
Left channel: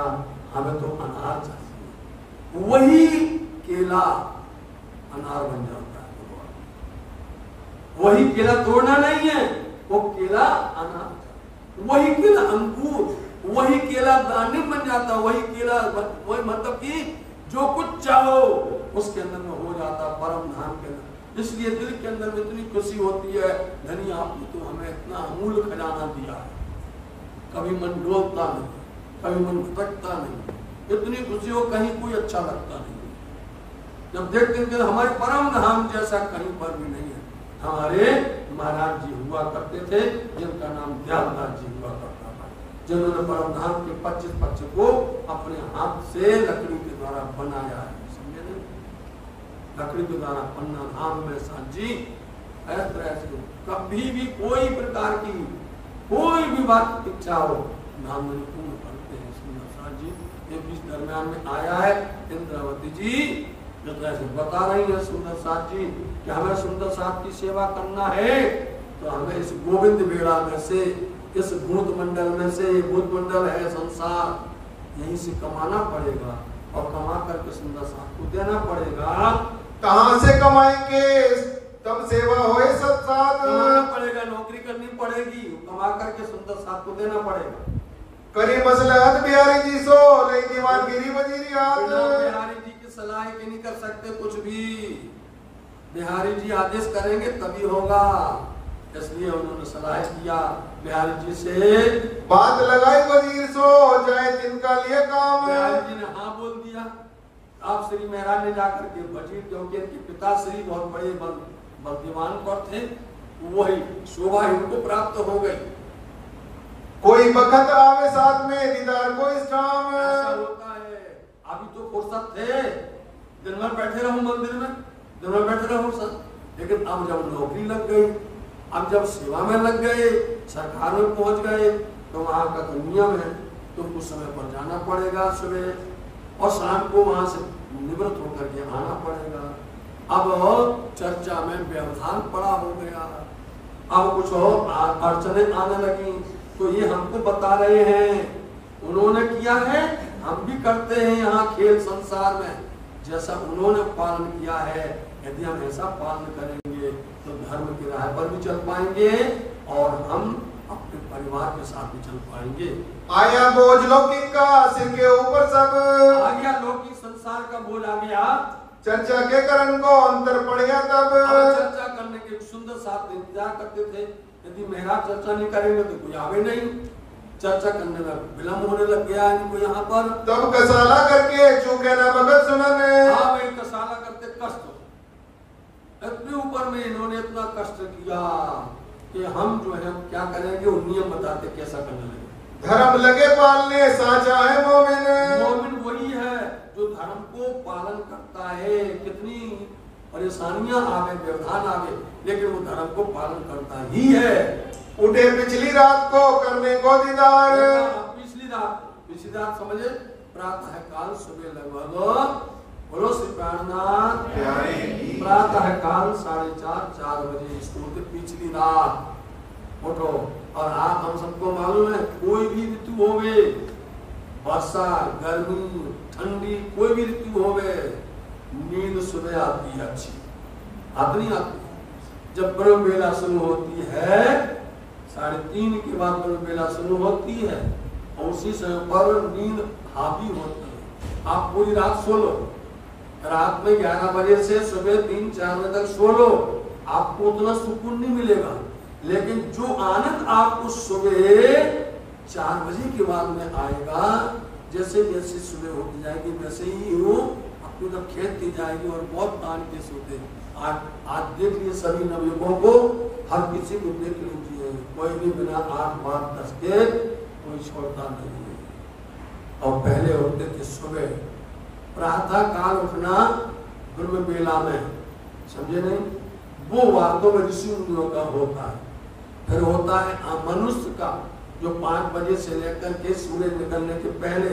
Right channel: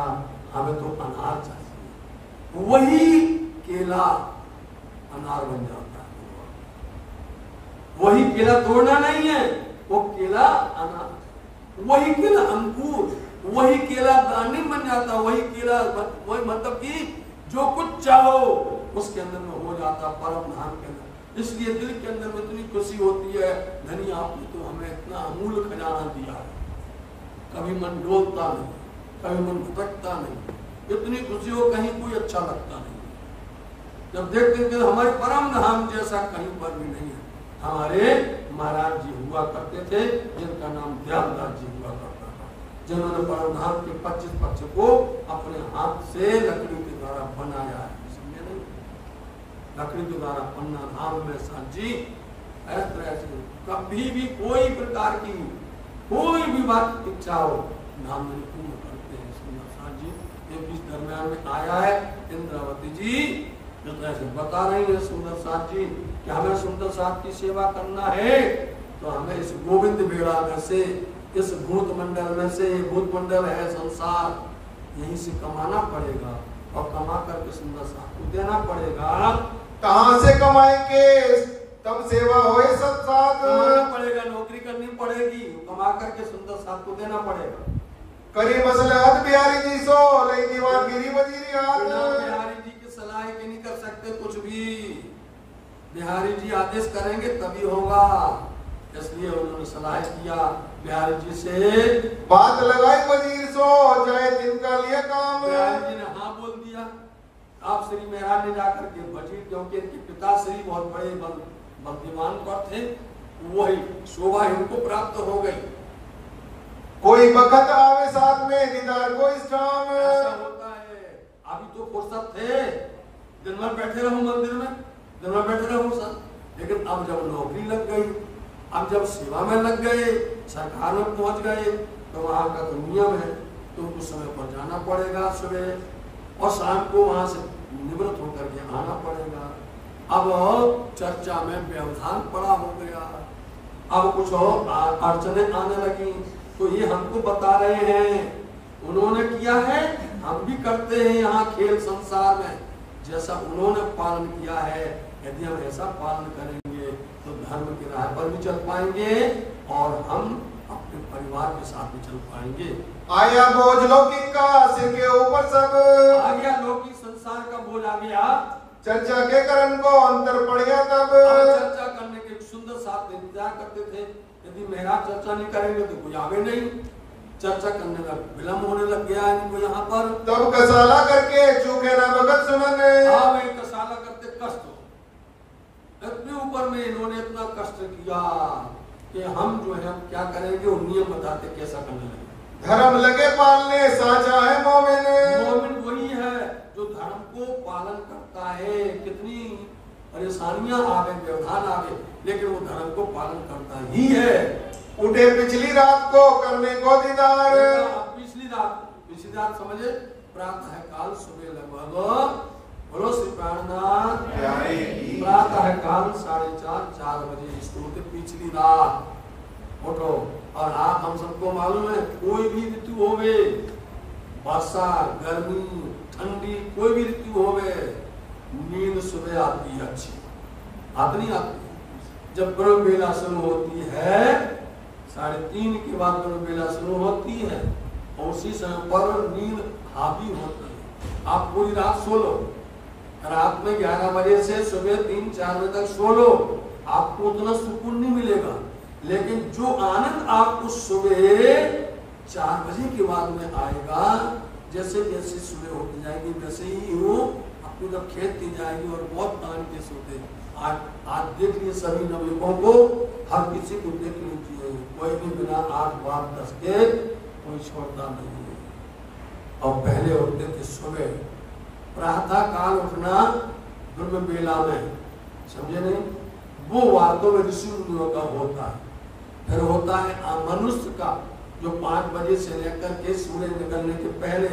हमें तो अनार चाहिए, वही केला अनार बन जाता है, वही केला तोड़ना नहीं है, वो केला अनार, वही केला अंकुर, वही केला दाने बन जाता, वही केला, वही मतलब कि जो कुछ चाहो उसके अंदर में हो जाता, परम धाम के अंदर। इसलिए दिल के अंदर में इतनी खुशी होती है, धनी आपने तो हमें इतना अमूल्य खजाना दिया है, कभी मन डोलता नहीं, कभी मन भटकता नहीं, इतनी खुशी हो, कहीं कोई अच्छा लगता नहीं, जब देखते हैं हमारे परम धाम जैसा कहीं पर भी नहीं है। हमारे महाराज जी हुआ करते थे, जिनका नाम दयालदास जी हुआ करता था, जिन्होंने परम धाम के 25 पक्ष को अपने हाथ से लकड़ी के द्वारा बनाया है, समझे नहीं, लकड़ी के द्वारा पन्ना धाम में साथ जी इस तरह से कभी भी कोई प्रकार की कोई भी बात इच्छा हो, धाम में पूर्ण करते हैं। सुंदर साथ जी ये बीच दरमियान में आया है, इंद्रावती जी से बता रही है सुंदर साथ जी कि हमें सुंदर साथ की सेवा करना है, तो हमें इस गोविंद बेड़ा में से, इस भूत मंडल में से, ये भूत मंडल है संसार, यहीं से कमाना पड़ेगा, और कमा करके सुंदर साथ को देना पड़ेगा। कहाँ से कमाएंगे, तब सेवा होए सब साथ, कमाना पड़ेगा, नौकरी करनी पड़ेगी, कमा करके सुंदर साथ को देना पड़ेगा। करी मसलहत बिहारी जी सो लई दीवार गिरी वजीरी हाथ, बिहारी जी की सलाह के नहीं कर सकते कुछ भी, बिहारी जी आदेश करेंगे तभी होगा, इसलिए उन्होंने सलाह किया बिहारी जी से, बात लगाई वजीर सो जाए जिनका लिए काम। बिहारी जी ने हाँ बोल दिया। आप श्री महाराज ने जाकर के वजीर, क्योंकि इनके पिता श्री बहुत बड़े बलदीवान पर थे, वही शोभा इनको प्राप्त हो गई। कोई बखत आवे साथ में दीदार को इस शाम, ऐसा होता है। अभी तो फुर्सत थे, दिन भर बैठे रहो मंदिर में, दिन भर बैठे रहो सर, लेकिन अब जब नौकरी लग गई, अब जब सेवा में लग गए, सरकार में पहुंच गए, तो वहां का तो नियम है, तुमको समय पर जाना पड़ेगा सुबह, और शाम को वहां से निवृत्त होकर के आना पड़ेगा। अब चर्चा में व्यवधान पड़ा हो गया, अब कुछ और अड़चने आने लगी, तो ये हमको बता रहे हैं, उन्होंने किया है हम भी करते हैं यहाँ खेल संसार में, जैसा उन्होंने पालन किया है, यदि हम ऐसा पालन करेंगे तो धर्म की राह पर भी चल पाएंगे, और हम अपने परिवार के साथ भी चल पाएंगे। आया बोझ लौकिक का सिर के ऊपर सब, आ गया लौकिक संसार का बोझ आ गया, चर्चा के कारण को अंतर पड़ गया तब, चर्चा करने के सुंदर साथ इंतजार करते थे, यदि महाराज चर्चा नहीं करेंगे तो कोई आगे नहीं, चर्चा करने में विलम्ब होने लग गया इनको यहाँ पर, तब कसाला करके चूके ना भगत सुमन, हाँ भाई कसाला करते कष्ट, इतने ऊपर में इन्होंने इतना कष्ट किया कि हम जो है हम क्या करेंगे, वो नियम बताते कैसा करने लगे। धर्म लगे पालने साचा है मोमिन, मोमिन वही है जो धर्म को पालन करता है, कितनी परेशानियां आवे, व्यवधान आवे, लेकिन वो धर्म को पालन करता ही है। उठे पिछली रात को करने को दीदार, पिछली रात समझे, प्रातः काल सुबह लगभग, बोलो श्री प्राणनाथ, प्रातः काल 4:30 4 बजे स्कूल के पिछली रात, उठो। और आप हम सबको मालूम है, कोई भी ऋतु होवे, वर्षा, गर्मी, ठंडी, कोई भी ऋतु होवे, नींद सुबह आती है अच्छी, आती नहीं आती। जब ब्रह्म बेला शुरू होती है 3:30 के बाद ब्रह्म बेला शुरू होती है, और उसी समय पर नींद हावी होती है। आप पूरी रात सो लो, रात में 11 बजे से सुबह 3-4 बजे तक सो लो, आपको उतना सुकून नहीं मिलेगा। लेकिन जो आनंद आपको सुबह 4 बजे के बाद में आएगा, जैसे जैसे सुबह होती जाएगी वैसे ही वो अपनी तरफ खेलती जाएगी और बहुत तान के सोते। आज देख लिए सभी नवयुवकों को, हर किसी को देख लीजिए, कोई भी बिना 8, 12, 10 के कोई छोड़ता नहीं है। और पहले उठते थे सुबह, प्रातः काल उठना ब्रह्म बेला में, समझे नहीं, वो वास्तव में ऋषि मुनियों का होता है। फिर होता है मनुष्य का, जो 5 बजे से लेकर के सूरज निकलने के पहले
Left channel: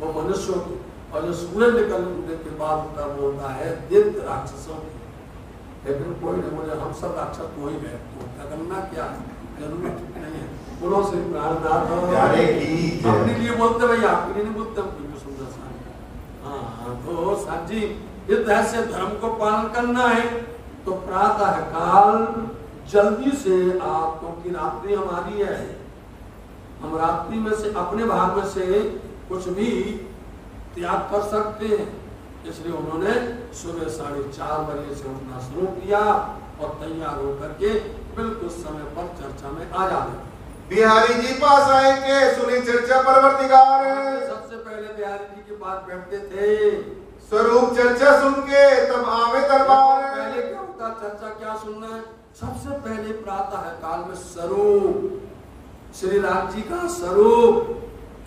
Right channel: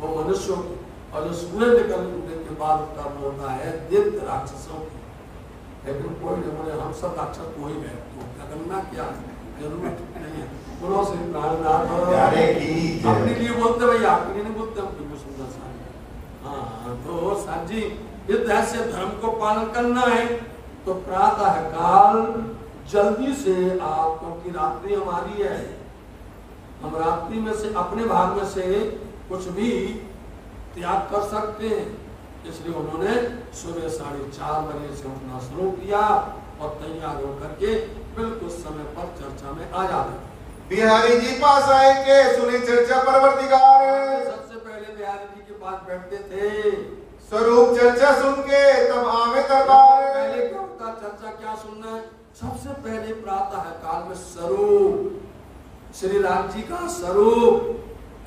वो मनुष्यों की, और जो सूरज निकलने के बाद का वो होता है दैत्य राक्षसों की। लेकिन कोई नहीं बोले हम सब राक्षस को ही गए, तो क्या करना, क्या जरूरत नहीं है। पुनः से प्राणनाथ अपने लिए बोलते भाई, आपके लिए नहीं बोलते हम। बिल्कुल सुंदर सा, हाँ। तो साथ जी इस तरह से धर्म को पालन करना है। तो प्रातः काल जल्दी से आप, क्योंकि रात्रि हमारी है, हम रात्रि में से अपने भाग में से कुछ भी त्याग कर सकते हैं। इसलिए उन्होंने सुबह 4:30 बजे से उठना शुरू किया और तैयार होकर के बिल्कुल समय पर चर्चा में आ जाते। बिहारी जी पास आए के सुनी चर्चा परवर्तिकार, सबसे पहले बिहारी जी के पास बैठते थे। स्वरूप चर्चा सुन के तब आवे दरबार। पहले क्या होता, चर्चा क्या सुनना है, सबसे पहले प्रातः काल में स्वरूप, श्री राम जी का स्वरूप,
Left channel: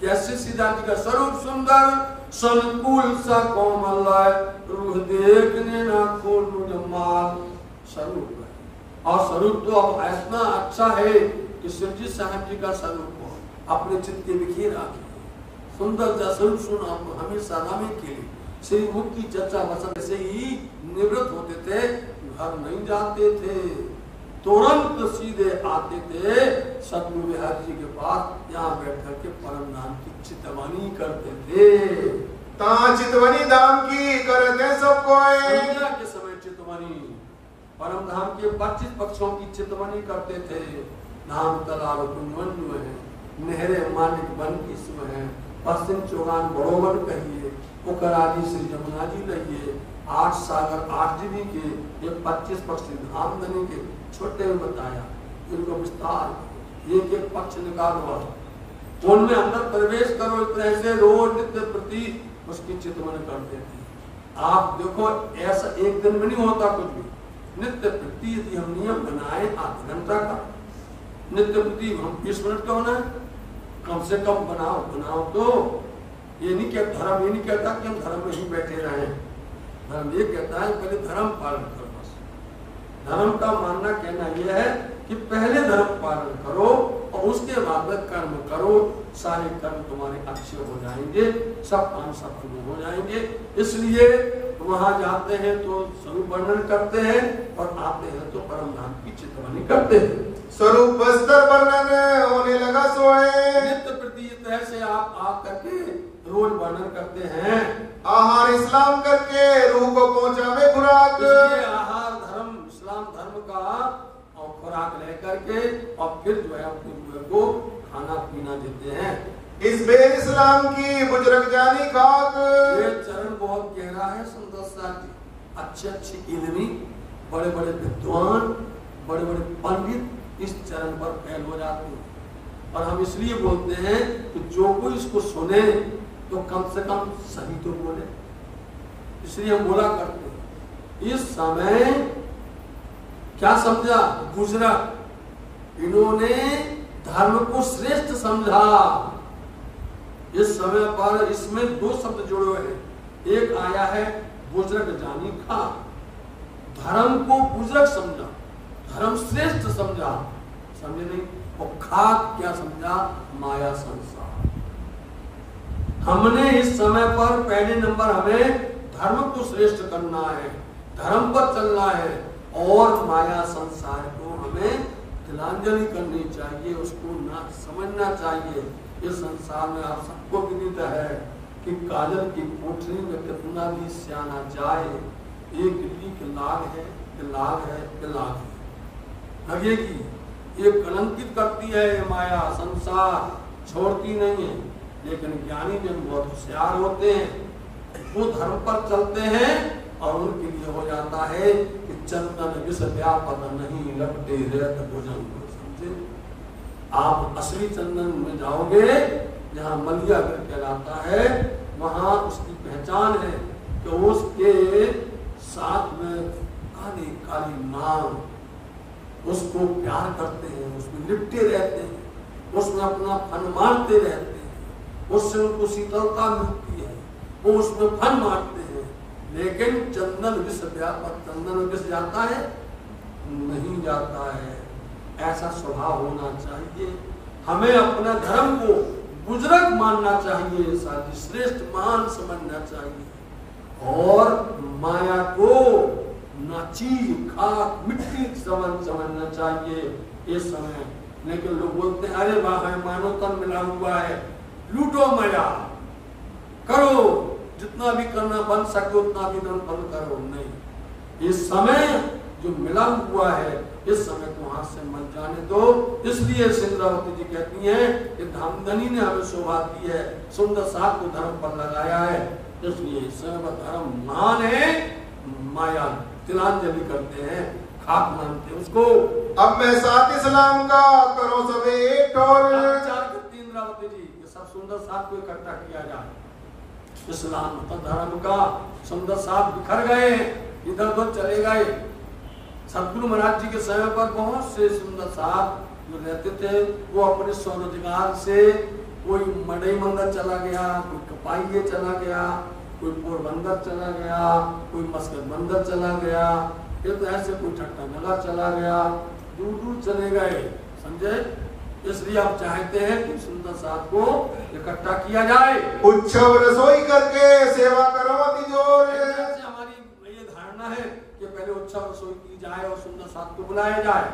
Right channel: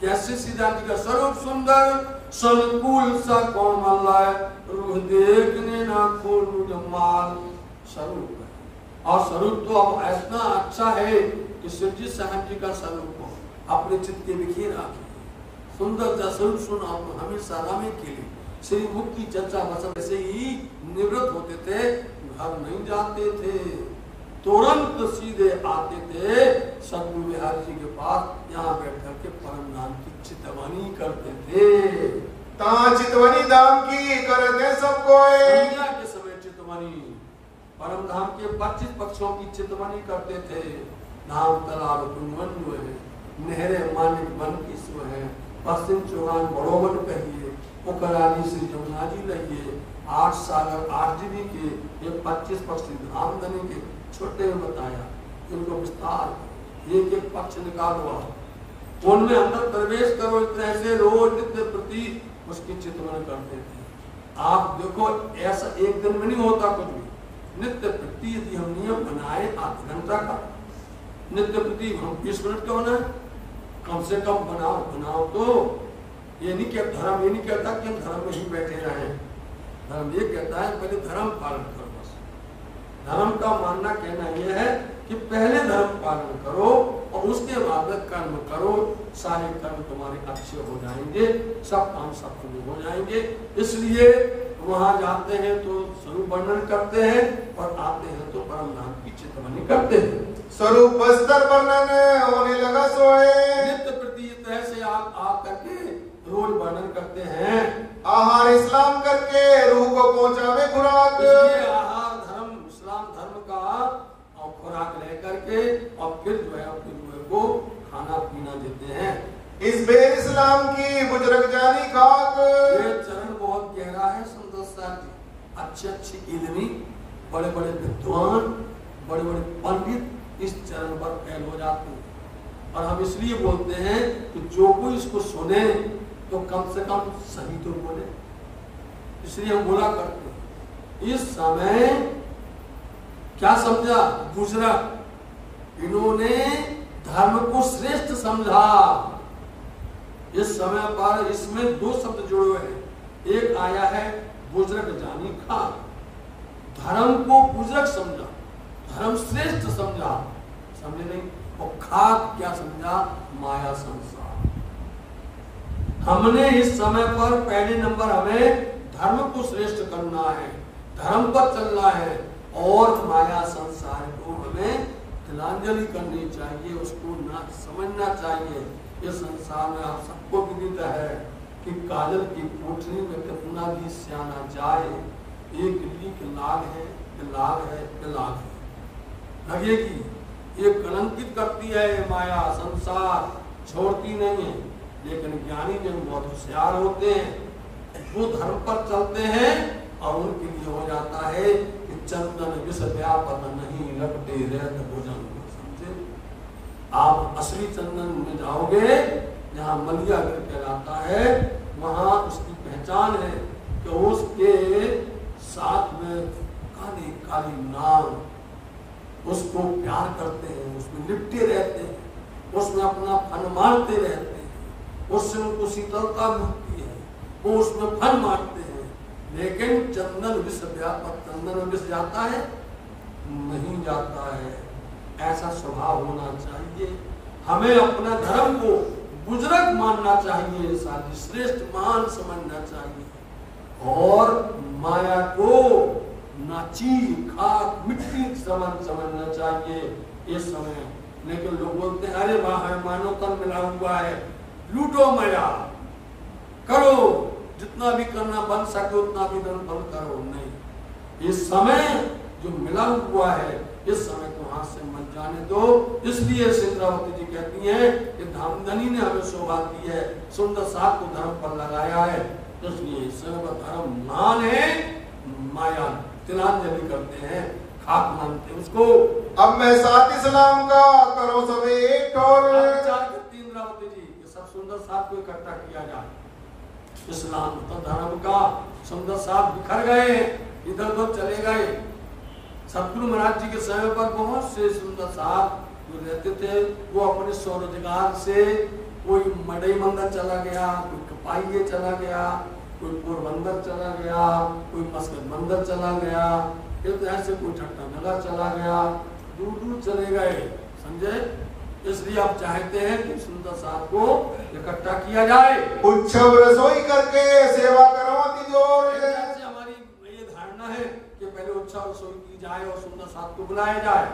कैसे सीता जी का स्वरूप सुंदर, संकुल सा कोमल, रूह देखने ना खोलू जमाल, स्वरूप है। और स्वरूप तो अब ऐसा अच्छा है कि शिव जी साहब जी का स्वरूप हो, अपने चित्त के बिखेर आके सुंदर सा स्वरूप सुना तो हमेशा रामे के लिए श्री मुख की चर्चा बस ऐसे ही निवृत्त होते थे, घर नहीं जाते थे, तुरंत सीधे आते थे सतगुरु बिहारी जी के पास, यहाँ बैठ करके परम नाम की चितवानी करते थे। चितवनी धाम की करते सब कोई, संध्या के समय चितवनी, परम धाम के 25 पक्षों की चितवनी करते थे। धाम तालाब कुंजवन है, नहरे मानिक बन की स्व है, पश्चिम चौहान बड़ोवन कहिए, उकराजी श्री जमुना जी लहिए, 8 सागर 8 जीवी के, ये 25 पक्ष धामधनी के छोटे में बताया, इनको विस्तार एक एक पक्ष निकालो, उनमें अंदर प्रवेश करो। इस तरह से रोज नित्य प्रति उसकी चितवन करते थे। आप देखो ऐसा एक दिन में नहीं होता कुछ भी, नित्य प्रति यदि हम नियम बनाए आधा घंटा का, नित्य प्रति हम 20 मिनट का बनाए, कम से कम बनाओ। तो ये नहीं कहता, धर्म ये नहीं कहता कि हम धर्म में ही बैठे रहें, धर्म ये कहता है पहले धर्म पालन करो। बस धर्म का मानना कहना यह है कि पहले धर्म पालन करो और उसके बाद में कर्म करो, सारे कर्म तुम्हारे अच्छे हो जाएंगे, सब काम सफल हो जाएंगे। इसलिए वहां जाते हैं तो स्वरूप वर्णन करते हैं और आते हैं तो परम नाम की चितवनी करते हैं। स्वरूप बस्तर वर्णन होने लगा सोए, नित्य प्रति तरह से आप आ करके रोज वर्णन करते हैं। आहार इस्लाम करके रूह को पहुंचावे खुराक, आहार धर्म इस्लाम धर्म का और खुराक लेकर के और फिर जो है अपने रूह को खाना पीना देते हैं। इस बेर इस्लाम की बुजुर्ग जानी खाक, ये चरण बहुत गहरा है संत साहब जी, अच्छे इल्मी, बड़े बड़े विद्वान, बड़े बड़े पंडित इस चरण पर फैल हो जाते हैं। और हम इसलिए बोलते हैं कि जो कोई इसको सुने तो कम से कम सही तो बोले, इसलिए हम बोला करते हैं। इस समय क्या समझा गुजरात, इन्होंने धर्म को श्रेष्ठ समझा। इस समय पर इसमें 2 शब्द जुड़े हुए हैं, एक आया है बुजुर्ग जानी खा, धर्म को बुजुर्ग समझा, धर्म श्रेष्ठ समझा, समझे नहीं, और खाक क्या समझा, माया संसार। हमने इस समय पर पहले नंबर हमें धर्म को श्रेष्ठ करना है, धर्म पर चलना है और माया संसार को हमें तिलांजलि करनी चाहिए, उसको ना समझना चाहिए। इस संसार में आप सबको विदित है कि काजल की कोठरी में कितना भी सियाना जाए, एक लीक लाग है, लाग है, लाग है लगेगी। ये कलंकित करती है ये माया, संसार छोड़ती नहीं है। लेकिन ज्ञानी जन बहुत होशियार होते हैं, वो धर्म पर चलते हैं और उनके लिए हो जाता है कि चंदन विष व्यापन नहीं लगते रहत भोजन। समझे? आप असली चंदन में जाओगे, जहाँ मलिया गिर कहलाता है, वहां उसकी पहचान है कि उसके साथ में काली काली नाग उसको प्यार करते हैं, उसमें लिपटे रहते हैं, उसमें अपना फन मारते रहते हैं, उससे उनको शीतलता मिलती है, वो उसमें फन मारते हैं। लेकिन चंदन विष व्यापक, चंदन में विष जाता है? नहीं जाता है। ऐसा स्वभाव होना चाहिए। हमें अपना धर्म को बुजुर्ग मानना चाहिए, साथी श्रेष्ठ मान समझना चाहिए और माया को नाची खाक मिट्टी समझना चाहिए इस समय। लेकिन लोग बोलते हैं अरे वाह है मानव तन मिला हुआ है, लूटो माया, करो जितना भी करना बन सके उतना भी बंद करो। नहीं, इस समय जो मिला हुआ है इस समय को हाथ से मत जाने दो। इसलिए इंद्रावती जी कहती हैं कि धामधनी ने हमें शोभा दी है, सुंदर साथ को धर्म पर लगाया है, इसलिए इस समय का धर्म मान है, माया तिलांजलि करते हैं, खाक मानते हैं उसको। अब मैं साथ इस्लाम का करो सबे ठोर। विचार करती इंद्रावती जी कि सब सुंदर साथ को इकट्ठा किया जाए। इस्लाम तो धर्म का सुंदर साथ बिखर गए, इधर उधर चले गए। सतगुरु महाराज जी के समय पर बहुत से सुंदर साथ जो रहते थे, वो अपने स्वरोजगार से कोई मड़ई मंदिर चला गया, कोई कपाइये चला गया, कोई पोरबंदर चला गया, कोई मस्कत मंदिर चला गया, ये तो ऐसे कोई ठट्टा नगर चला गया, दूर दूर चले गए। समझे? इसलिए आप चाहते हैं कि सुंदर साथ को इकट्ठा किया जाए, उत्सव रसोई करके सेवा करो तिजोर। हमारी ये धारणा है कि पहले उत्सव रसोई की जाए और सुंदर साथ को बुलाया जाए।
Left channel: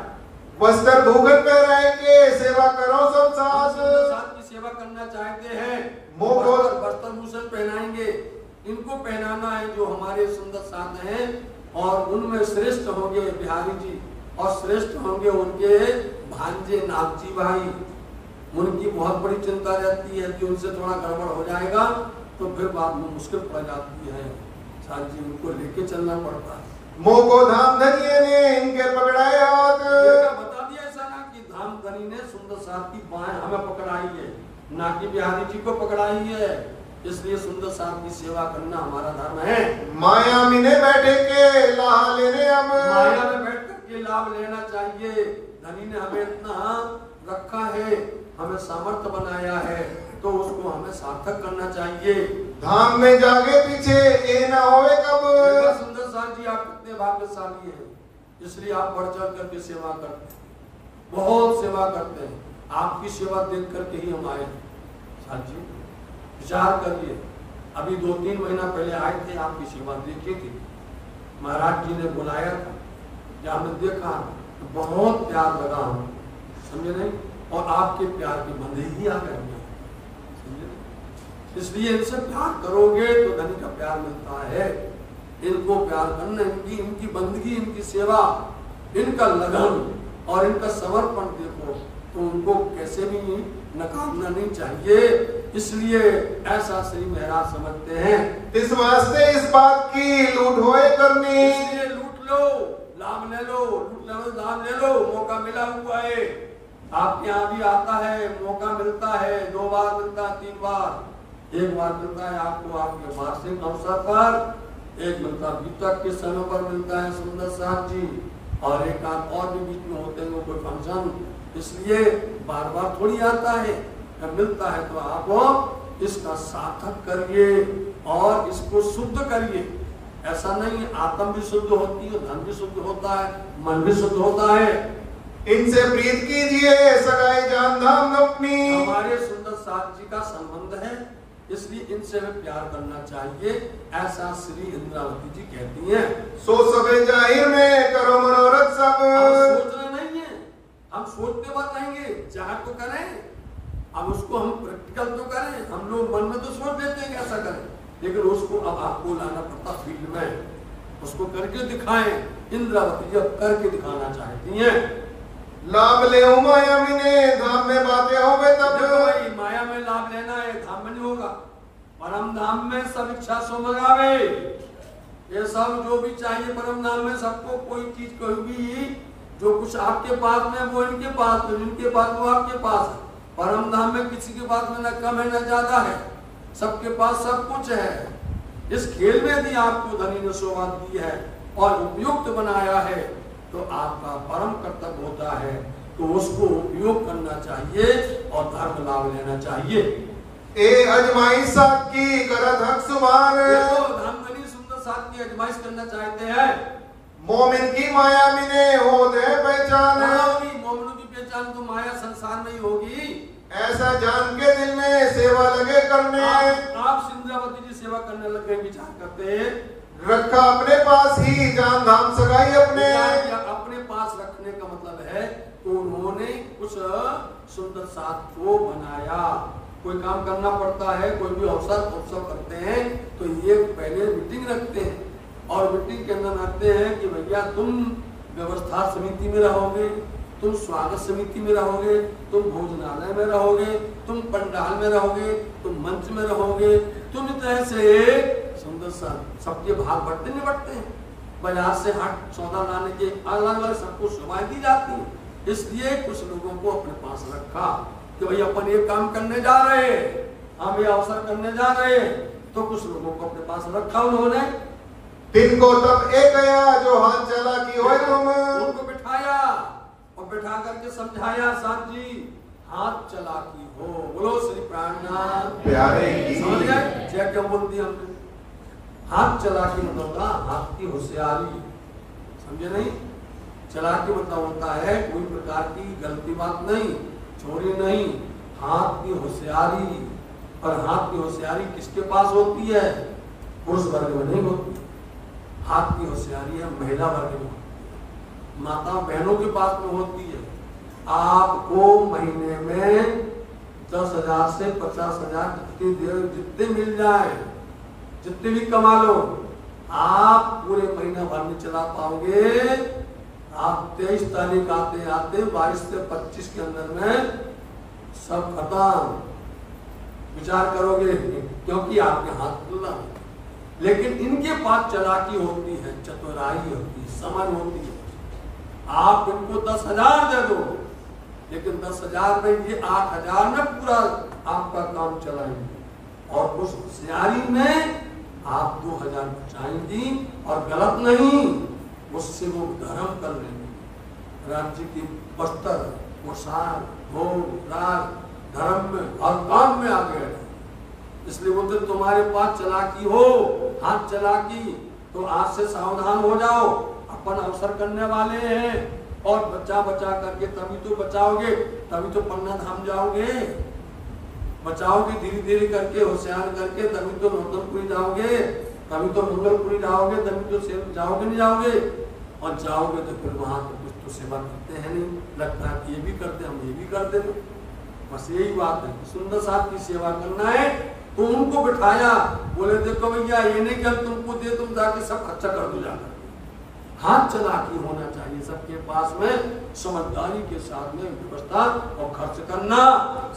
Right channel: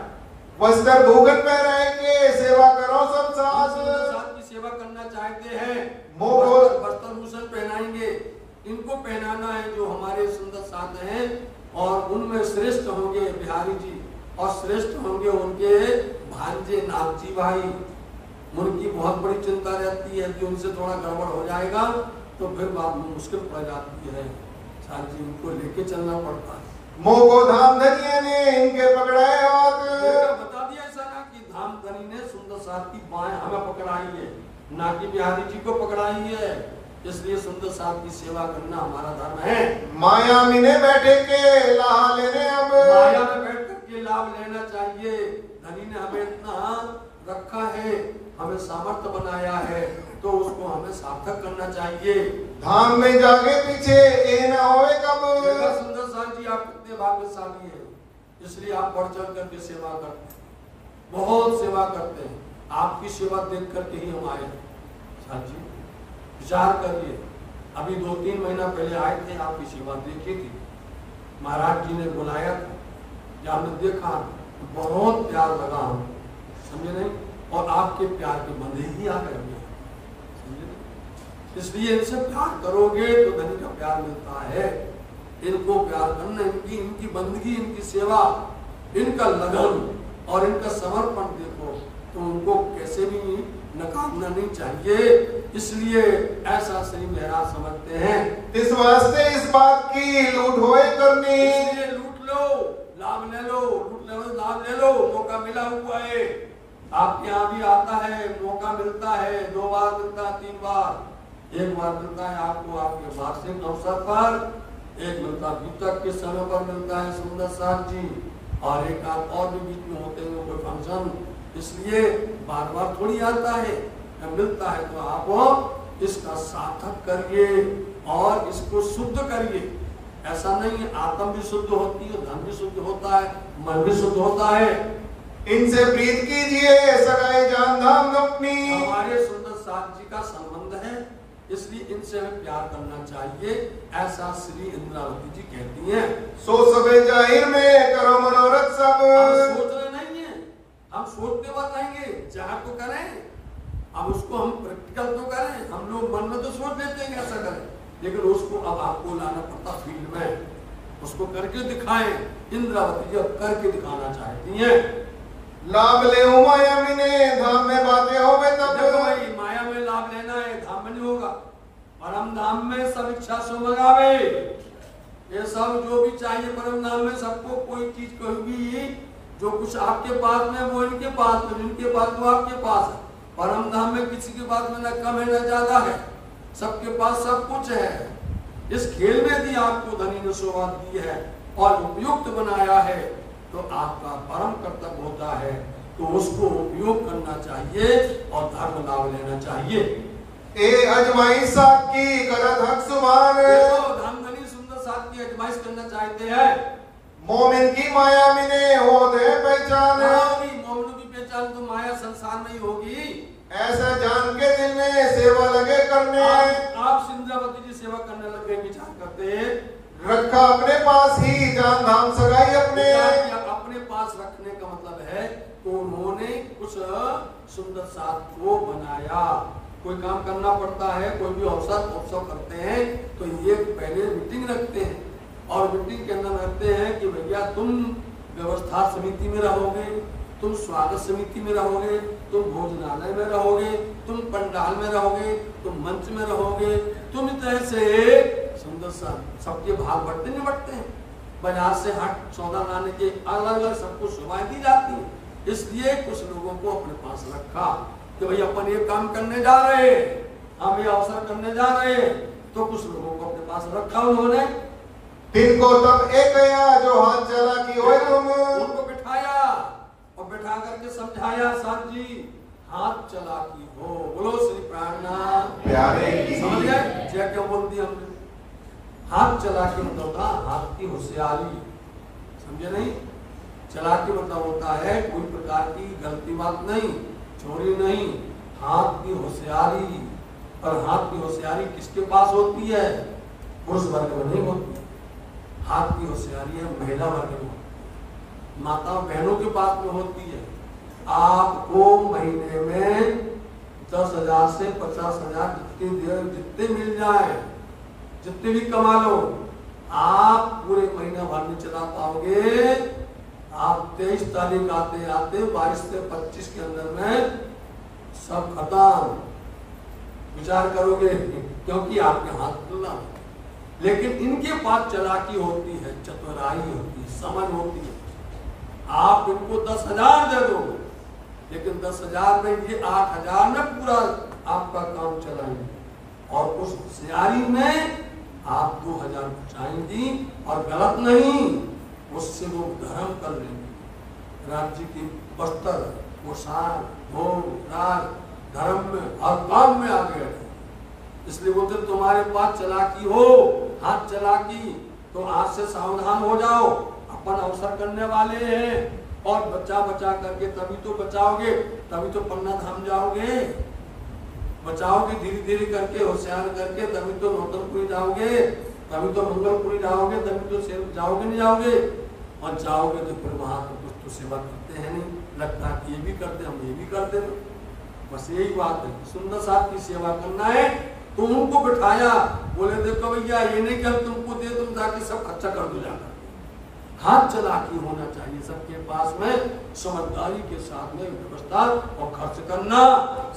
वस्त्र भूगत में रह के सेवा करो सब साथ। सुंदर साथ की सेवा करना चाहते हैं, वस्त्र भूषण पहनाएंगे, इनको पहनाना है जो हमारे सुंदर साथ हैं, और उनमें श्रेष्ठ होंगे बिहारी जी और श्रेष्ठ होंगे उनके भांजे नागजी भाई। उनकी बहुत बड़ी चिंता रहती है कि उनसे थोड़ा गड़बड़ हो जाएगा तो फिर बाद में मुश्किल पड़ जाती है, साथ जी उनको लेके चलना पड़ता है। मोको धाम धनिये ने इनके पकड़ाए हाथ। बता दिया ऐसा ना कि धाम धनी ने सुंदर साथ की बाएं हमें पकड़ाई है, ना कि बिहारी जी को पकड़ाई है। इसलिए सुंदर साथ की सेवा करना हमारा धर्म है। माया में बैठे के लाभ लेने, अब माया में बैठ करके लाभ लेना चाहिए। धनी ने हमें इतना रखा है, हमें सामर्थ्य बनाया है, तो उसको हमें सार्थक करना चाहिए। धाम में जागे पीछे ये ना होवे कब। सुंदर साथ जी आप कितने भाग्यशाली हैं, इसलिए आप बढ़ चढ़ करके सेवा करते हैं, बहुत सेवा करते हैं। आपकी सेवा देख करके ही हम आए। साथ जी विचार करिए, अभी 2-3 महीना पहले आए थे, आपकी सेवा देखी थी, महाराज जी ने बुलाया था, जब हमने देखा तो बहुत प्यार लगा हमें, समझे नहीं? और आपके प्यार के बंधे ही आ गए, समझे? इसलिए इनसे प्यार करोगे तो धनी का प्यार मिलता है। इनको प्यार करना, इनकी बंदगी, इनकी सेवा, इनका लगन और इनका समर्पण देखो तो उनको कैसे भी नकारना नहीं चाहिए। इसलिए ऐसा श्री महाराज समझते हैं। इस वास्ते इस बात की लूट होए करनी। इसलिए लूट लो, लाभ ले लो, लूट लो, लाभ ले लो, मौका मिला हुआ है। आपके यहाँ भी आता है, मौका मिलता है, 2 बार मिलता है, 3 बार। एक बार मिलता है आपको आपके वार्षिक अवसर पर, एक मिलता बीतक के समय पर मिलता है सुंदर साथ जी, और एक आप और भी बीच में होते हैं कोई फंक्शन। इसलिए बार बार थोड़ी आता है, जब मिलता है तो आप इसका सार्थक करिए और इसको शुद्ध करिए। ऐसा नहीं है, आत्म भी शुद्ध होती है, धन भी शुद्ध होता है, मन भी शुद्ध होता है। इनसे प्रीत कीजिए सगाई जान धाम अपनी। हमारे सुंदर साथ जी का संबंध है, इसलिए इनसे हमें प्यार करना चाहिए, ऐसा श्री इंद्रावती जी कहती हैं। सो सबे जाहिर में करो मनोरथ सब। सोचना नहीं है, हम सोचते बात रहेंगे, चाह तो करें, अब उसको हम प्रैक्टिकल तो करें। हम लोग मन में तो सोच लेते हैं ऐसा करें, लेकिन उसको अब आपको लाना पड़ता फील्ड में, उसको करके दिखाएं। इंद्रावती जब करके दिखाना चाहती हैं, लाभ ले माया मिने धाम में बातें हो गए तब भाई माया में लाभ लेना है, धाम में नहीं होगा। परम धाम में सब इच्छा सो मंगावे, ये सब जो भी चाहिए परम धाम में सबको, कोई चीज कोई भी जो कुछ आपके पास में वो इनके पास में, इनके पास वो आपके पास है। परम धाम में किसी के पास में न कम है न ज्यादा है, सबके पास सब कुछ है। इस खेल में यदि आपको धनी ने सौगात दी है और उपयुक्त बनाया है तो आपका परम कर्तव्य होता है, तो उसको उपयोग करना चाहिए और धर्म लाभ लेना चाहिए। ए अजमाइश साथ की करत हक सुभान, धर्मधनी सुंदर साथ की अजमाइश करना चाहते हैं। मोमिन की माया मिने हो दे पहचान, मोमिन की पहचान तो माया संसार में ही होगी। ऐसा जान के दिल में सेवा लगे करने, आप इंद्रावती जी सेवा करने लगे, विचार करते रखा अपने पास ही जान धाम सगाई अपने। अपने पास रखने का मतलब है तो उन्होंने कुछ सुंदर साथ को बनाया। कोई काम करना पड़ता है, कोई भी अवसर करते हैं तो ये पहले मीटिंग रखते हैं और मीटिंग के अंदर रखते हैं कि भैया तुम व्यवस्था समिति में रहोगे, तुम स्वागत समिति में रहोगे, तुम भोजनालय में रहोगे, तुम पंडाल में रहोगे, तुम मंच में रहोगे, तुम इस तरह से सुंदर सा सबके भाग बढ़ते नहीं बढ़ते हैं। बाजार से हट सौदा लाने के अलग अलग सबको सुविधाएं दी जाती है, इसलिए कुछ लोगों को अपने पास रखा कि भाई अपन ये काम करने जा रहे हैं, हम ये अवसर करने जा रहे हैं, तो कुछ लोगों को अपने पास रखा उन्होंने। तिनको तब एक गया जो हाथ चला की हो, तुम उनको बिठाया और बिठा करके समझाया, साथ जी हाथ चला की हो, बोलो श्री प्राणनाथ प्यारे की। समझ गए जय क्या बोल दिया हमने? हाथ चला की मतलब होता हाथ की होशियारी, समझे नहीं? चला के मतलब होता है कोई प्रकार की गलती बात नहीं, चोरी नहीं, हाथ की होशियारी। और हाथ की होशियारी किसके पास होती है? पुरुष वर्ग में नहीं होती। हाथ की होशियारी है महिला वर्ग में, माता बहनों के पास में होती है। आपको महीने में 10,000 से 50,000 जितने मिल जाए, जितने भी कमा लो, आप पूरे महीना भर में चला पाओगे। आप 23 तारीख आते आते 22 से 25 के अंदर में सब खत्म। विचार करोगे क्योंकि आपके हाथ खुला, लेकिन इनके पास चालाकी होती है, चतुराई होती है, समझ होती है। आप इनको 10,000 दे दो, लेकिन 10,000 में ये 8,000 में पूरा आपका काम चलाएंगे, और उस होशियारी में आप 2,000 बचाएंगी और गलत नहीं, उससे वो धर्म कर लेंगे। राज्य की वस्त्र, पोशाक, भोग, राग, धर्म में हर काम में आगे है। इसलिए बोलते तुम्हारे पास चालाकी हो, हाथ चालाकी, तो आज से सावधान हो जाओ। अपन अवसर करने वाले हैं और बचा बचा करके तभी तो बचाओगे, तभी तो पन्ना धाम जाओगे। बचाओगे धीरे धीरे करके, होशियार करके, तभी तो नौतनपुरी जाओगे, तभी तो मंगलपुरी जाओगे, तभी तो जाओगे नहीं जाओगे। और जाओगे तो फिर वहां तो कुछ तो सेवा करते हैं नहीं, लगता है कि ये भी करते हम ये भी करते। बस यही बात है, सुंदर साथ की सेवा करना है। तो उनको बिठाया, बोले देखो भैया ये नहीं कि हम तुमको दे तुम जाके सब खर्चा कर दो जाकर। हाथ चालाकी होना चाहिए सबके पास में, समझदारी के साथ में व्यवस्था और खर्च करना।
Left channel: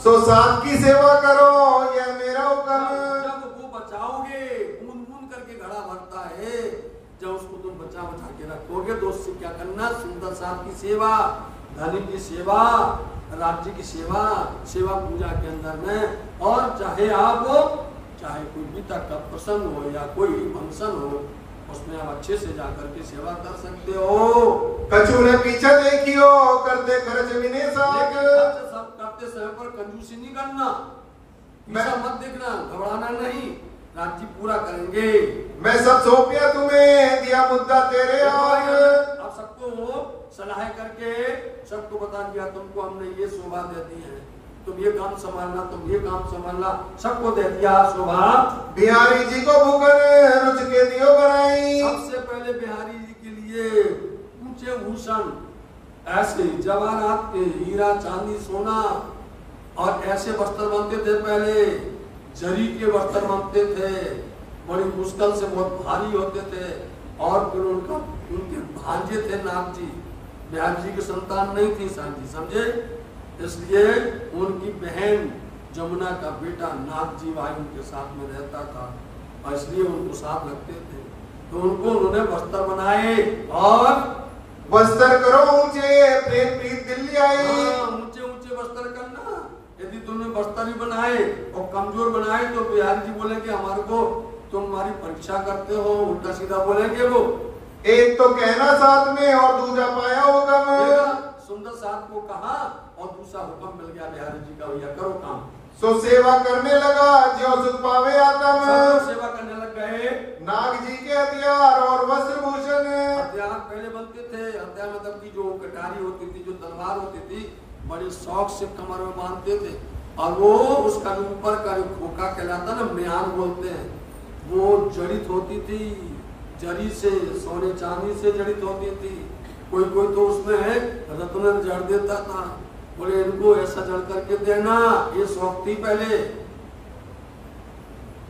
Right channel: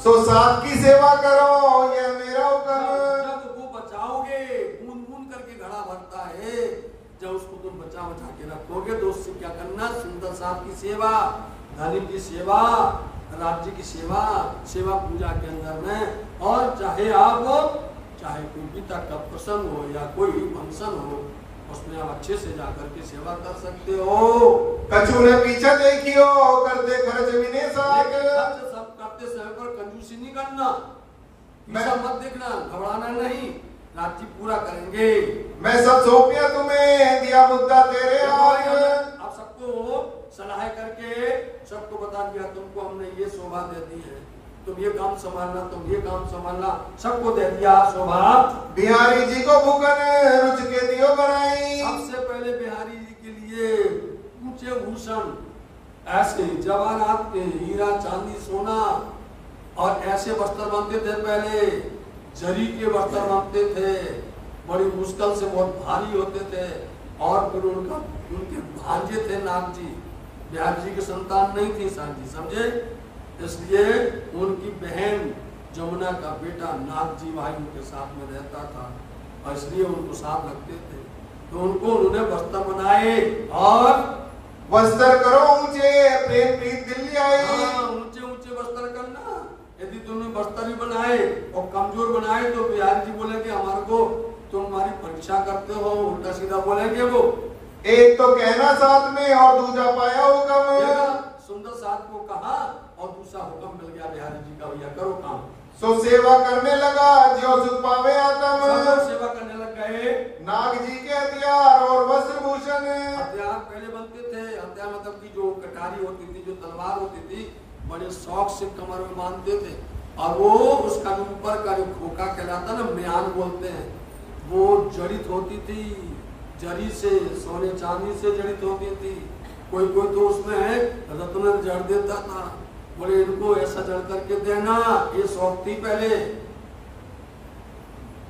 सो साथ की सेवा करो ये मेरा हुक्म। जब वो बचाओगे, बूंद बूंद करके घड़ा भरता है, जब उसको तुम बचा बचा के रखोगे तो उससे क्या करना? सुंदर साथ की सेवा, धनी की सेवा, राज्य की सेवा, सेवा पूजा के अंदर में। और चाहे कोई पिता का प्रसंग हो या कोई फंक्शन हो, उसमें आप अच्छे से जाकर के सेवा कर सकते हो। कछु ने पीछे देखियो करते खर्च विने साग, सब करते समय पर कंजूसी नहीं करना, पीछा मत देखना, घबराना नहीं, राज्य पूरा करेंगे। मैं सब सौंपिया तुम्हें, दिया मुद्दा तेरे आग। अब सबको सलाह करके सबको बता दिया, तुमको हमने ये शोभा दे दी है, तुम ये काम संभालना, तुम ये काम संभालना, सबको दे दिया शोभा। बिहारी जी को भूखन रुच के दियो बनाई। सबसे पहले बिहारी जी के लिए ऊंचे भूषण ऐसे जवाहरात के हीरा चांदी सोना और ऐसे वस्त्र बनते थे। पहले जरी के वस्त्र बनते थे, बड़ी मुश्किल से, बहुत भारी होते थे। और फिर उनके भांजे थे नाग जी, बिहार जी की संतान नहीं थी सांझी, समझे? इसलिए उनकी बहन जमुना का बेटा नाग जी भाई उनके साथ में रहता था और इसलिए उनको साथ रखते थे। तो उनको उन्होंने वस्त्र बनाए और वस्त्र करो ऊंचे, प्रेम प्रीत दिल्ली आए। ऊंचे ऊंचे वस्त्र करना। यदि तुमने वस्त्र ही बनाए और कमजोर बनाए तो बिहारी जी बोलेंगे हमारे को तुम हमारी परीक्षा करते हो, उल्टा सीधा बोलेंगे वो। एक तो कहना साथ में और दूसरा पाया हुक्म। सुंदर साथ को कहा और दूसरा हुक्म मिल गया बिहारी जी का, भैया करो काम। सो सेवा करने लगा जो सुख पावे आत्म। सेवा करने लग गए। नाग जी के हथियार और वस्त्र भूषण। हथियार पहले बनते थे, हथियार मतलब की जो कटारी होती थी, जो तलवार होती थी, बड़े शौक से कमर में बांधते थे और वो उसका जो ऊपर का जो खोखा कहलाता ना, म्यान बोलते हैं, वो जड़ित होती थी जरी से, सोने चांदी से जड़ित होती थी। कोई कोई तो उसमें रत्न जड़ देता था। बोले इनको ऐसा जड़ करके देना, ये शौक थी पहले।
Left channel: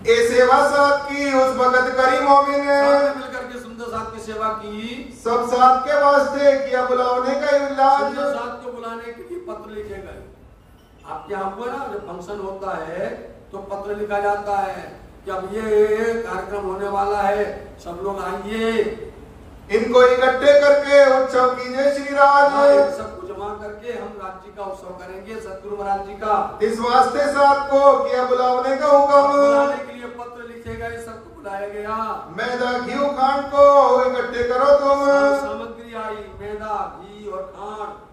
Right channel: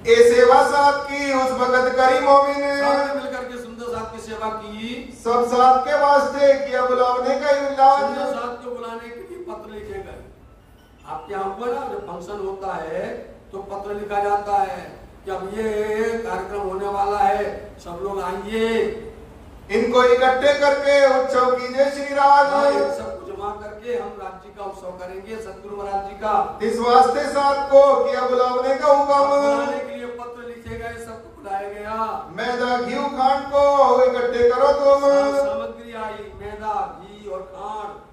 ए सेवा साथ की उस भगत करी मोमिन। मिलकर के सुंदर साथ की सेवा की। सब साथ के वास्ते किया बुलाने का इलाज। सुंदर साथ को बुलाने के लिए पत्र लिखे गए। आपके यहाँ हुआ ना, जब फंक्शन होता है तो पत्र लिखा जाता है कि अब ये कार्यक्रम होने वाला है, सब लोग आइए, इनको इकट्ठे करके उत्सव कीजिए श्री राज। सबको जमा करके हम राज्य का उत्सव करेंगे, सतगुरु महाराज जी का। इस वास्ते साथ को किया बुलाने का हुक्म। बुलाने के लिए पत्र लिखे गए, सबको बुलाया गया। मैदा घी खांड को इकट्ठे करो तुम। सामग्री आई, मैदा घी और खांड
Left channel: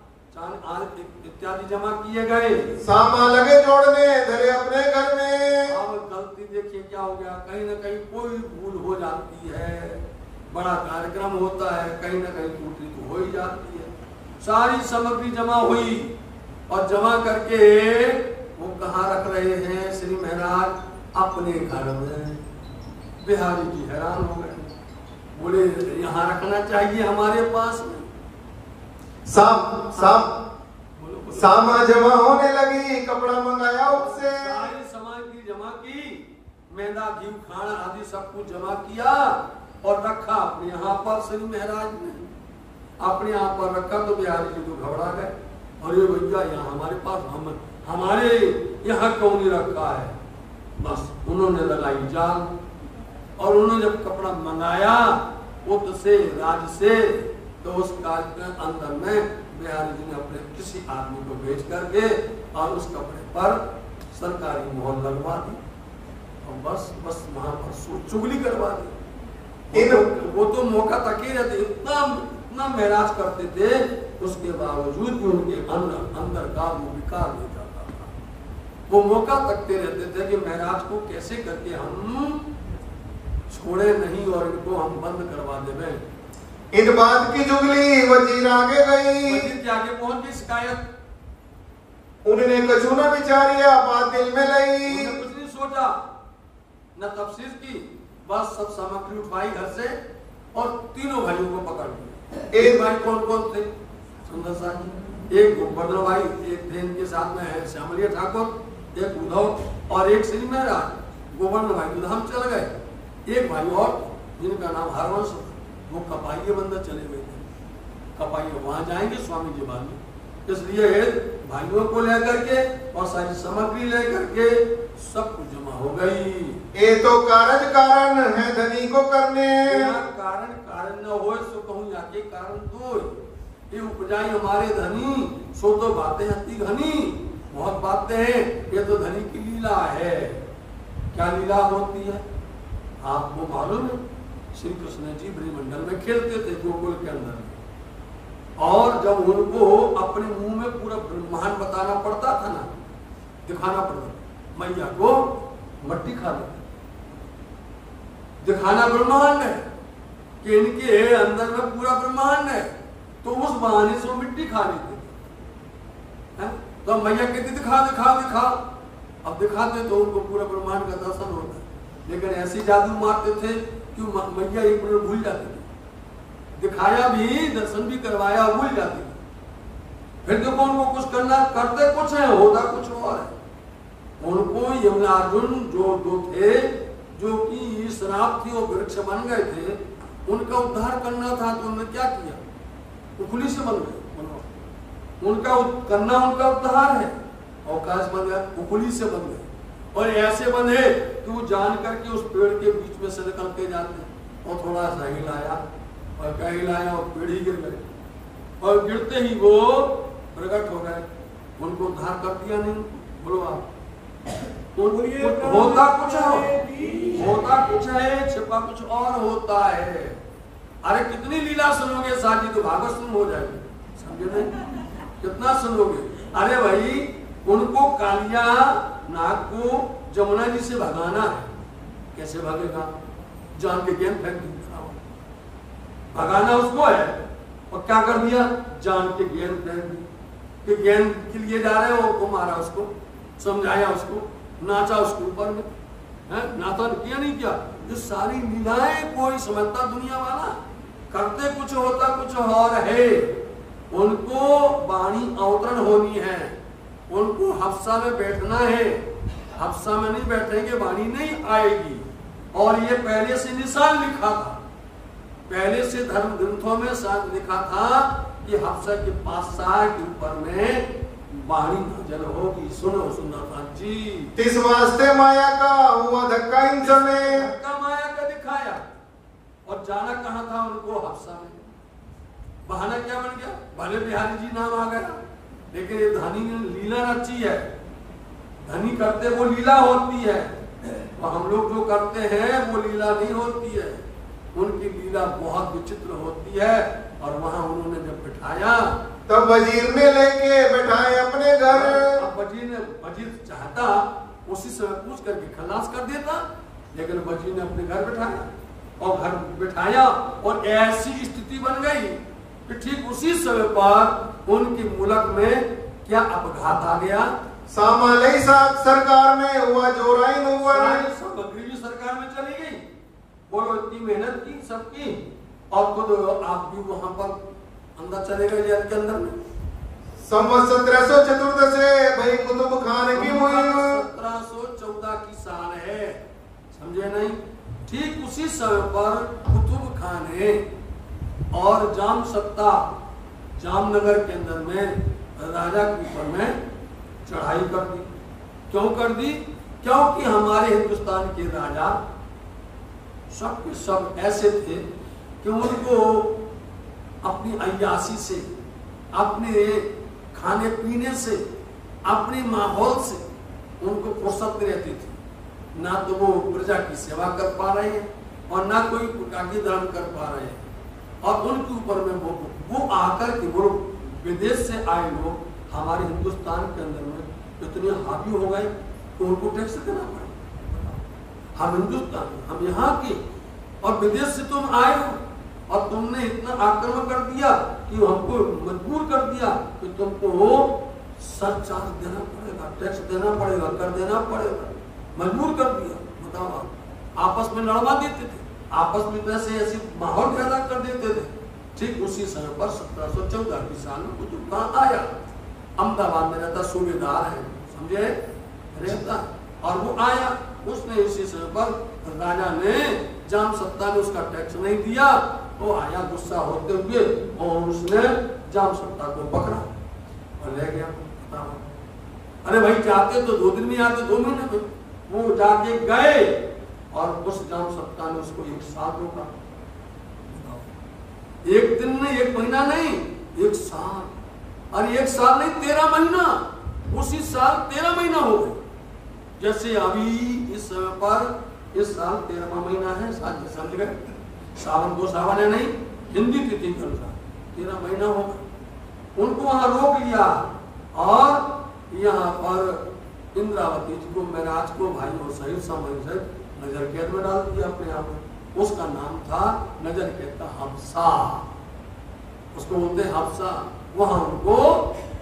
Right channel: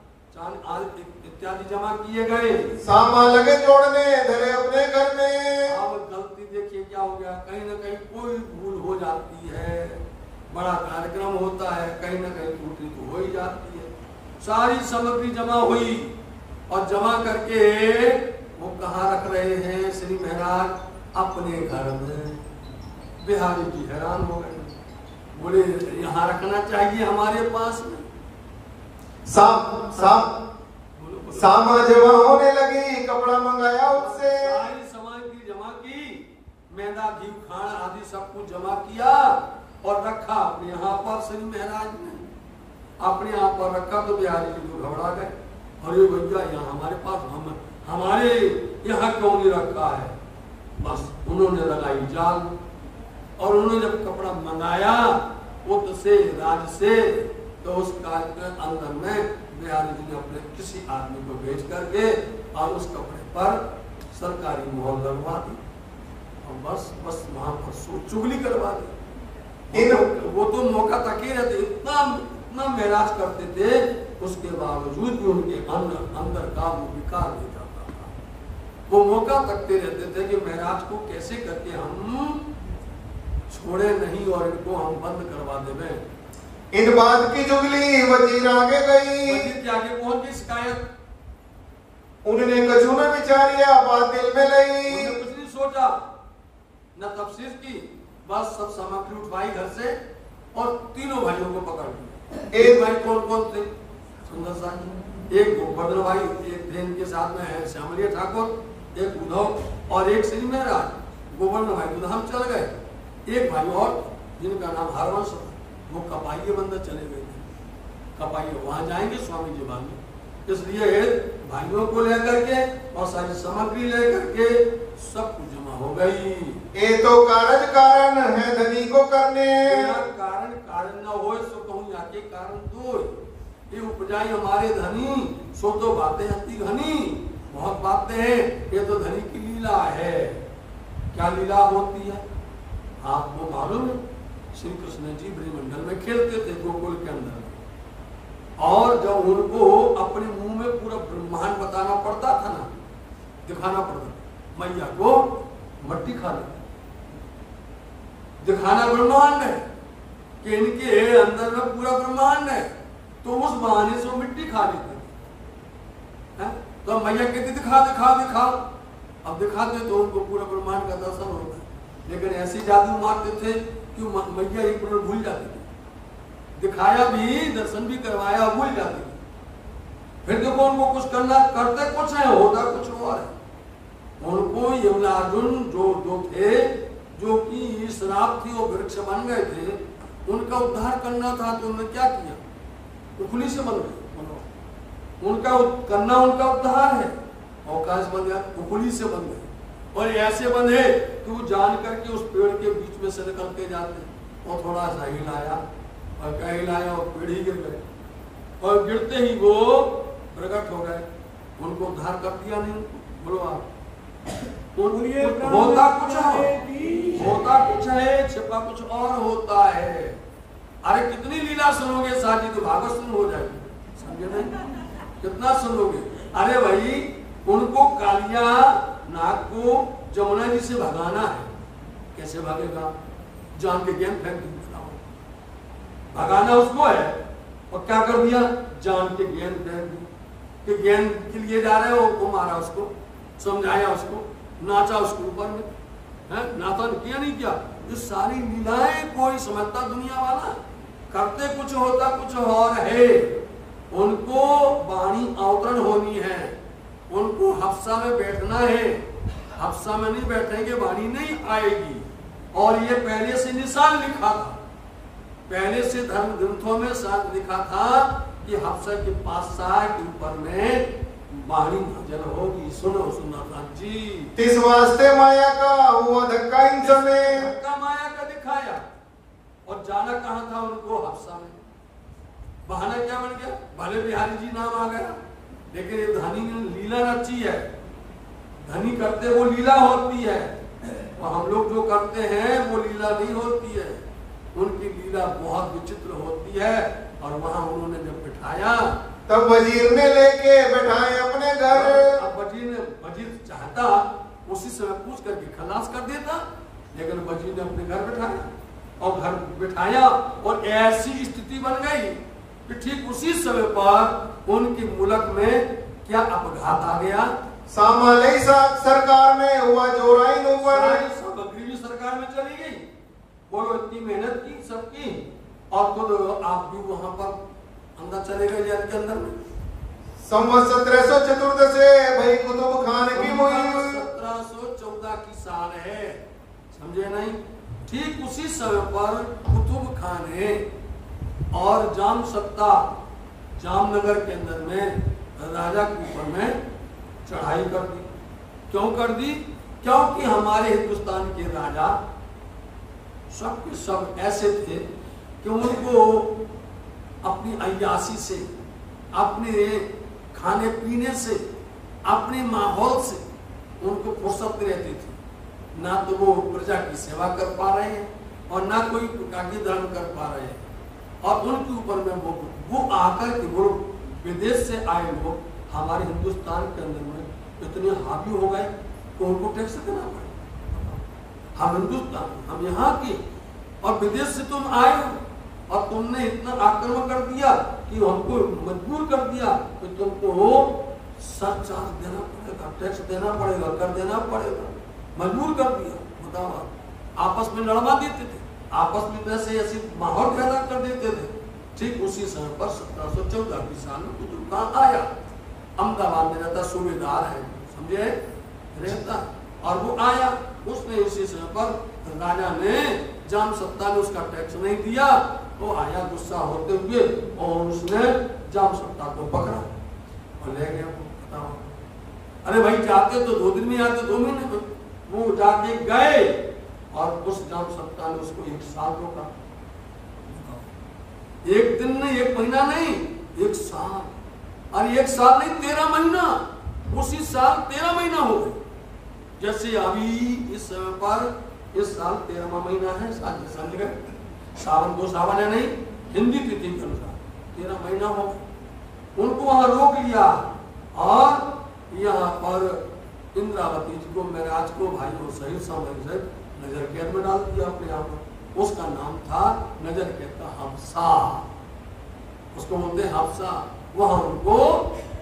इत्यादि जमा किए गए। सामान लगे जोड़ने धरे अपने घर में। अब गलती देखिए क्या हो गया, कहीं ना कहीं कोई भूल हो जाती है। बड़ा कार्यक्रम होता है, कहीं ना कहीं त्रुटि तो हो ही जाती है। सारी सामग्री जमा हुई और जमा करके वो कहाँ रख रहे हैं श्री महाराज? अपने घर में। बिहारी जी हैरान हो गए, बोले यहाँ रखना चाहिए हमारे पास में। सामा जमा होने लगी, कपड़ा मंगाया उससे। सारी सामग्री जमा की, मैदा घी खाना आदि सब कुछ जमा किया और रखा अपने यहाँ पर। श्री महाराज ने अपने यहाँ पर रखा तो बिहारी जी को घबरा गए, अरे भैया यहाँ हमारे पास, हमारे यहाँ क्यों नहीं रखा है? बस उन्होंने लगाई जाल और उन्होंने जब कपड़ा मंगाया उत से, राज से, तो उस कार्य के अंदर में बिहारी जी ने अपने किसी आदमी को भेज करके और उस कपड़े पर सरकारी मोहर लगवा दी और बस वहां पर चुगली करवा दी। वो तो मौका तक ही रहते, इतना महराज करते थे, उसके बावजूद भी उनके अंदर का वो विकार हो जाता था। वो मौका तकते रहते थे कि महराज को कैसे करके हम छोड़े नहीं और इनको हम बंद करवा देवे। इन बात की जुगली वजीर आगे गई। वजीर के आगे पहुंच गई शिकायत। उन्होंने कछु न विचारिया, बात दिल में लई। कुछ नहीं सोचा, न तफसीर की, बस सब सामग्री उठवाई घर से और तीनों भाइयों को पकड़ लिया। एक भाई कौन कौन थे? सुंदर साथ, एक गोवर्धन भाई, एक थे इनके साथ में है श्यामलिया ठाकुर, एक उद्धव और एक श्री महाराज। गोवर्धन भाई तो हम चल गए। एक भाई और जिनका नाम हरवंश, वो कपाइये बंदर चले गए थे। कपाइये वहां जाएंगे स्वामी जी बाद में, इसलिए भाइयों को लेकर के और सारी सामग्री लेकर के सब कुछ जमा हो गई। ये तो कारण है धनी को करने। कारण न हो सो कहूँ याके कारण दो, ये उपजाई हमारे धनी, सो तो बातें अति घनी। बहुत बातें हैं, ये तो धनी की लीला है। क्या लीला होती है आपको मालूम है? श्री कृष्ण जी ब्रह्मंडल में खेलते थे गोकुल के अंदर, और जब उनको अपने मुंह में पूरा ब्रह्मांड बताना पड़ता था ना, दिखाना पड़ता, मैया को मट्टी खा ले, दिखाना ब्रह्मांड है कि इनके अंदर में पूरा ब्रह्मांड है, तो उस बहाने से वो मिट्टी खा लेते हैं। तो मैया कहती दिखा दिखा दिखा, अब दिखाते तो उनको पूरा ब्रह्मांड का दर्शन होता है, लेकिन ऐसी जादू मारते थे कि मैया एक मिनट भूल जाती थी, दिखाया भी, दर्शन भी करवाया, भूल जाती थी। फिर देखो उनको कुछ करना, करते कुछ है, होता कुछ और है। उनको यमलार्जुन जो थे, जो कि श्राप थी, वो वृक्ष बन गए थे, उनका उद्धार करना था, तो उन्होंने क्या किया? उखली से बन गए। उनका करना उनका उद्धार है, अवकाश बन गया, उखली से बन गए। और ऐसे बंधे कि वो जान करके उस पेड़ के बीच में से निकल के जाते, और थोड़ा सा हिलाया और क्या हिलाया, और पेड़ ही गिर गए, और गिरते ही वो प्रकट हो गए। उनको उद्धार कर दिया नहीं? बोलो आप। होता कुछ है, छिपा कुछ और होता है। अरे कितनी लीला सुनोगे साजी, तो भागवत सुन हो जाएगी, समझे नहीं? कितना सुनोगे? अरे भाई, उनको कालिया नाग को जमुना जी से भगाना है। कैसे भागेगा? जान के गेंद फेंक दी, भगाना उसको है। और क्या कर दिया? जान के गेंद फेंक दी, कि गेंद के लिए जा रहे हो, वो मारा उसको, समझाया उसको, नाचा उसके ऊपर में, नाचा किया नहीं किया? ये सारी लीलाएं कोई समझता दुनिया वाला? करते कुछ होता कुछ और है। उनको वाणी अवतरण होनी है, उनको हफ्सा में बैठना है। हफ्सा में नहीं बैठेंगे, वाणी नहीं आएगी। और ये पहले से निशान लिखा था, पहले से धर्म ग्रंथों में लिखा था कि हफ्सा के 5 के ऊपर में वाणी नाजल होगी। सुनो सुनाता जी। तिस वास्ते माया का हुआ धक्का इन समय, धक्का माया का दिखाया, और जाना कहाँ था उनको? हफ्सा में। बहाना क्या बन गया? भले बिहारी जी नाम आ गया, लेकिन ये धनी ने लीला रची है। धनी करते वो लीला होती है, और हम लोग जो करते हैं वो लीला नहीं होती है। उनकी लीला बहुत विचित्र होती है। और वहां उन्होंने जब बिठाया, तब वजीर ने लेके बैठाए अपने घर। अब वजीर चाहता उसी समय पूछ करके खलास कर देता, लेकिन वजीर ने अपने घर बिठाया, और घर बिठाया, और ऐसी स्थिति बन गई कि ठीक उसी समय पर उनकी मुल्क में क्या अपघात आ गया? सामालई सरकार में हुआ जोराइन हुआ, सामग्री भी सरकार में चली गई। बोलो, इतनी मेहनत की सबकी, और खुद आप भी वहां पर अंदर चले गए जेल के अंदर में। संवत 1714 से भाई कुतुब खान की हुई। 1714 की साल है, समझे नहीं? ठीक उसी समय पर कुतुब खान ने और जाम सत्ता जामनगर के अंदर में राजा के ऊपर में चढ़ाई कर दी। क्यों कर दी? क्योंकि हमारे हिंदुस्तान के राजा सब के सब ऐसे थे कि उनको अपनी अय्याशी से, अपने खाने पीने से, अपने माहौल से उनको फुर्सत रहती थी। ना तो वो प्रजा की सेवा कर पा रहे हैं, और ना कोई कार्य धर्म कर पा रहे हैं। और उनके ऊपर में वो आकर के वो विदेश से आए लोग हमारे हिंदुस्तान के अंदर में इतने हावी हो गए कि उनको टैक्स देना पड़े। हम हिंदुस्तान, हम यहाँ के, और विदेश से तुम आए हो, और तुमने इतना आक्रमण कर दिया कि हमको मजबूर कर दिया कि तुमको सरचार्ज देना पड़ेगा, टैक्स देना पड़ेगा, कर देना पड़ेगा। मजबूर कर दिया। बताओ, आप आपस में लड़वा देते थे, आपस में वैसे ऐसे माहौल पैदा कर देते थे। ठीक उसी समय पर 1714 की साल में कुतुब खान आया। अहमदाबाद में रहता, सूबेदार है, समझे, रहता। और वो आया, उसने इसी समय पर राजा ने, जाम सत्ता ने उसका टैक्स नहीं दिया। वो आया गुस्सा होते हुए, और उसने जाम सत्ता को पकड़ा और ले गया। अरे भाई, जाते तो 2 दिन में आते, 2 महीने में। वो जाके गए, और उस जाम सत्ता ने उसको 1 साल रोका। 1 दिन नहीं, 1 महीना नहीं, 1 साल। और 1 साल नहीं, 13 महीना। उसी साल 13 महीना हो गए। जैसे अभी इस समय पर इस साल 13वां महीना है, समझ गए? सावन को सावन है नहीं, हिंदी तिथि के अनुसार 13 महीना हो गए। उनको वहां रोक लिया, और यहाँ पर इंद्रावती जी को, महराज को, भाइयों सहित सामने सहित नजर कैद में डाल दिया अपने आप को। उसका नाम था नजर कैद का हफ्सा, उसको बोलते हफ्सा। वहां उनको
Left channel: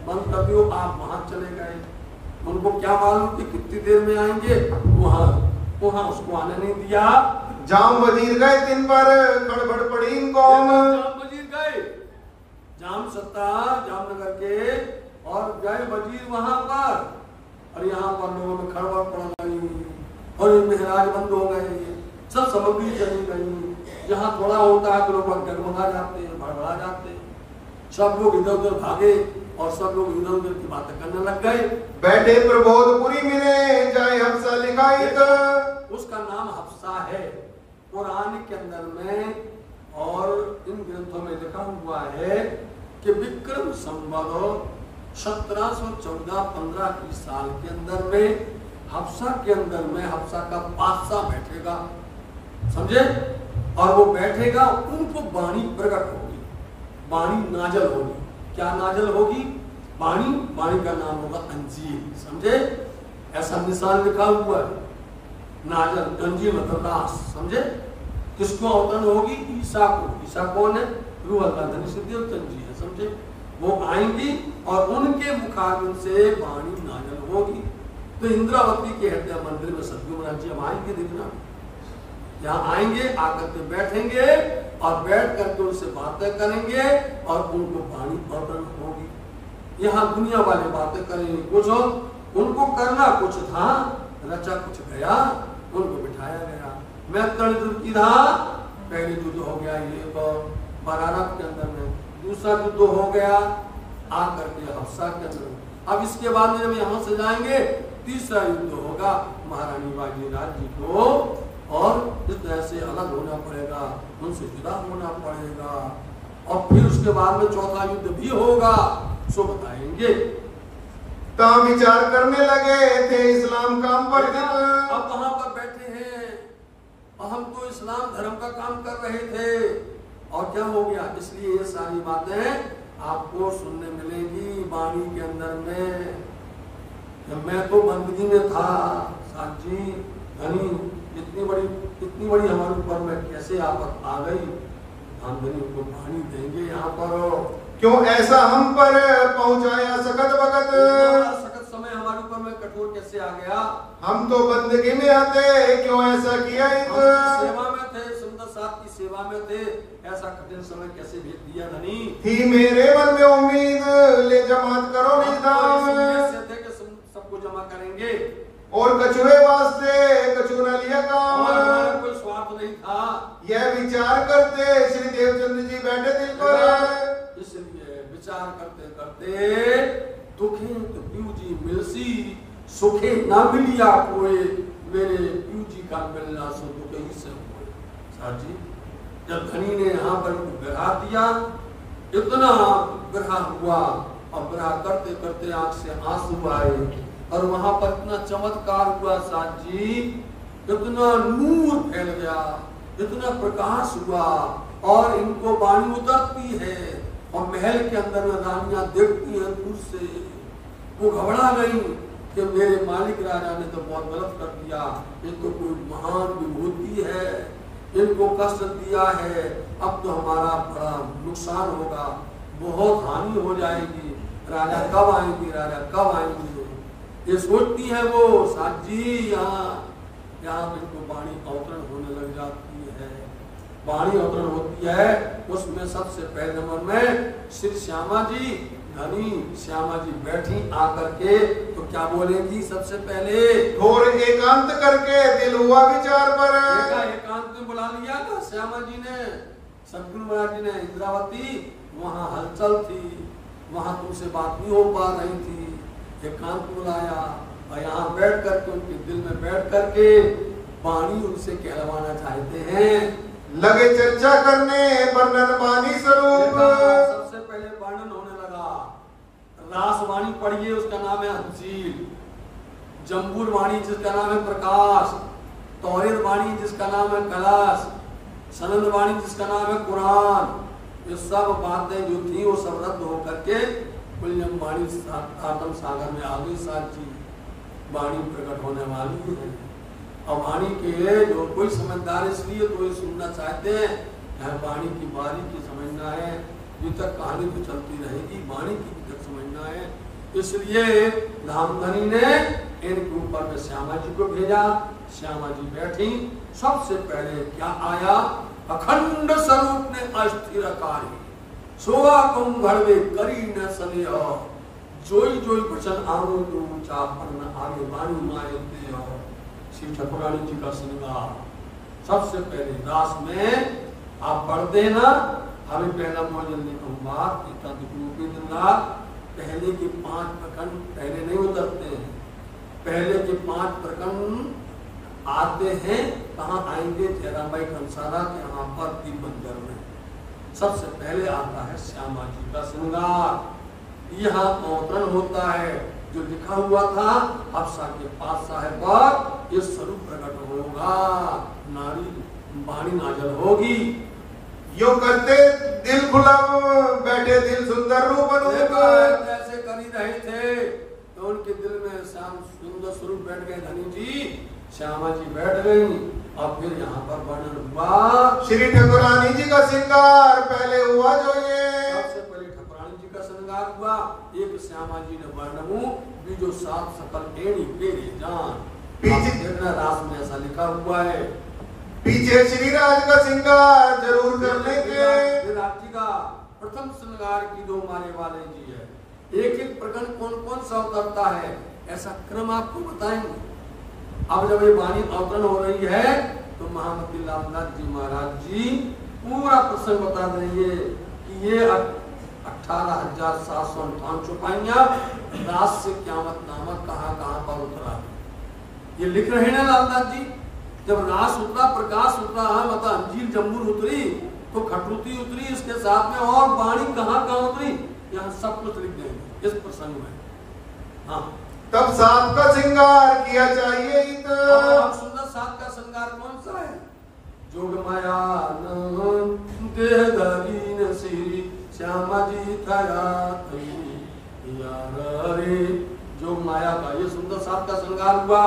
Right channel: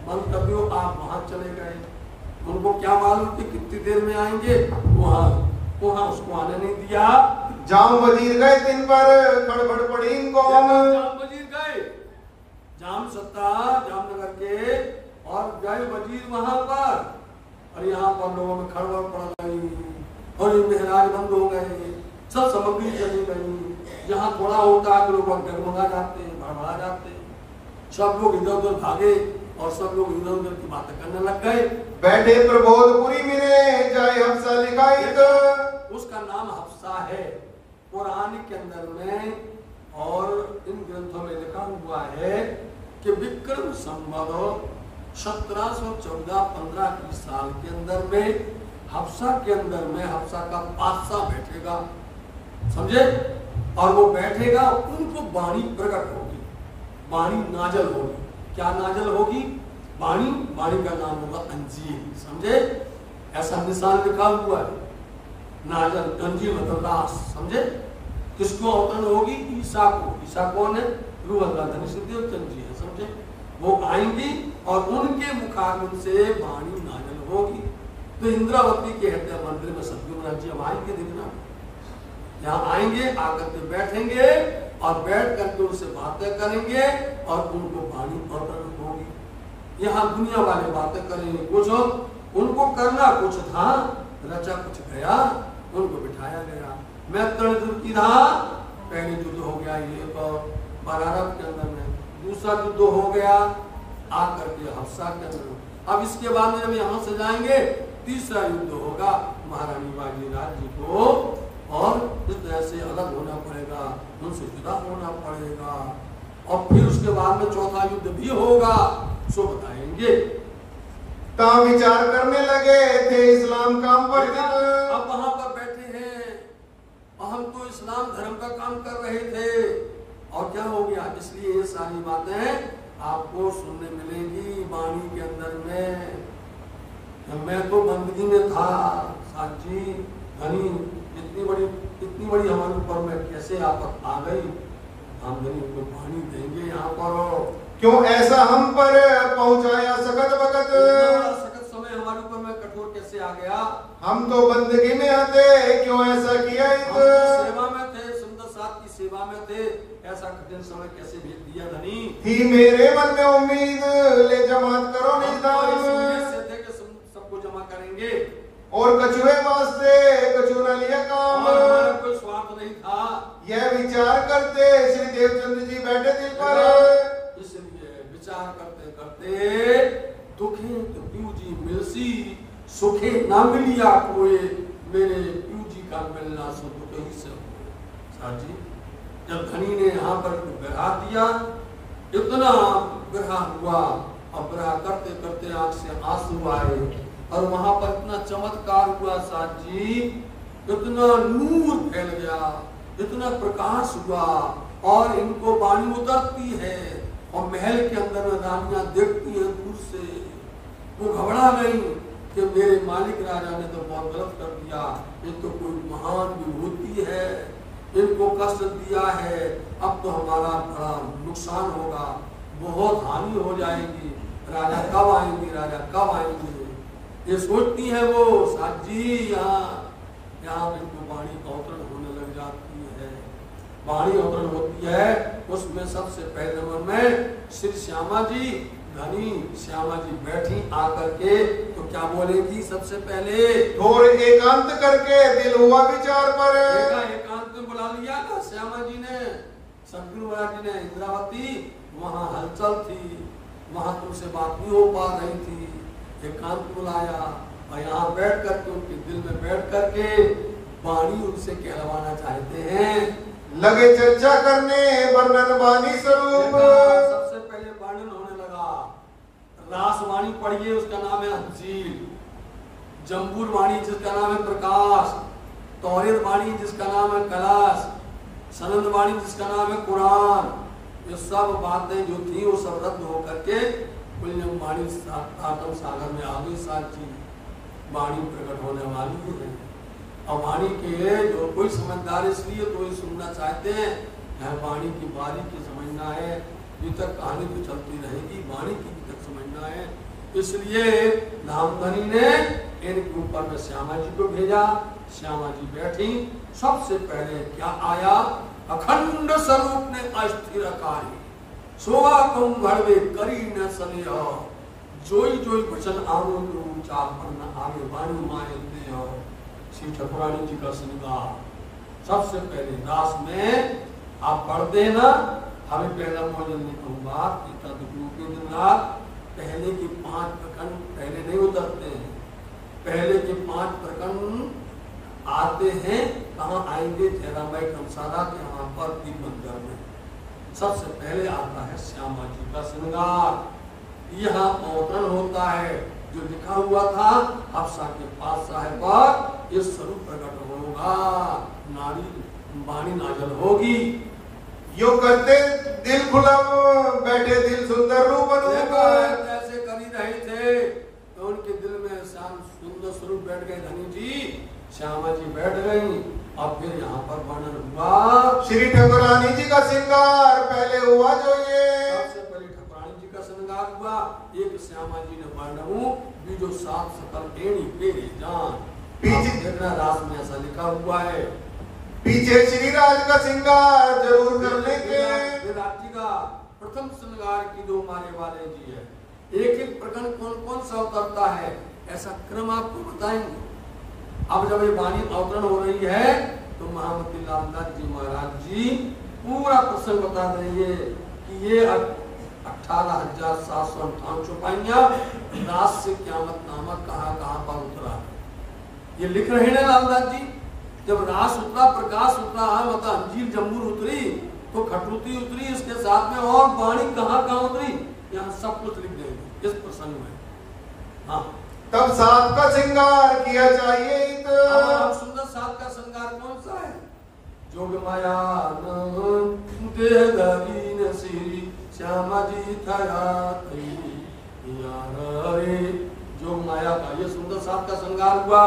बंद कर दियो, आप वहां चले गए। उनको क्या मालूम कि कितनी देर में आएंगे, वहां उसको आने नहीं दिया। जाम वजीर गए दिन पर गड़बड़ पड़ी कौम। जाम वजीर गए, जाम सत्ता जामनगर के, और गए वजीर वहां पर, और यहाँ पर लोगों में खड़बड़ पड़ गई और ये महाराज बंद हो गए, सब सामग्री चली गई। यहाँ थोड़ा होता है तो लोग डगमगा जाते हैं, भड़बड़ा जाते हैं, सब लोग इधर उधर भागे और सब लोग इधर उधर की बातें करने लग गए। बैठे प्रबोधपुरी मिले जाए हफ्सा लिखाइत, उसका नाम हफ्सा है कुरान के अंदर में, और इन ग्रंथों में लिखा हुआ है कि विक्रम संवत 1714-15 की साल के अंदर में हफ्सा के अंदर में हफ्सा का बादशाह बैठेगा, समझे, और वो बैठेगा, उनको वाणी प्रकट होगी, वाणी नाजल होगी। क्या नाजल होगी? वाणी, वाणी का नाम होगा अंजीर, समझे, ऐसा निशान लिखा हुआ है, नाजल अंजीर मतलब दास, समझे। किसको अवतरण होगी? ईसा को। ईसा कौन है? रूह अल्लाह धनी सिद्धियोत्तम जी है, समझे। वो आएंगी और उनके मुखारबिंद से वाणी नाजल होगी। तो इंद्रावती के हृदय मंदिर में सतगुरु महाराज जी अब आएंगे, देखना, यहाँ आएंगे, आकर के बैठेंगे और बैठ करके उनसे बातें करेंगे और उनको वाणी अवतरण होगी। यहाँ दुनिया वाले बातें करेंगे, कुछ उनको करना कुछ था, रचा कुछ गया, उनको बिठाया गया। मैं तणजुर की था, पहले युद्ध हो गया ये बरारत के अंदर में, दूसरा युद्ध हो गया आकर के हफ्सा के अंदर। अब इसके बाद में जब यहाँ से जाएंगे तीसरा युद्ध होगा महारानी बाजीराज जी को, और इस तरह से अलग होना पड़ेगा, उनसे जुदा होना पड़ेगा, और फिर उसके बाद में चौथा युद्ध भी होगा, सो बताएंगे। ता विचार करने लगे थे इस्लाम काम पर। अब वहां पर बैठे हैं, हम तो इस्लाम धर्म का काम कर रहे थे, और क्या हो गया? इसलिए ये सारी बातें आपको सुनने मिलेगी वाणी के अंदर में। मैं तो बंदगी में था साथ जी, धनी इतनी बड़ी हमारे ऊपर में कैसे आफत आ गई, हम धनी को पानी देंगे यहाँ पर, क्यों ऐसा हम पर पहुंचाया सकत वक्त, सकत समय हमारे ऊपर में कठोर कैसे आ गया? हम तो बंदगी में आते, क्यों ऐसा किया? सेवा में थे, सुंदर साहब की सेवा में थे, ऐसा कठिन समय कैसे भेज दिया धनी? थी मेरे मन में उम्मीद, ले जमात करो निजाम, थे कि सबको जमा करेंगे, और कछुए वास्ते कछु न लिया काम, कोई स्वार्थ नहीं था। यह विचार करते श्री देवचंद्र जी बैठे दिल पर, इसलिए विचार करते करते दुखे तो प्यू जी मिलसी, सुखे ना मिलिया कोई, मेरे प्यू जी का मिलना सो दुखे ही से हुए। जी जब धनी ने यहाँ पर ग्रह दिया, इतना ग्रह हुआ, और ग्रह करते करते आंख से आंसू आए, और वहां पर इतना चमत्कार हुआ साथ जी, इतना नूर फैल गया, इतना प्रकाश हुआ, और इनको वाणी उतरती है, और महल के अंदर में रानियां देखती हैं दूर से, वो घबरा गई कि मेरे मालिक राजा ने तो बहुत गलत कर दिया, ये तो कोई महान विभूति है, इनको कष्ट दिया है, अब तो हमारा बड़ा नुकसान होगा, बहुत हानि हो जाएगी, राजा कब आएंगे, राजा कब आएंगे, ये सोचती है वो साथ जी। यहाँ इनको वाणी अवतरण होने लग जाती है, वाणी अवतरण होती है, उसमें सबसे पहले नंबर में श्री श्यामा जी, धनी श्यामा जी बैठी आकर के, तो क्या बोलेंगी? सबसे पहले थोड़े एकांत करके दिल हुआ विचार पर, एकांत में बुला लिया ना श्यामा जी ने, सतगुरु महाराज जी ने। इंद्रावती वहाँ हलचल थी, वहाँ तुमसे बात नहीं हो पा रही थी, एकांत बुलाया, और यहाँ बैठ करके उनके दिल में बैठ करके वाणी उनसे कहलवाना चाहते हैं। लगे चर्चा करने वर्णन वाणी स्वरूप, सबसे पहले वर्णन होने लगा, रास वाणी पढ़िए, उसका नाम है हंसील, जम्बूर वाणी जिसका नाम है प्रकाश, तौरीर वाणी जिसका नाम है कलश, सनंद वाणी जिसका नाम है कुरान, ये सब बातें जो थी वो सब रद्द होकर के पुण्यम वाणी आत्म सागर में आ गई। साची वाणी प्रकट होने वाली है, और वाणी के जो कोई समझदार इसलिए तो ये सुनना चाहते हैं, यह वाणी की बारीकी समझना है, अभी तक कहानी तो चलती रहेगी, वाणी की भी तक समझना है। इसलिए धामधनी ने इनके ऊपर में श्यामा जी को भेजा, श्यामा जी बैठी, सबसे पहले क्या आया? अखंड स्वरूप ने अस्थिर कार्य, सोवा कुम घड़वे करी न सने जोई जोई वचन आनो जो ऊंचा पन्न आगे वाणी माए दे श्री ठाकुरानी जी का श्रृंगार। सबसे पहले रास में आप पढ़ते हैं ना, हमें पहला मौजन ने कहूंगा के दिन रात पहले के 5 प्रकंड पहले नहीं उतरते हैं, पहले के 5 प्रकंड आते हैं। कहाँ आएंगे? जयराम भाई कंसारा के यहाँ पर दीप मंदिर में सबसे पहले आता है श्यामा जी का श्रृंगार। यहाँ अवतरण होता है, जो लिखा हुआ था हफ्सा के पास साहेब पर, ये स्वरूप प्रकट होगा, नारी वाणी नाजल होगी। यो करते दिल खुला बैठे दिल सुंदर रूप जैसे कर ही रहे थे तो उनके दिल में श्याम सुंदर स्वरूप बैठ गए। धनी जी श्यामा जी बैठ गई और फिर यहाँ पर वर्णन हुआ श्री ठाकुरानी जी का श्रृंगार पहले हुआ। जो ये सबसे पहले ठाकुरानी जी का श्रृंगार हुआ। एक श्यामा जी ने वर्णन बीजो सात सकल एड़ी फेरे जान, पीछे देखना रास में ऐसा लिखा हुआ है। पीछे श्री राज का श्रृंगार जरूर कर लेंगे। विराट जी का प्रथम श्रृंगार की दो मारे वाले जी है। एक एक प्रकरण कौन कौन सा उतरता है ऐसा क्रम आपको बताएंगे। अब जब ये वाणी अवतरण हो रही है तो महामती लालनाथ जी महाराज जी पूरा प्रसंग बता रही है कि ये 18,758 चौपाइयां रास से क्यामत नामक कहाँ पर उतरा। ये लिख रहे हैं ना लालनाथ जी, जब रास उतरा, प्रकाश उतरा, मतलब अंजीर जम्बूर उतरी तो खटरुती उतरी, इसके साथ में और वाणी कहाँ उतरी, यहाँ सब कुछ लिख देंगे इस प्रसंग में। हाँ, तब सात का श्रृंगार किया चाहिए। अब सुंदर सात का श्रृंगार कौन सा है? जोग माया देहधरी श्री श्यामा जी थया जोग माया का ये सुंदर सात का श्रृंगार हुआ।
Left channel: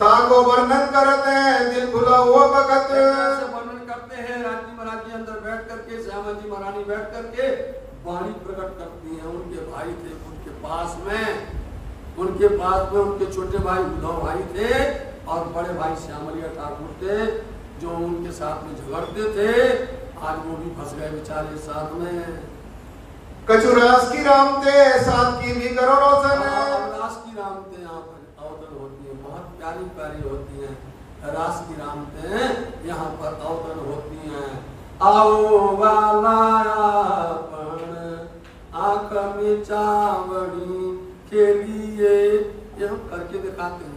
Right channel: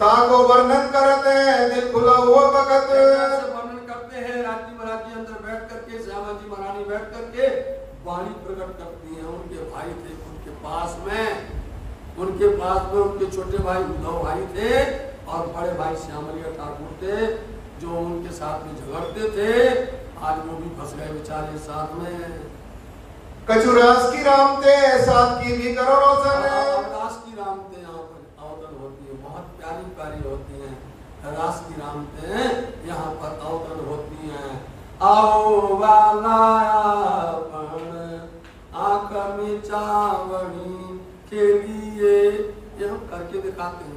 ताको वर्णन करते हैं दिल खुला हुआ वक्त, वर्णन करते हैं। राजी महाराज जी अंदर बैठ करके, श्यामा जी महारानी बैठ करके वाणी प्रकट करती हैं। उनके भाई थे उनके पास में, उनके छोटे भाई उद्धव भाई थे और बड़े भाई श्यामलिया ठाकुर थे जो उनके साथ में झगड़ते थे। आज वो भी फंस गए बेचारे साथ में। कचुरास की राम थे साथ की भी करो रोशन। रास की राम थे यहाँ पर अवतरण होती है, बहुत प्यारी प्यारी होती है। रास की राम थे यहाँ पर अवतरण होती है। आओ वाला आंख में चावड़ी के लिए ये हम करके दिखाते हैं।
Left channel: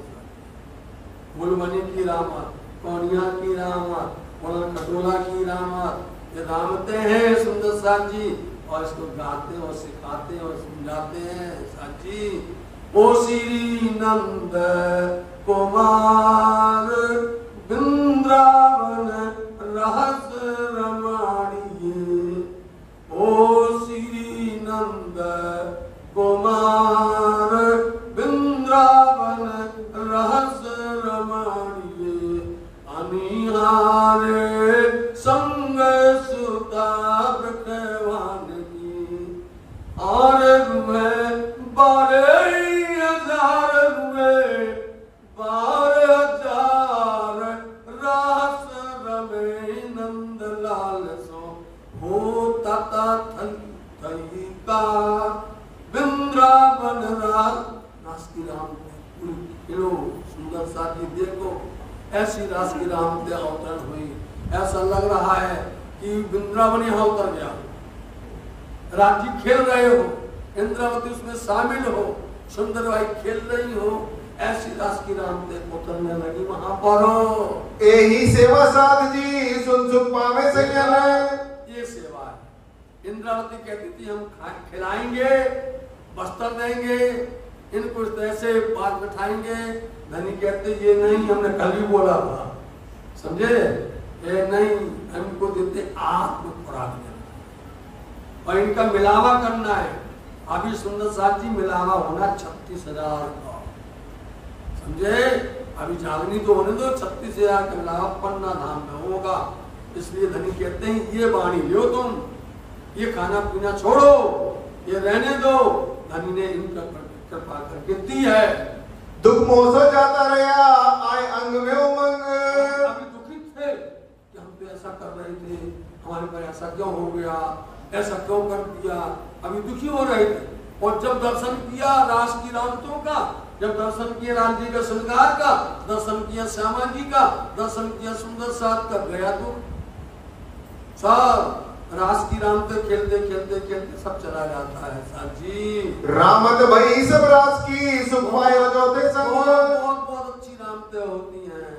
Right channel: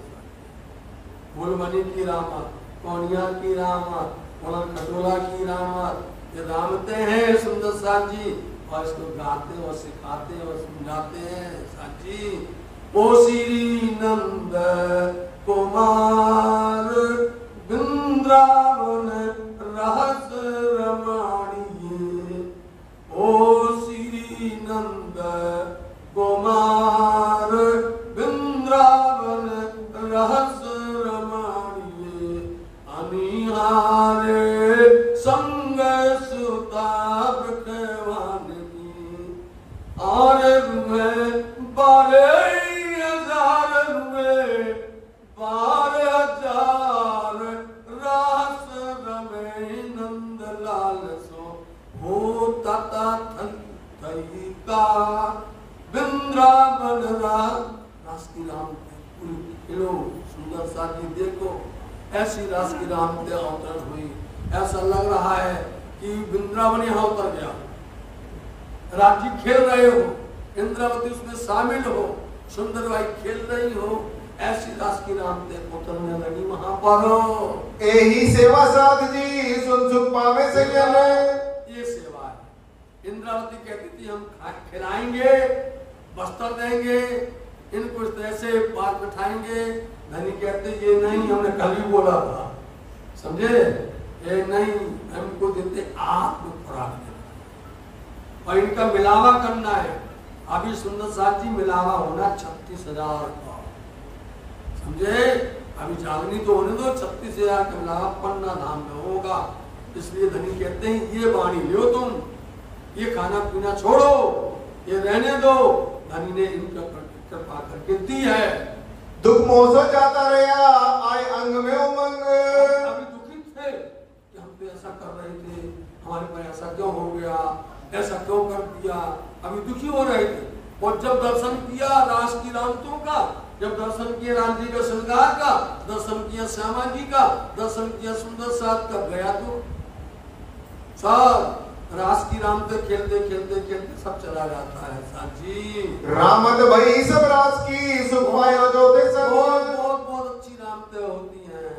बुलबनी की रामत, कौनिया की रामत, खटोला की रामत, ये रामते हैं सुंदर साथ जी और इसको गाते और सिखाते और समझाते हैं। साची ओ श्री नंद कुमार वृंदावन रहस रमाणिये, ओ श्री नंद कुमार वृंदावन रहस रमाणिये, अनिहारे संग सुता ब्रखवान की, और में 12,000 में 12,000 रास रमे नंद लाल सो हो तता थई का वृंदावन रास की राम पूरी सुंदर साथी देखो ऐसी रास की राम से अवतरण हुई। ऐसा लग रहा है कि वृंदावन यहाँ उतर गया, राज्य खेल रहे हो, इंद्रावती उसमें शामिल हो, सुंदर भाई खेल रही हो, ऐसी रास की राम से उतरने लगी वहां पर। यही सेवा साथ जी सुन पावे से ये सेवा है। इंद्रावती कहती थी हम खिलाएंगे, वस्त्र देंगे, इनको ऐसे पार बैठाएंगे। धनी कहते ये नहीं, हमने कल ही बोला था, समझे, ये नहीं, हमको देते आत्म खुराक देना और इनका मिलावा करना है। अभी सुंदर साथ जी मिलावा होना 36,000 का, समझे। अभी जागनी तो होने दो, 36,000 का मिलावा पन्ना धाम में होगा। इसलिए धनी कहते हैं ये वाणी लो तुम, ये खाना पीना छोड़ो, ये रहने दो। धनी ने इनका कृपा करके दी है। दुख मोह जाता रहा आए अंग में उमंग। अभी दुखित थे कि हम तो ऐसा कर रहे थे, हमारे पर ऐसा क्यों हो गया, ऐसा क्यों कर दिया? अभी दुखी हो रहे थे। और जब दर्शन किया रास की रामतों का, जब दर्शन किया राम जी का श्रृंगार का, दर्शन किया श्यामा जी का, दर्शन किया सुंदर साथ का, गया तो सब रास की राम तो खेलते खेलते खेलते सब चला जाता है साथ जी। रामत भाई सब रास की सुख पायो जोते सब। बहुत अच्छी रामते होती हैं,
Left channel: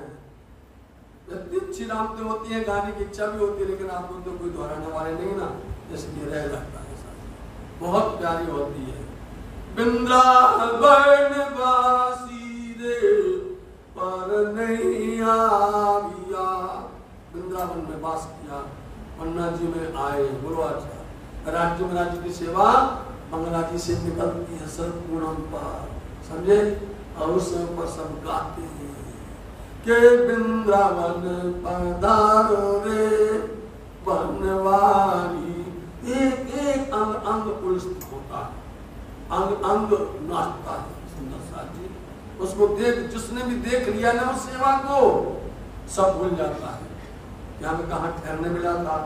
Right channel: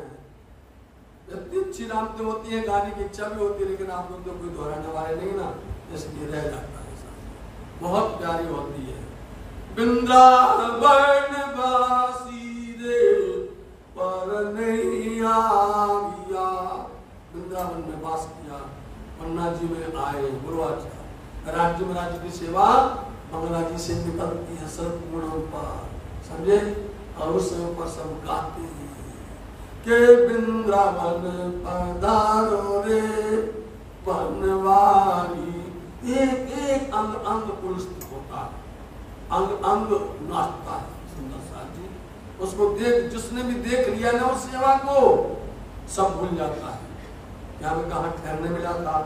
इतनी अच्छी रामते होती हैं, गाने की इच्छा भी होती है, लेकिन आप लोग तो कोई दोहराने वाले नहीं ना, इसलिए रह जाता है साथ। बहुत प्यारी होती है। वृंदावन वासी रे पर नहीं आविया, वृंदावन में वास किया, पन्ना जी में आए। बोलो अच्छा, राज्य में राज्य की सेवा बंगला जी से निकलती है सर्वपूर्णम पर, समझे? और उस पर सब गाते हैं के वृंदावन पधारो रे बनवारी। एक एक अंग अंग पुलस्थित होता है, अंग अंग नाचता है सुंदर साथ जी। उसको देख, जिसने भी देख लिया ना उस सेवा को, सब भूल जाता है कि हमें कहाँ ठहरने मिला था,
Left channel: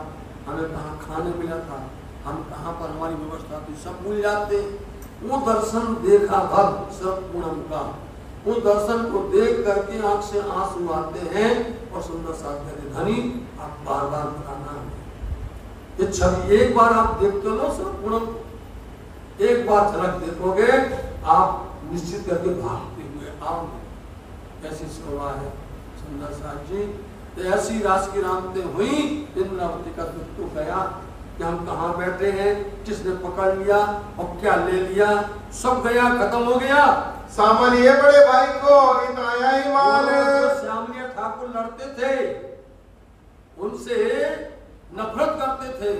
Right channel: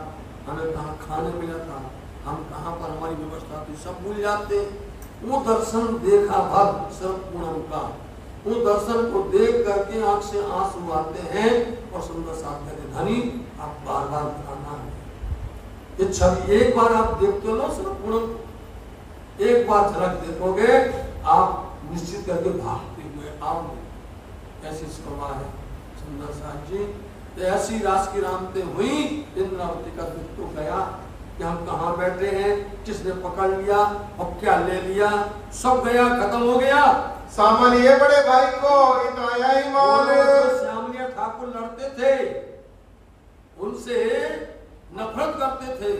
हमें कहाँ खाने मिला था, हम कहाँ पर हमारी व्यवस्था थी, सब भूल जाते। वो दर्शन देखा भक्त सर्वपूर्णम का, वो दर्शन को देख करके आंख से आंसू आते हैं और सुंदर साथ कहते धनी आप बार बार बताना है। ये छवि एक बार आप देखते लो सर्वपूर्णम, एक बार झलक देखोगे आप निश्चित करके भागते हुए आओगे। ऐसी शोभा है सुंदर साथ जी। तो ऐसी रास की रामते हुई, इंद्रावती का दुख तो गया कि हम कहाँ बैठे हैं, किसने पकड़ लिया और क्या ले लिया, सब गया, खत्म हो गया। सामान्य बड़े भाई को इतना ईमान। श्यामलिया ठाकुर लड़ते थे, उनसे नफरत करते थे,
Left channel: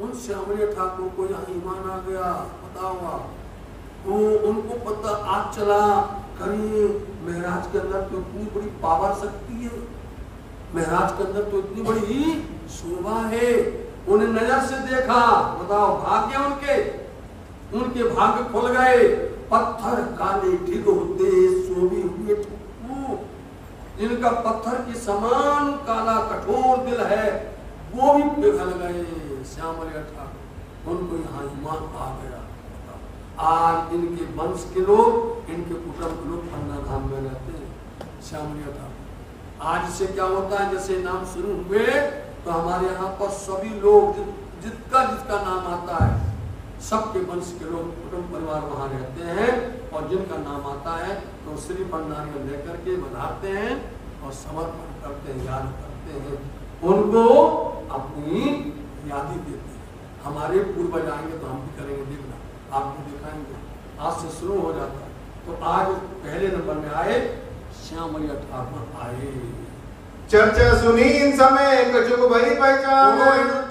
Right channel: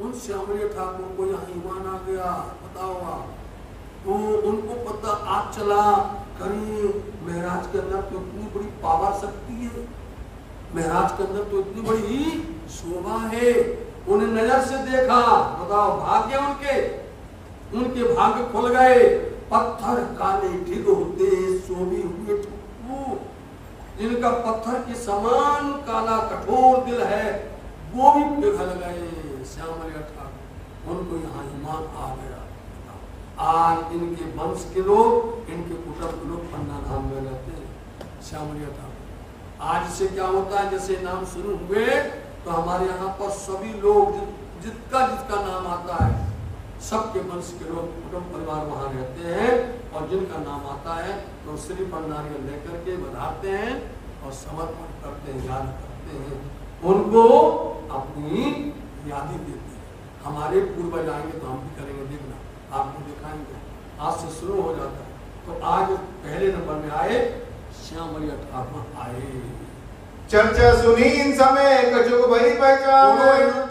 उन श्यामलिया ठाकुर को यहाँ ईमान आ गया। बताओ आप, तो उनको पता आज चला कहीं महाराज के अंदर तो इतनी बड़ी पावर शक्ति है, महाराज के अंदर तो इतनी बड़ी शोभा है। उन्हें नजर से देखा, बताओ भाग्य उनके भाग्य खुल गए। पत्थर काले ढिग होते सोभी हुए ठुक्कू, जिनका पत्थर के समान काला कठोर दिल है, वो भी पिघल गए। श्यामलिया ठाकुर, उनको यहाँ ईमान आ गया। आज इनके वंश के लोग, इनके कुटुंब के लोग पन्ना धाम में रहते हैं। श्यामलिया ठाकुर आज से क्या होता है, जैसे नाम शुरू हुए तो हमारे यहाँ पर सभी लोग जिसका नाम आता है, सबके वंश के लोग कुटुंब परिवार वहां रहते हैं, और जिनका नाम आता है तो श्री नारियल लेकर के बनाते हैं और समर्पण करते हैं, याद करते हैं, उनको अपनी यादी देते हैं। हमारे पूर्वज आएंगे तो हम भी करेंगे, देखना आपको दिखाएंगे। आज से शुरू हो जाता है। तो आज पहले नंबर में आए श्यामलिया ठाकुर आए। चर्चा सुनी इन समय कछुक भई पहचान।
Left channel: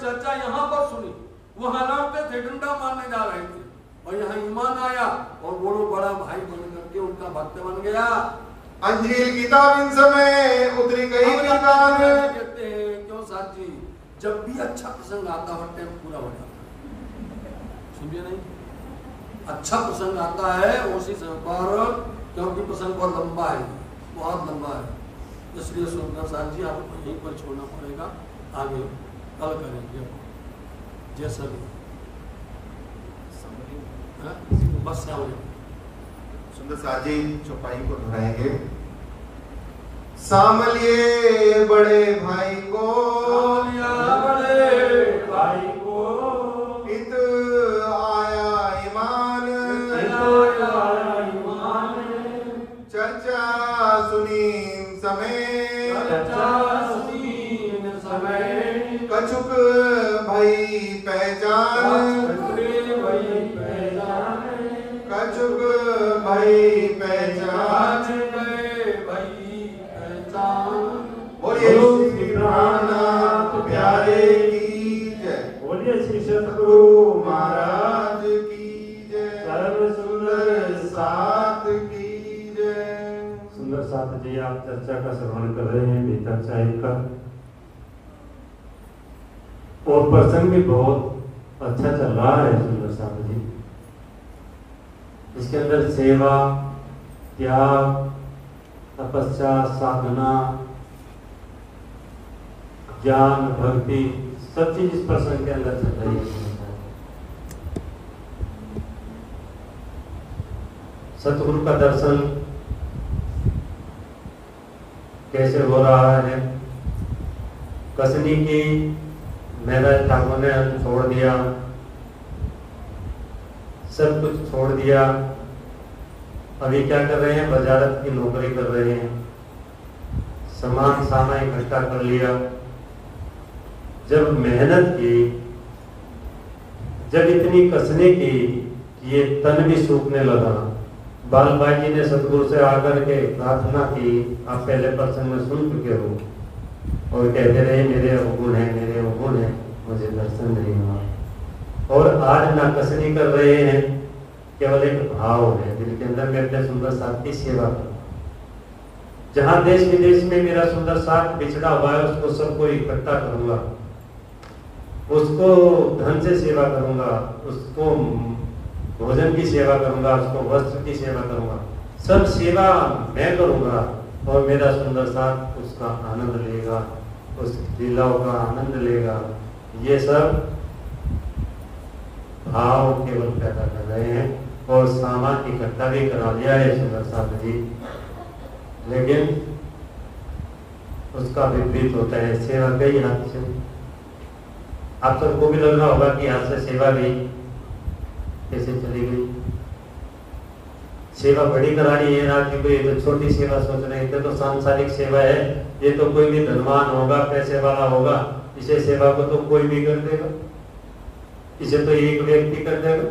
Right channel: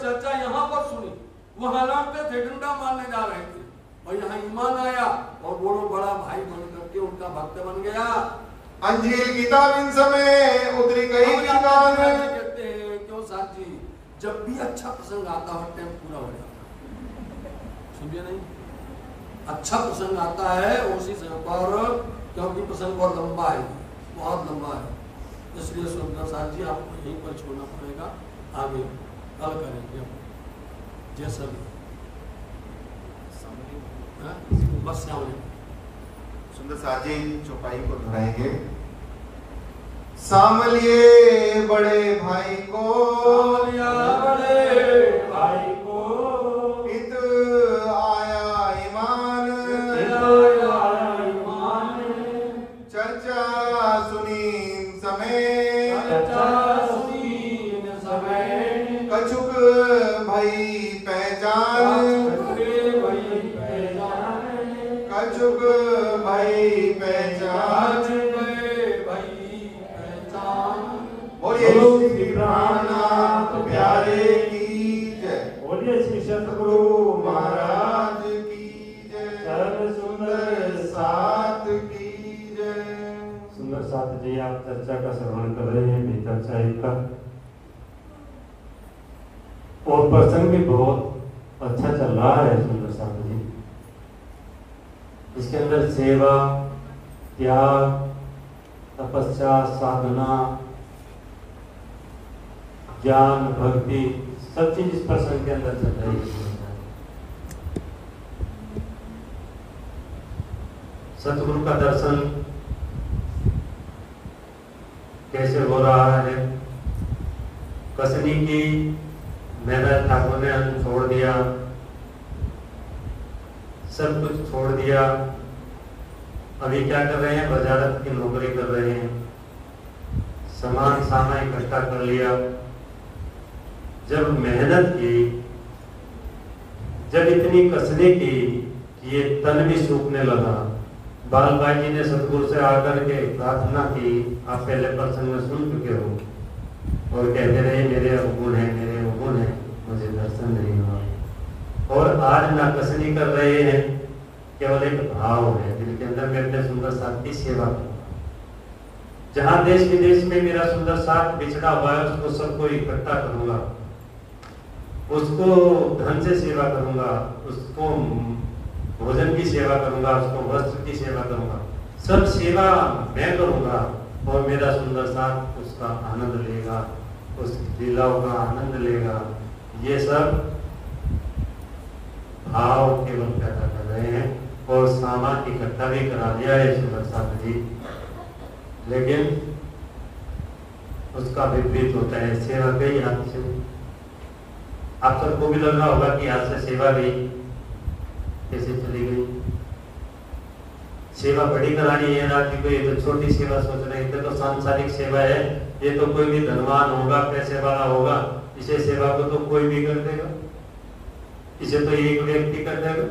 चर्चा यहाँ पर सुनी, वहां लड़ते थे, डंडा मारने जा रहे थे, और यहाँ ईमान आया और बोलो बड़ा भाई बन करके उनका भक्त बन गया। अंजील किताब इन समय उतरी गई किताब। कहते हैं क्यों साथ जी, जब भी अच्छा प्रसंग आता है टाइम पूरा हो जाता है, समझे नहीं? अच्छा प्रसंग आता है उसी समय पर, क्योंकि प्रसंग बहुत लंबा है, बहुत लंबा है, इसलिए सुंदर साथ जी आपको यहीं पर छोड़ना पड़ेगा, आगे कल करेंगे जैसा भी। बस सुंदर साथ जी चौपाई को दोहराएंगे। सामलिए बड़े भाई को, बड़े भाई को इत आया ईमान। चर्चा सुनी समय कछुक भई पहचान। कछुक भई पहचान। बोलिए श्री प्राणनाथ प्यारे की जय। बोलिए श्री सतगुरु महाराज की जय। सर्व सुंदर साथ की जय। सुंदर साथ जी, आप चर्चा का श्रवण कर रहे हैं भीतर चाय का, और प्रसंग भी बहुत अच्छा चल रहा है सुंदर साथ जी। इसके अंदर सेवा, त्याग, तपस्या, साधना, ज्ञान, भक्ति, सब चीज इस प्रसंग के अंदर चल रही है। सतगुरु का दर्शन कैसे हो रहा है। कसनी की महाराज ठाकुर ने अन्न छोड़ दिया, सब कुछ छोड़ दिया। अभी क्या कर रहे हैं, वजारत की नौकरी कर रहे हैं, सामान सामान इकट्ठा कर लिया। जब मेहनत की, जब इतनी कसने की कि ये तन भी सूखने लगा, बाल भाई जी ने सतगुरु से आकर के प्रार्थना की। आप पहले प्रसंग में सुन चुके हो, और कहते रहे मेरे अवगुण है, मेरे अवगुण है, मुझे दर्शन नहीं हुआ। और आज ना कसनी कर रहे हैं, केवल एक भाव है दिल के अंदर, मैं अपने सुंदर साथ की सेवा करूंगा। जहां देश विदेश में मेरा सुंदर साथ बिछड़ा हुआ है, उसको सबको इकट्ठा करूंगा, उसको धन से सेवा करूंगा, उसको भोजन की सेवा करूंगा, उसको वस्त्र की सेवा करूंगा, सब सेवा मैं करूंगा। और मेरा सुंदर साथ उसका आनंद लेगा, उस लीलाओं का आनंद लेगा। ये सब भाव केवल पैदा कर रहे हैं, और सामान इकट्ठा भी करा लिया है सुंदर साथ जी, लेकिन उसका विपरीत होता है। सेवा गई हाथ से। आप सबको भी लग रहा होगा कि हाथ से सेवा गई, कैसे चली गई। सेवा बड़ी करानी है रात जी को, ये तो छोटी सेवा सोच रहे थे, तो सांसारिक सेवा है, ये तो कोई भी धनवान होगा, पैसे वाला होगा, इसे सेवा को तो कोई भी कर देगा, इसे तो एक व्यक्ति कर देगा,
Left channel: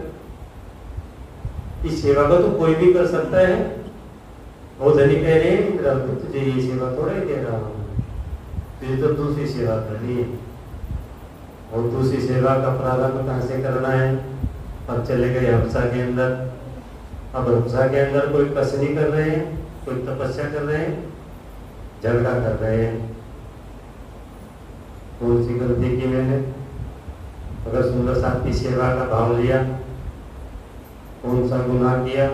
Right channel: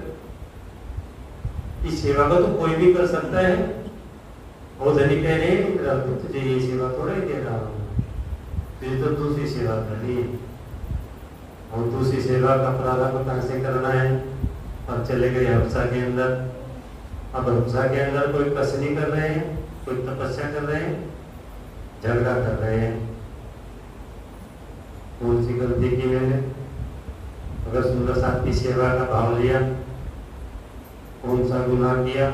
इस सेवा को तो कोई भी कर सकता है। वो धनी कह रहे हैं तुझे ये सेवा थोड़ा ही दे रहा हूं, तुझे तो दूसरी सेवा करनी है। और दूसरी सेवा का प्रारंभ कहां से करना है। अब चले गए हफ्सा के अंदर। अब हफ्सा के अंदर कोई कसनी कर रहे हैं, कोई तपस्या कर रहे हैं, झगड़ा कर रहे हैं। कौन सी गलती की मैंने, अगर सुंदर साथ की सेवा का भाव लिया, कौन सा गुनाह किया।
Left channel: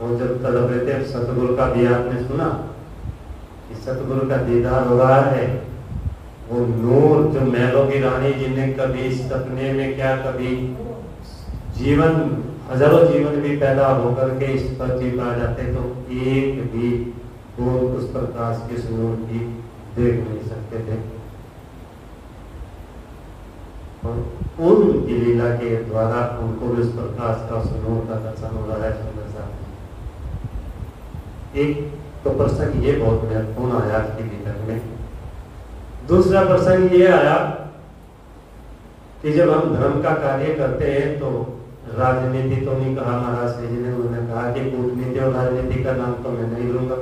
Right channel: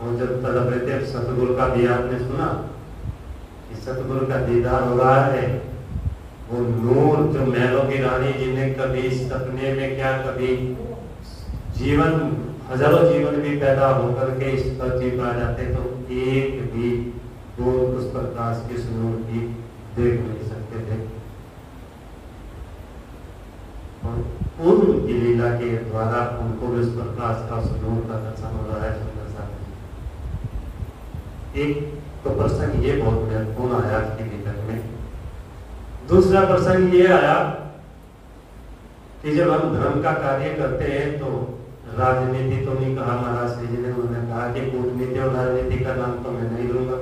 और जब तड़प रहे थे, सतगुरु का भी आपने सुना कि सतगुरु का दीदार हो रहा है। वो नूर जो महलों की रानी, जिन्हें कभी सपने में क्या, कभी जीवन, हजारों जीवन भी पैदा होकर के इस पृथ्वी पर आ जाते, तो एक भी बूंद उस प्रकाश की नूर की देख नहीं सकते थे। और उनकी लीला के द्वारा उनको भी उस प्रकाश का, उस नूर का दर्शन हो रहा है सुंदर साथ। एक तो प्रसंग ये बहुत महत्वपूर्ण आया आज के भीतर में। दूसरा प्रसंग ये आया कि जब हम धर्म का कार्य करते हैं तो राजनीति तो नहीं कहा महाराज जी ने, उन्होंने कहा कि कूटनीति और राजनीति का नाम तो मैं नहीं लूंगा,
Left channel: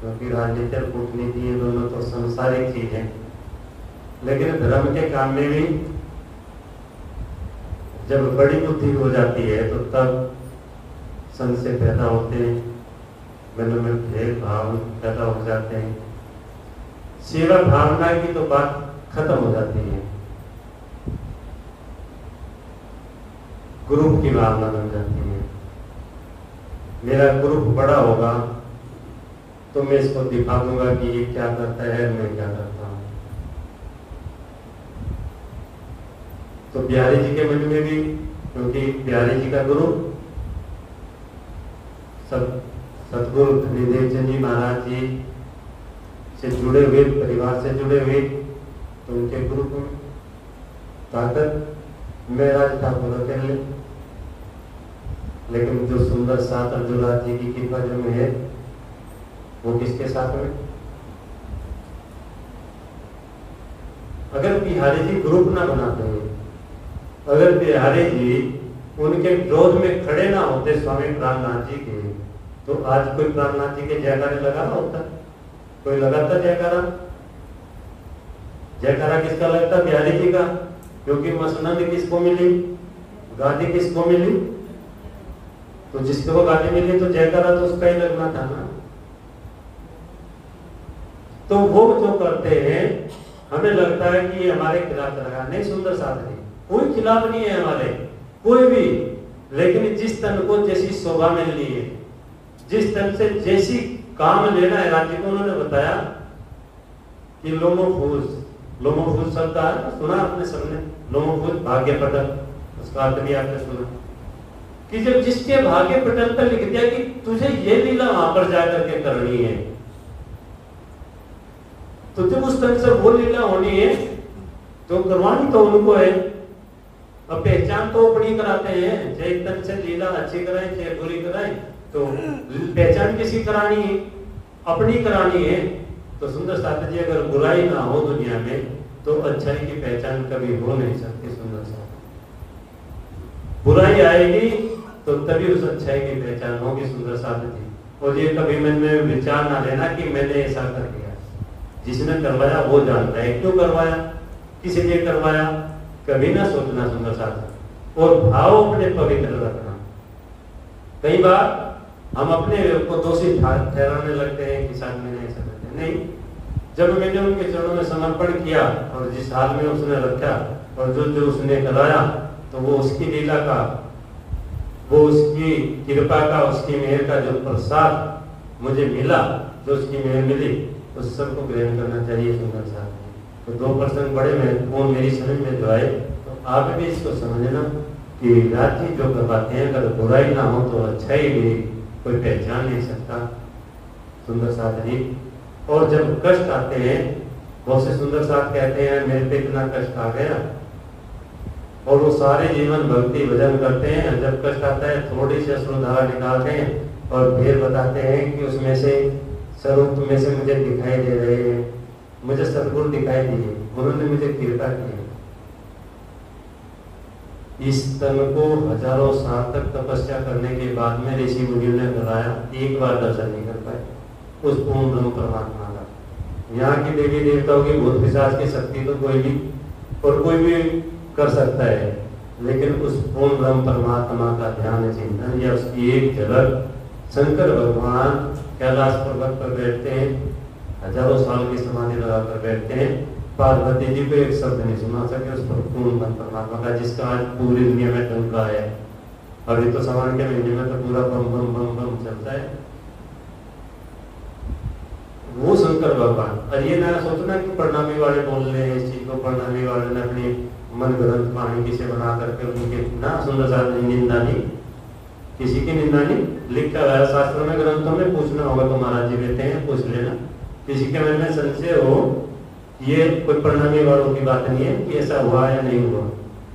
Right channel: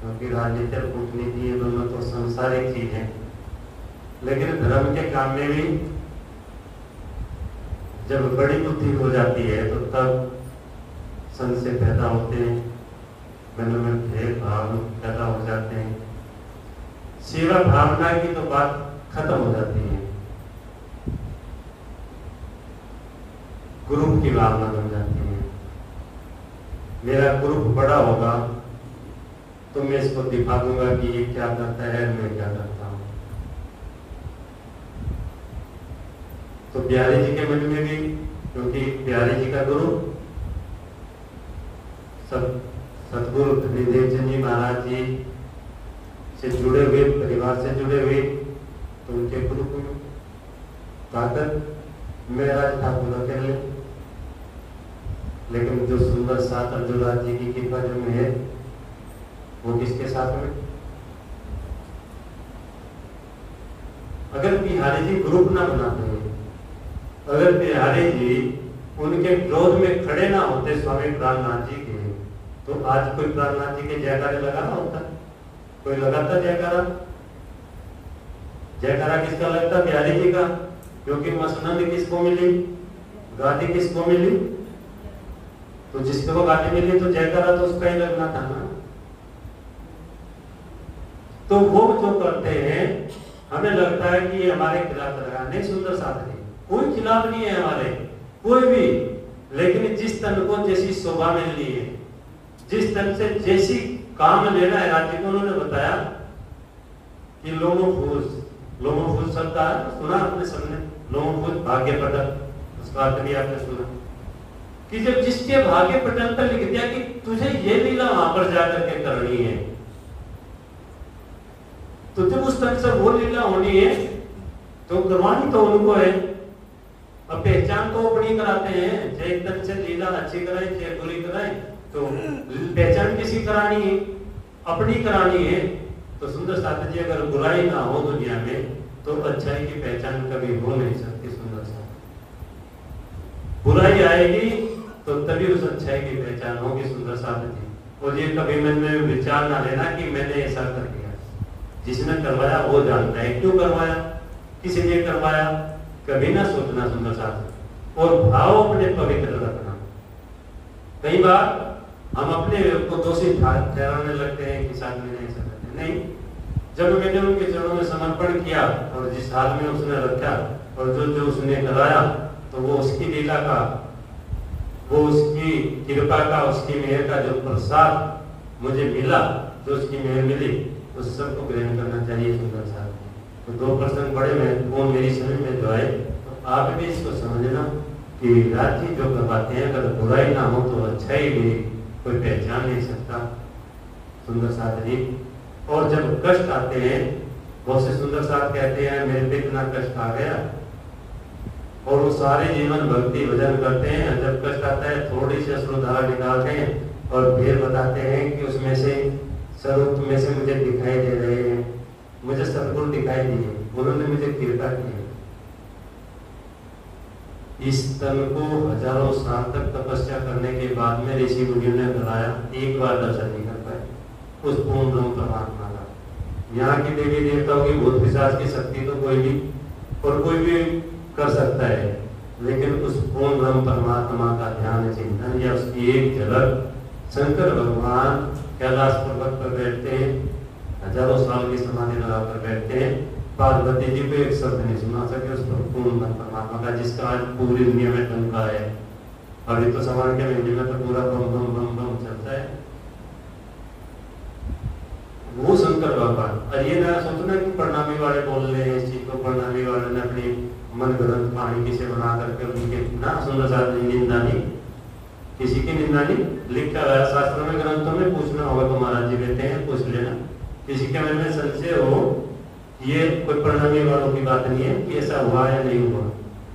क्योंकि राजनीति और कूटनीति ये दोनों तो सांसारिक चीज है। लेकिन धर्म के काम में भी जब बड़ी बुद्धि हो जाती है तो तब संशय पैदा होते हैं, मन में भेदभाव पैदा हो जाते हैं, सेवा भावना की तो बात खत्म हो जाती है, ग्रुप की भावना बन जाती है। मेरा ग्रुप बड़ा होगा तो मैं इसको दिखा दूंगा कि ये क्या करता है, मैं क्या करता हूं। तो बिहारी जी के मठ में भी, क्योंकि बिहारी जी का गुरु सब सतगुरु धनीदेव जी महाराज जी से जुड़े हुए, परिवार से जुड़े हुए, तो उनके ग्रुप में ताकत महाराज ठाकुर अकेले। लेकिन जो सुंदर साथ अर्जुराज जी की कृपा जो में है, वो किसके साथ में। अगर बिहारी जी ग्रुप ना बनाते, अगर बिहारी जी उनके विरोध में खड़े ना होते स्वामी प्राणनाथ जी के, तो आज कोई प्राणनाथ जी के जयकारे लगा ना होता, कोई लगाता जयकारा। जयकारा किसका लगता, बिहारी जी का, क्योंकि मसनद किसको मिली, गादी किसको मिली, तो जिसको गादी मिली तो जयकारा तो उसका ही लगना था ना। तो वो जो करते हैं, हमें लगता है कि ये हमारे खिलाफ लगा, नहीं सुंदर साथ नहीं, कोई खिलाफ नहीं है हमारे, कोई भी। लेकिन जिस तन को जैसी शोभा मिलनी है, जिस तन से जैसी काम लेना है, राज्य को उन्होंने बताया कि लोमोफूस शब्द है, सुना आपने सबने, लोमोफूस भाग्य पटक, उसका अर्थ भी आपने सुना। कि जब जिसके भाग्य पटल पर लिख दिया कि तुझे ये लीला वहां पर जाकर के करनी है, तो जब उस तरह से वो लीला होनी है तो करवानी तो उनको है। अब पहचान तो अपनी कराते हैं, चाहे एक तरह से लीला अच्छी कराए चाहे बुरी कराए, तो पहचान किसी करानी है, अपनी करानी है। तो सुंदर साथ जी अगर बुराई ना हो दुनिया में तो अच्छाई की पहचान कभी हो नहीं सकती। सुंदर साथ बुराई आएगी तो तभी उस अच्छाई की पहचान होगी। सुंदर साथ जी, और ये कभी मन में विचार ना लेना कि मैंने ऐसा कर दिया। जिसने करवाया वो जानता है क्यों करवाया, किस लिए करवाया, कभी ना सोचना। सुंदर साथ और भाव अपने पवित्र रखना। कई बार हम अपने को दोषी ठहराने लगते हैं कि शायद मैंने ऐसा कर दिया। नहीं, जब मैंने उनके चरणों में समर्पण किया और जिस हाल में उसने रखा और जो उसने कराया, तो वो उसकी लीला का, वो उसकी कृपा का, उसकी मेहर का जो प्रसाद मुझे मिला, जो उसकी मेहर मिली, उस सबको ग्रहण करना चाहिए। सुंदर साथ तो दो प्रसंग बड़े महत्वपूर्ण मेरी समझ में जो आए, तो आप भी इसको समझना कि राजी जो करवाते हैं अगर बुराई ना हो तो अच्छाई भी कोई पहचान नहीं सकता। सुंदर साथ जी, और जब कष्ट आते हैं, बहुत से सुंदर साथ कहते हैं मेरे पे इतना कष्ट आ गया, और वो सारे जीवन भक्ति भजन करते हैं। जब कष्ट आता है थोड़ी सी अश्रुधारा निकालते हैं और फिर बताते हैं कि उसमें से स्वरूप में से मुझे दिखाई दे रहे हैं, मुझे सद्गुण दिखाई दिए, उन्होंने मुझे कृपा की। इस तन को हजारों साल तक तपस्या करने के बाद में ऋषि मुनियों ने कराया, एक बार दर्शन नहीं कर पाए उस पूर्ण ब्रह्म परमात्मा का। यहाँ की देवी देवताओं की भूत पिशाच की शक्ति तो कोई भी और कोई भी कर सकता है, लेकिन उस पूर्ण ब्रह्म परमात्मा का ध्यान चिंतन या उसकी एक झलक, शंकर भगवान कैलाश पर्वत पर बैठते हैं, हजारों साल की समाधि लगाकर बैठते हैं, पार्वती जी को एक शब्द नहीं सुना सके उस पर पूर्ण परमात्मा का, जिसका आज पूरी दुनिया में डंका है। अभी तो सावन के महीने में तो पूरा बम बम बम बम चलता है। वो शंकर भगवान, और ये ना सोचना कि प्रणामी वाले बोल रहे हैं इस चीज को, प्रणामी वाले ने अपनी मन ग्रंथ वाणी से बना करके उनके ना सुंदर साथ निंदा नहीं, किसी की निंदा नहीं। लिखा हुआ शास्त्रों में, ग्रंथों में, पूछना होगा तो महाराज जी देते हैं, पूछ लेना। किसी के मन में संशय हो, ये कोई प्रणामी वालों की बात नहीं है कि ऐसा हुआ या नहीं हुआ,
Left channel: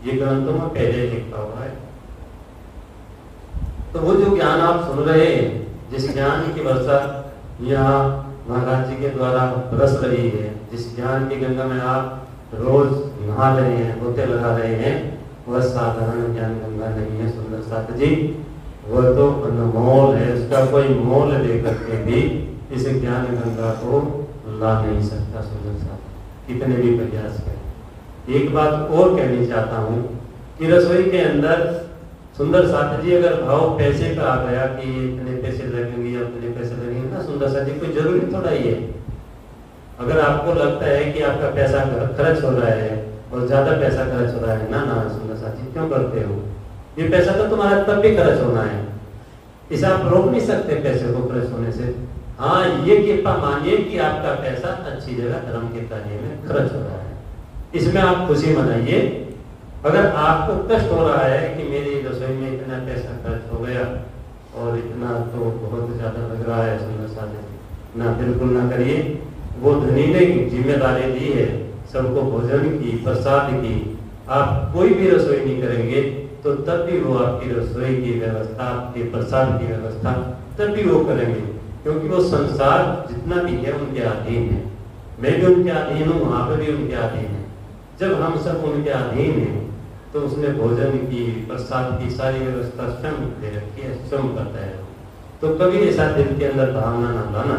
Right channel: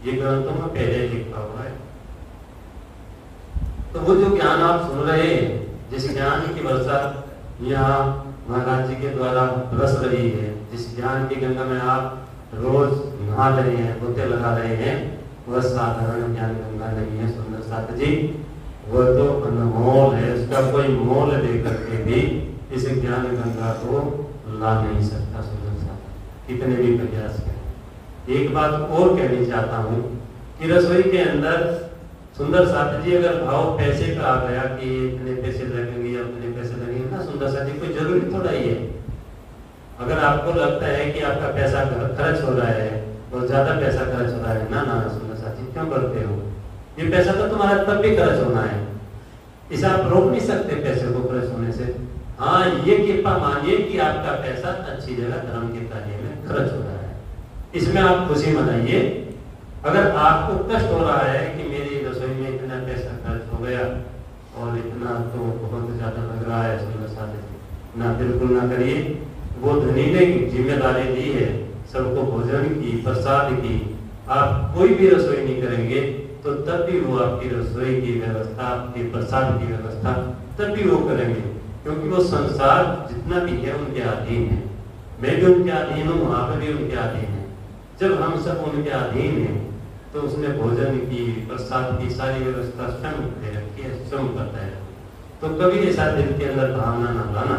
ये ग्रंथों में पहले लिखा हुआ है। तो वो जो ज्ञान आप सुन रहे हैं, जिस ज्ञान की वर्षा यहाँ महाराज जी के द्वारा बरस रही है, जिस ज्ञान की गंगा में आप रोज नहा रहे हैं, गोते लगा रहे हैं, वह साधारण ज्ञान गंगा नहीं है। सुंदर साथ जी, वह तो अनमोल है, उसका कोई मोल लेकर के भी इस ज्ञान गंगा को ला नहीं सकता। सुंदर साथ कितने भी प्रयास करें। एक बात और कहनी चाहता हूँ कि रसोई के अंदर सुंदर साथ जी अगर भाव पैसे का आ गया कि इतने पैसे लगेंगे, उतने पैसे लगेंगे ना, सुंदर साथ जी कोई जरूरी थोड़ा ही है। अगर आपको लगता है कि आपका पैसा खर्च हो रहा है और ज्यादा पैसा खर्च हो रहा है, ना सुंदर साथ जी क्यों करते हो, ये पैसा तो तुम्हारा तब भी खर्च होना है, इसे आप रोक नहीं सकते पैसे को खर्च होने से। हाँ, ये कृपा मानिए कि आपका पैसा अच्छी जगह धर्म के कार्य में खर्च हो रहा है, इसमें आप खुशी मनाइए। अगर आपको कष्ट हो रहा है कि मेरी रसोई में इतना पैसा खर्च हो गया और इतना तो बहुत ज्यादा लग रहा है, सुंदर साथ जी ना, बिल्कुल ना करिए। वो धनी ने जिम्मेदारी दी है सबको भोजन की, प्रसाद की। आप कोई भी रसोई नहीं करेंगे तो तब भी वो आपकी रसोई की व्यवस्था, आपके प्रसाद की व्यवस्था तब भी वो करेंगे, क्योंकि वो संसार जितना भी है उनके अधीन है। मैं भी उनके अधीन हूँ, वहां पर भी उनके अधीन है। जब हम सब उनके अधीन हैं तो उसने भोजन की, प्रसाद की सारी व्यवस्था स्वयं दे रखी है, स्वयं करता है। तो कभी ऐसा दिल के अंदर भावना न लाना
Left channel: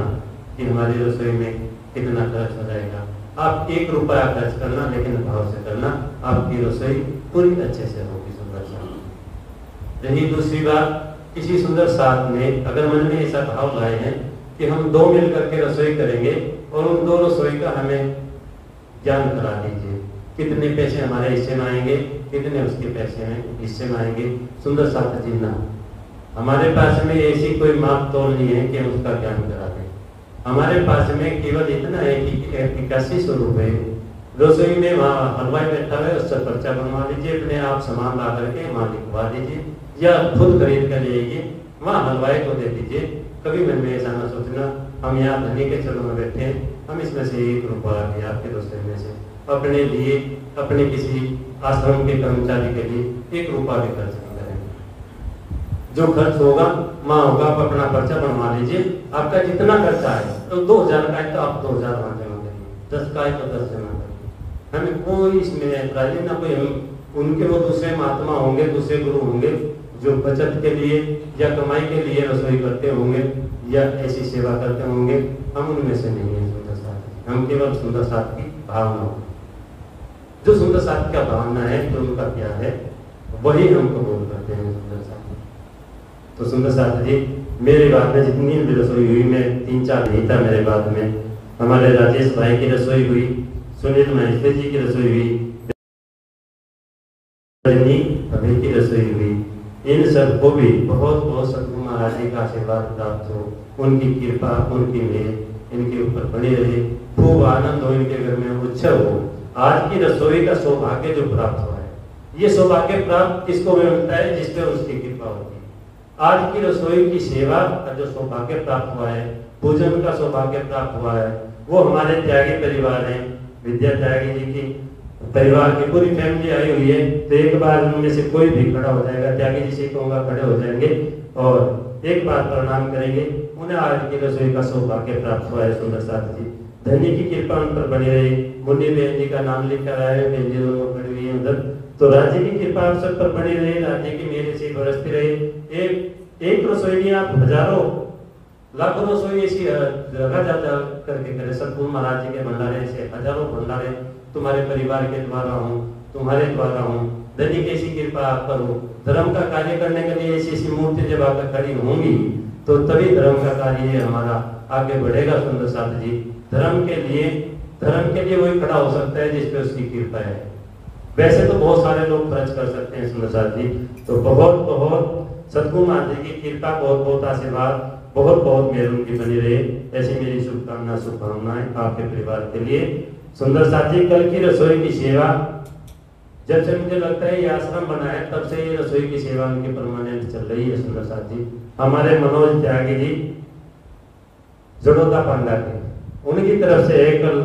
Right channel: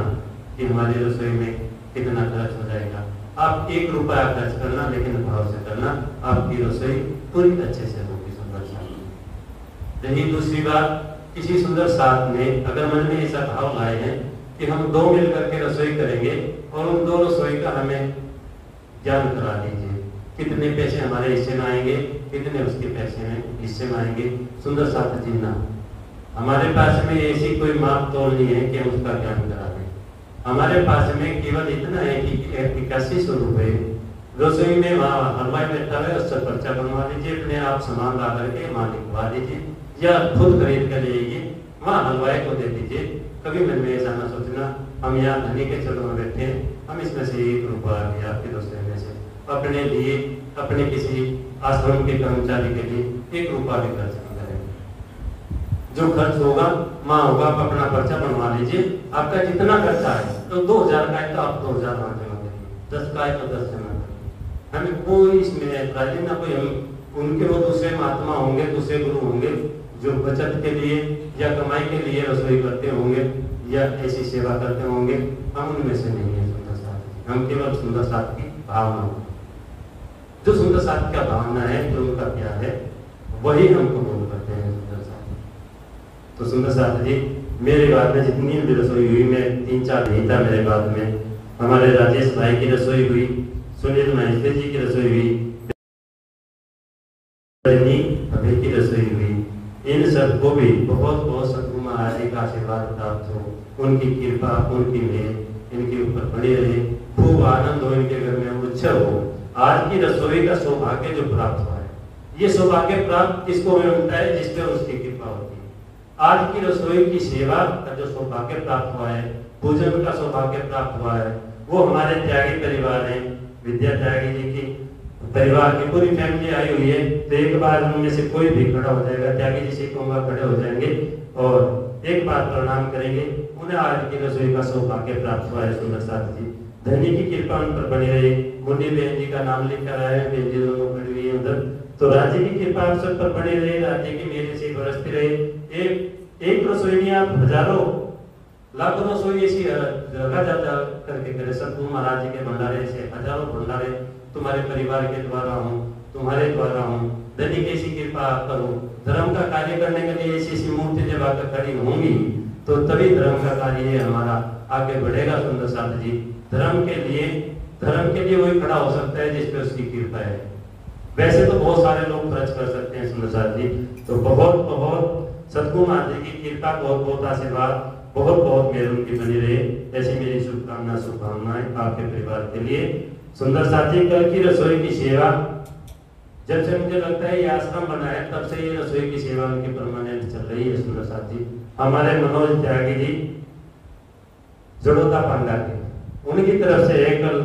कि हमारी रसोई में कितना खर्च हो जाएगा। आप 1 रुपया खर्च करना, लेकिन भाव से करना, आपकी रसोई पूरी अच्छे से होगी। सुंदर साथ रही दूसरी बात, किसी सुंदर साथ ने अगर मन में ऐसा भाव लाए हैं कि हम 2 मिल करके रसोई करेंगे और उन 2 रसोई का हमें ज्ञान करा दीजिए, कितने पैसे हमारे हिस्से में आएंगे, कितने उसके पैसे में हिस्से में आएंगे। सुंदर साथ जी ना, हमारे पास में ऐसी कोई माप तोल नहीं है कि हम उसका ज्ञान करा दें। हमारे पास में केवल इतना है कि 8100 रुपए रसोई में वहाँ हलवाई बैठा है, उससे पर्चा बनवा दीजिए, अपने आप सामान ला करके वहाँ लिखवा दीजिए, या खुद खरीद कर ले आइए, वहाँ हलवाई को दे दीजिए। कभी मन में ऐसा ना सोचना हम यहाँ धनी के चरणों में बैठे हैं, हम इसमें से 1 रुपया भी आपके दोस्तों में से अपने लिए, अपने किसी आश्रम के कर्मचारी के लिए 1 रुपया भी खर्च नहीं करेंगे। जो खर्च होगा माँ होगा, आप अपना पर्चा बनवा लीजिए। आपका जितना खर्चा है तो 2000 का है तो आप 2000 वहाँ जमा करिए, 10 का है तो 10 जमा करिए। हमें कोई इसमें ऐतराज नहीं, ना कोई हम उनके वो दूसरे महात्मा होंगे, दूसरे गुरु होंगे जो बचत के लिए या कमाई के लिए रसोई करते होंगे या ऐसी सेवा करते होंगे, हम उनमें से नहीं है। सुंदर साथ हम केवल सुंदर साथ की भावना, जो सुंदर साथ का भावना है, जो उनका प्यार है, वही हम कबूल करते हैं सुंदर साथ। तो सुंदर साथ जी मेरे बाद में जितनी भी रसोई हुई, मैं 3-4 नहीं था मेरे बाद में, हमारे राजेश भाई की रसोई हुई, सुनील महेश्वरी जी की रसोई हुई, अभी की रसोई हुई, इन सबको भी बहुत बहुत सतगुरु महाराज जी का आशीर्वाद प्राप्त हो, उनकी कृपा, उनकी मेहर इनके ऊपर बनी रहे, खूब आनंद हो, इनके घर में उत्सव हो। आज की रसोई का सौभाग्य जो प्राप्त हुआ है, ये सौभाग्य प्राप्त किसको मिलता है? जिस पे उसकी कृपा होती है। आज की रसोई की सेवा का जो सौभाग्य प्राप्त हुआ है, पूजन का सौभाग्य प्राप्त हुआ है, वो हमारे त्यागी परिवार है, विद्या त्यागी जी की परिवार की पूरी फैमिली आई हुई है। तो एक बार उनमें से कोई भी खड़ा हो जाएगा, त्यागी जी से कहूँगा खड़े हो जाएंगे और एक बार प्रणाम करेंगे। उन्हें आज की रसोई का सौभाग्य प्राप्त हुआ है सुंदर साथ जी, धनी की कृपा उन पर बनी रही। मुंडी बहन जी का नाम लिखा रहा है, बहन जी दोनों खड़ी हुई है उधर। तो राज्य की कृपा आप सब पर बनी रही, राज्य की मेरे से बरसती रही। एक रसोई नहीं, आप हजारों लाखों रसोई ऐसी जगह जा करके करे। सतगुरु महाराज जी के भंडारे से हजारों भंडारे तुम्हारे परिवार के द्वारा हूँ, तुम्हारे द्वारा हूँ। धनी की ऐसी कृपा आप करो, धर्म का कार्य करने के लिए ऐसी ऐसी मूर्ति जब आकर खड़ी होंगी तो तभी धर्म का कार्य हमारा आगे बढ़ेगा। सुंदर साथ जी धर्म के लिए वही खड़ा हो सकता है जिस पे उसकी कृपा है। वैसे तो बहुत सारे लोग खर्च कर सकते हैं सुंदर साथ जी। तो बहुत बहुत सतगुरु महाराज जी की कृपा, बहुत बहुत आशीर्वाद, बहुत बहुत मेहर उनकी बनी रहे। ऐसी मेरी शुभकामनाएं आपके परिवार के लिए। सुंदर साथ जी कल की रसोई की सेवा, जब से मुझे लगता है ये आश्रम बना है तब से ये रसोई की सेवा उनकी परमानेंट चल रही है। सुंदर साथ जी हमारे मनोज त्यागी जी जड़ोदा पांडा के, उनकी तरफ से है। कल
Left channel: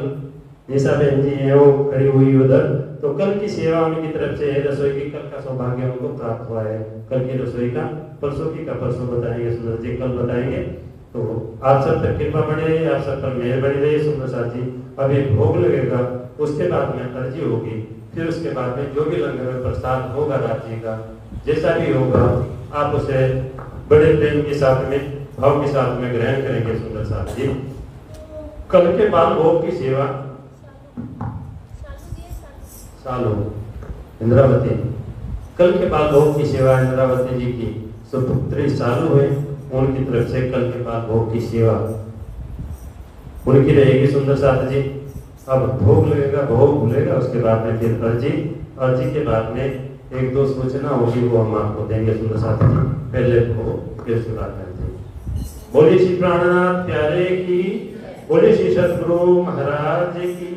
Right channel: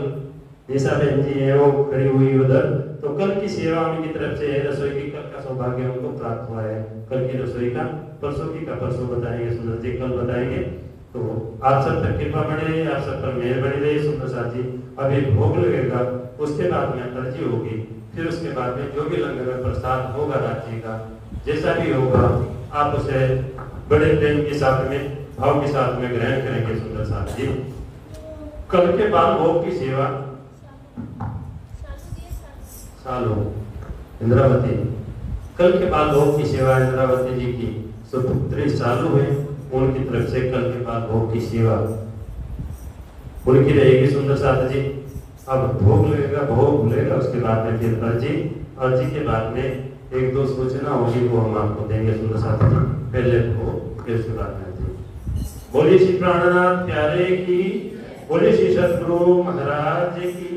निशा बहन जी है वो खड़ी हुई उधर, तो कल की सेवा उनकी तरफ से है। रसोई की कल का सौभाग्य उनको प्राप्त हुआ है। कल की रसोई का परसों की का परसों बताएंगे सुंदर जी, कल बताएंगे। तो आप सब पर कृपा बनी रही, आप सब पर मेहर बनी रही सुंदर साथ जी। अभी भोग लगेगा, उसके बाद में अर्जी होगी, फिर उसके बाद में जो भी लंगर में प्रसाद होगा राज्य का, जैसा भी होगा आप उसे बड़े प्रेम के साथ में, भाव के साथ में ग्रहण करेंगे सुंदर साथ जी। कल के बाद भोग की सेवा सालों इंद्रावती, कल के बाद भोग की सेवा इंद्रावती जी की सुपुत्री चालू है, उनकी तरफ से कल के बाद भोग की सेवा उनकी रहेगी सुंदर साथ जी। अब भोग लगेगा, भोग भूलेगा, उसके बाद में फिर अर्जी के बाद में 1-2 सूचना होगी, वो हम आपको देंगे सुंदर साथ जी। पहले भोग फिर उसके बाद में अर्जी। बोलिए श्री प्राणनाथ प्यारे की, बोलिए श्री सतगुरु महाराज की।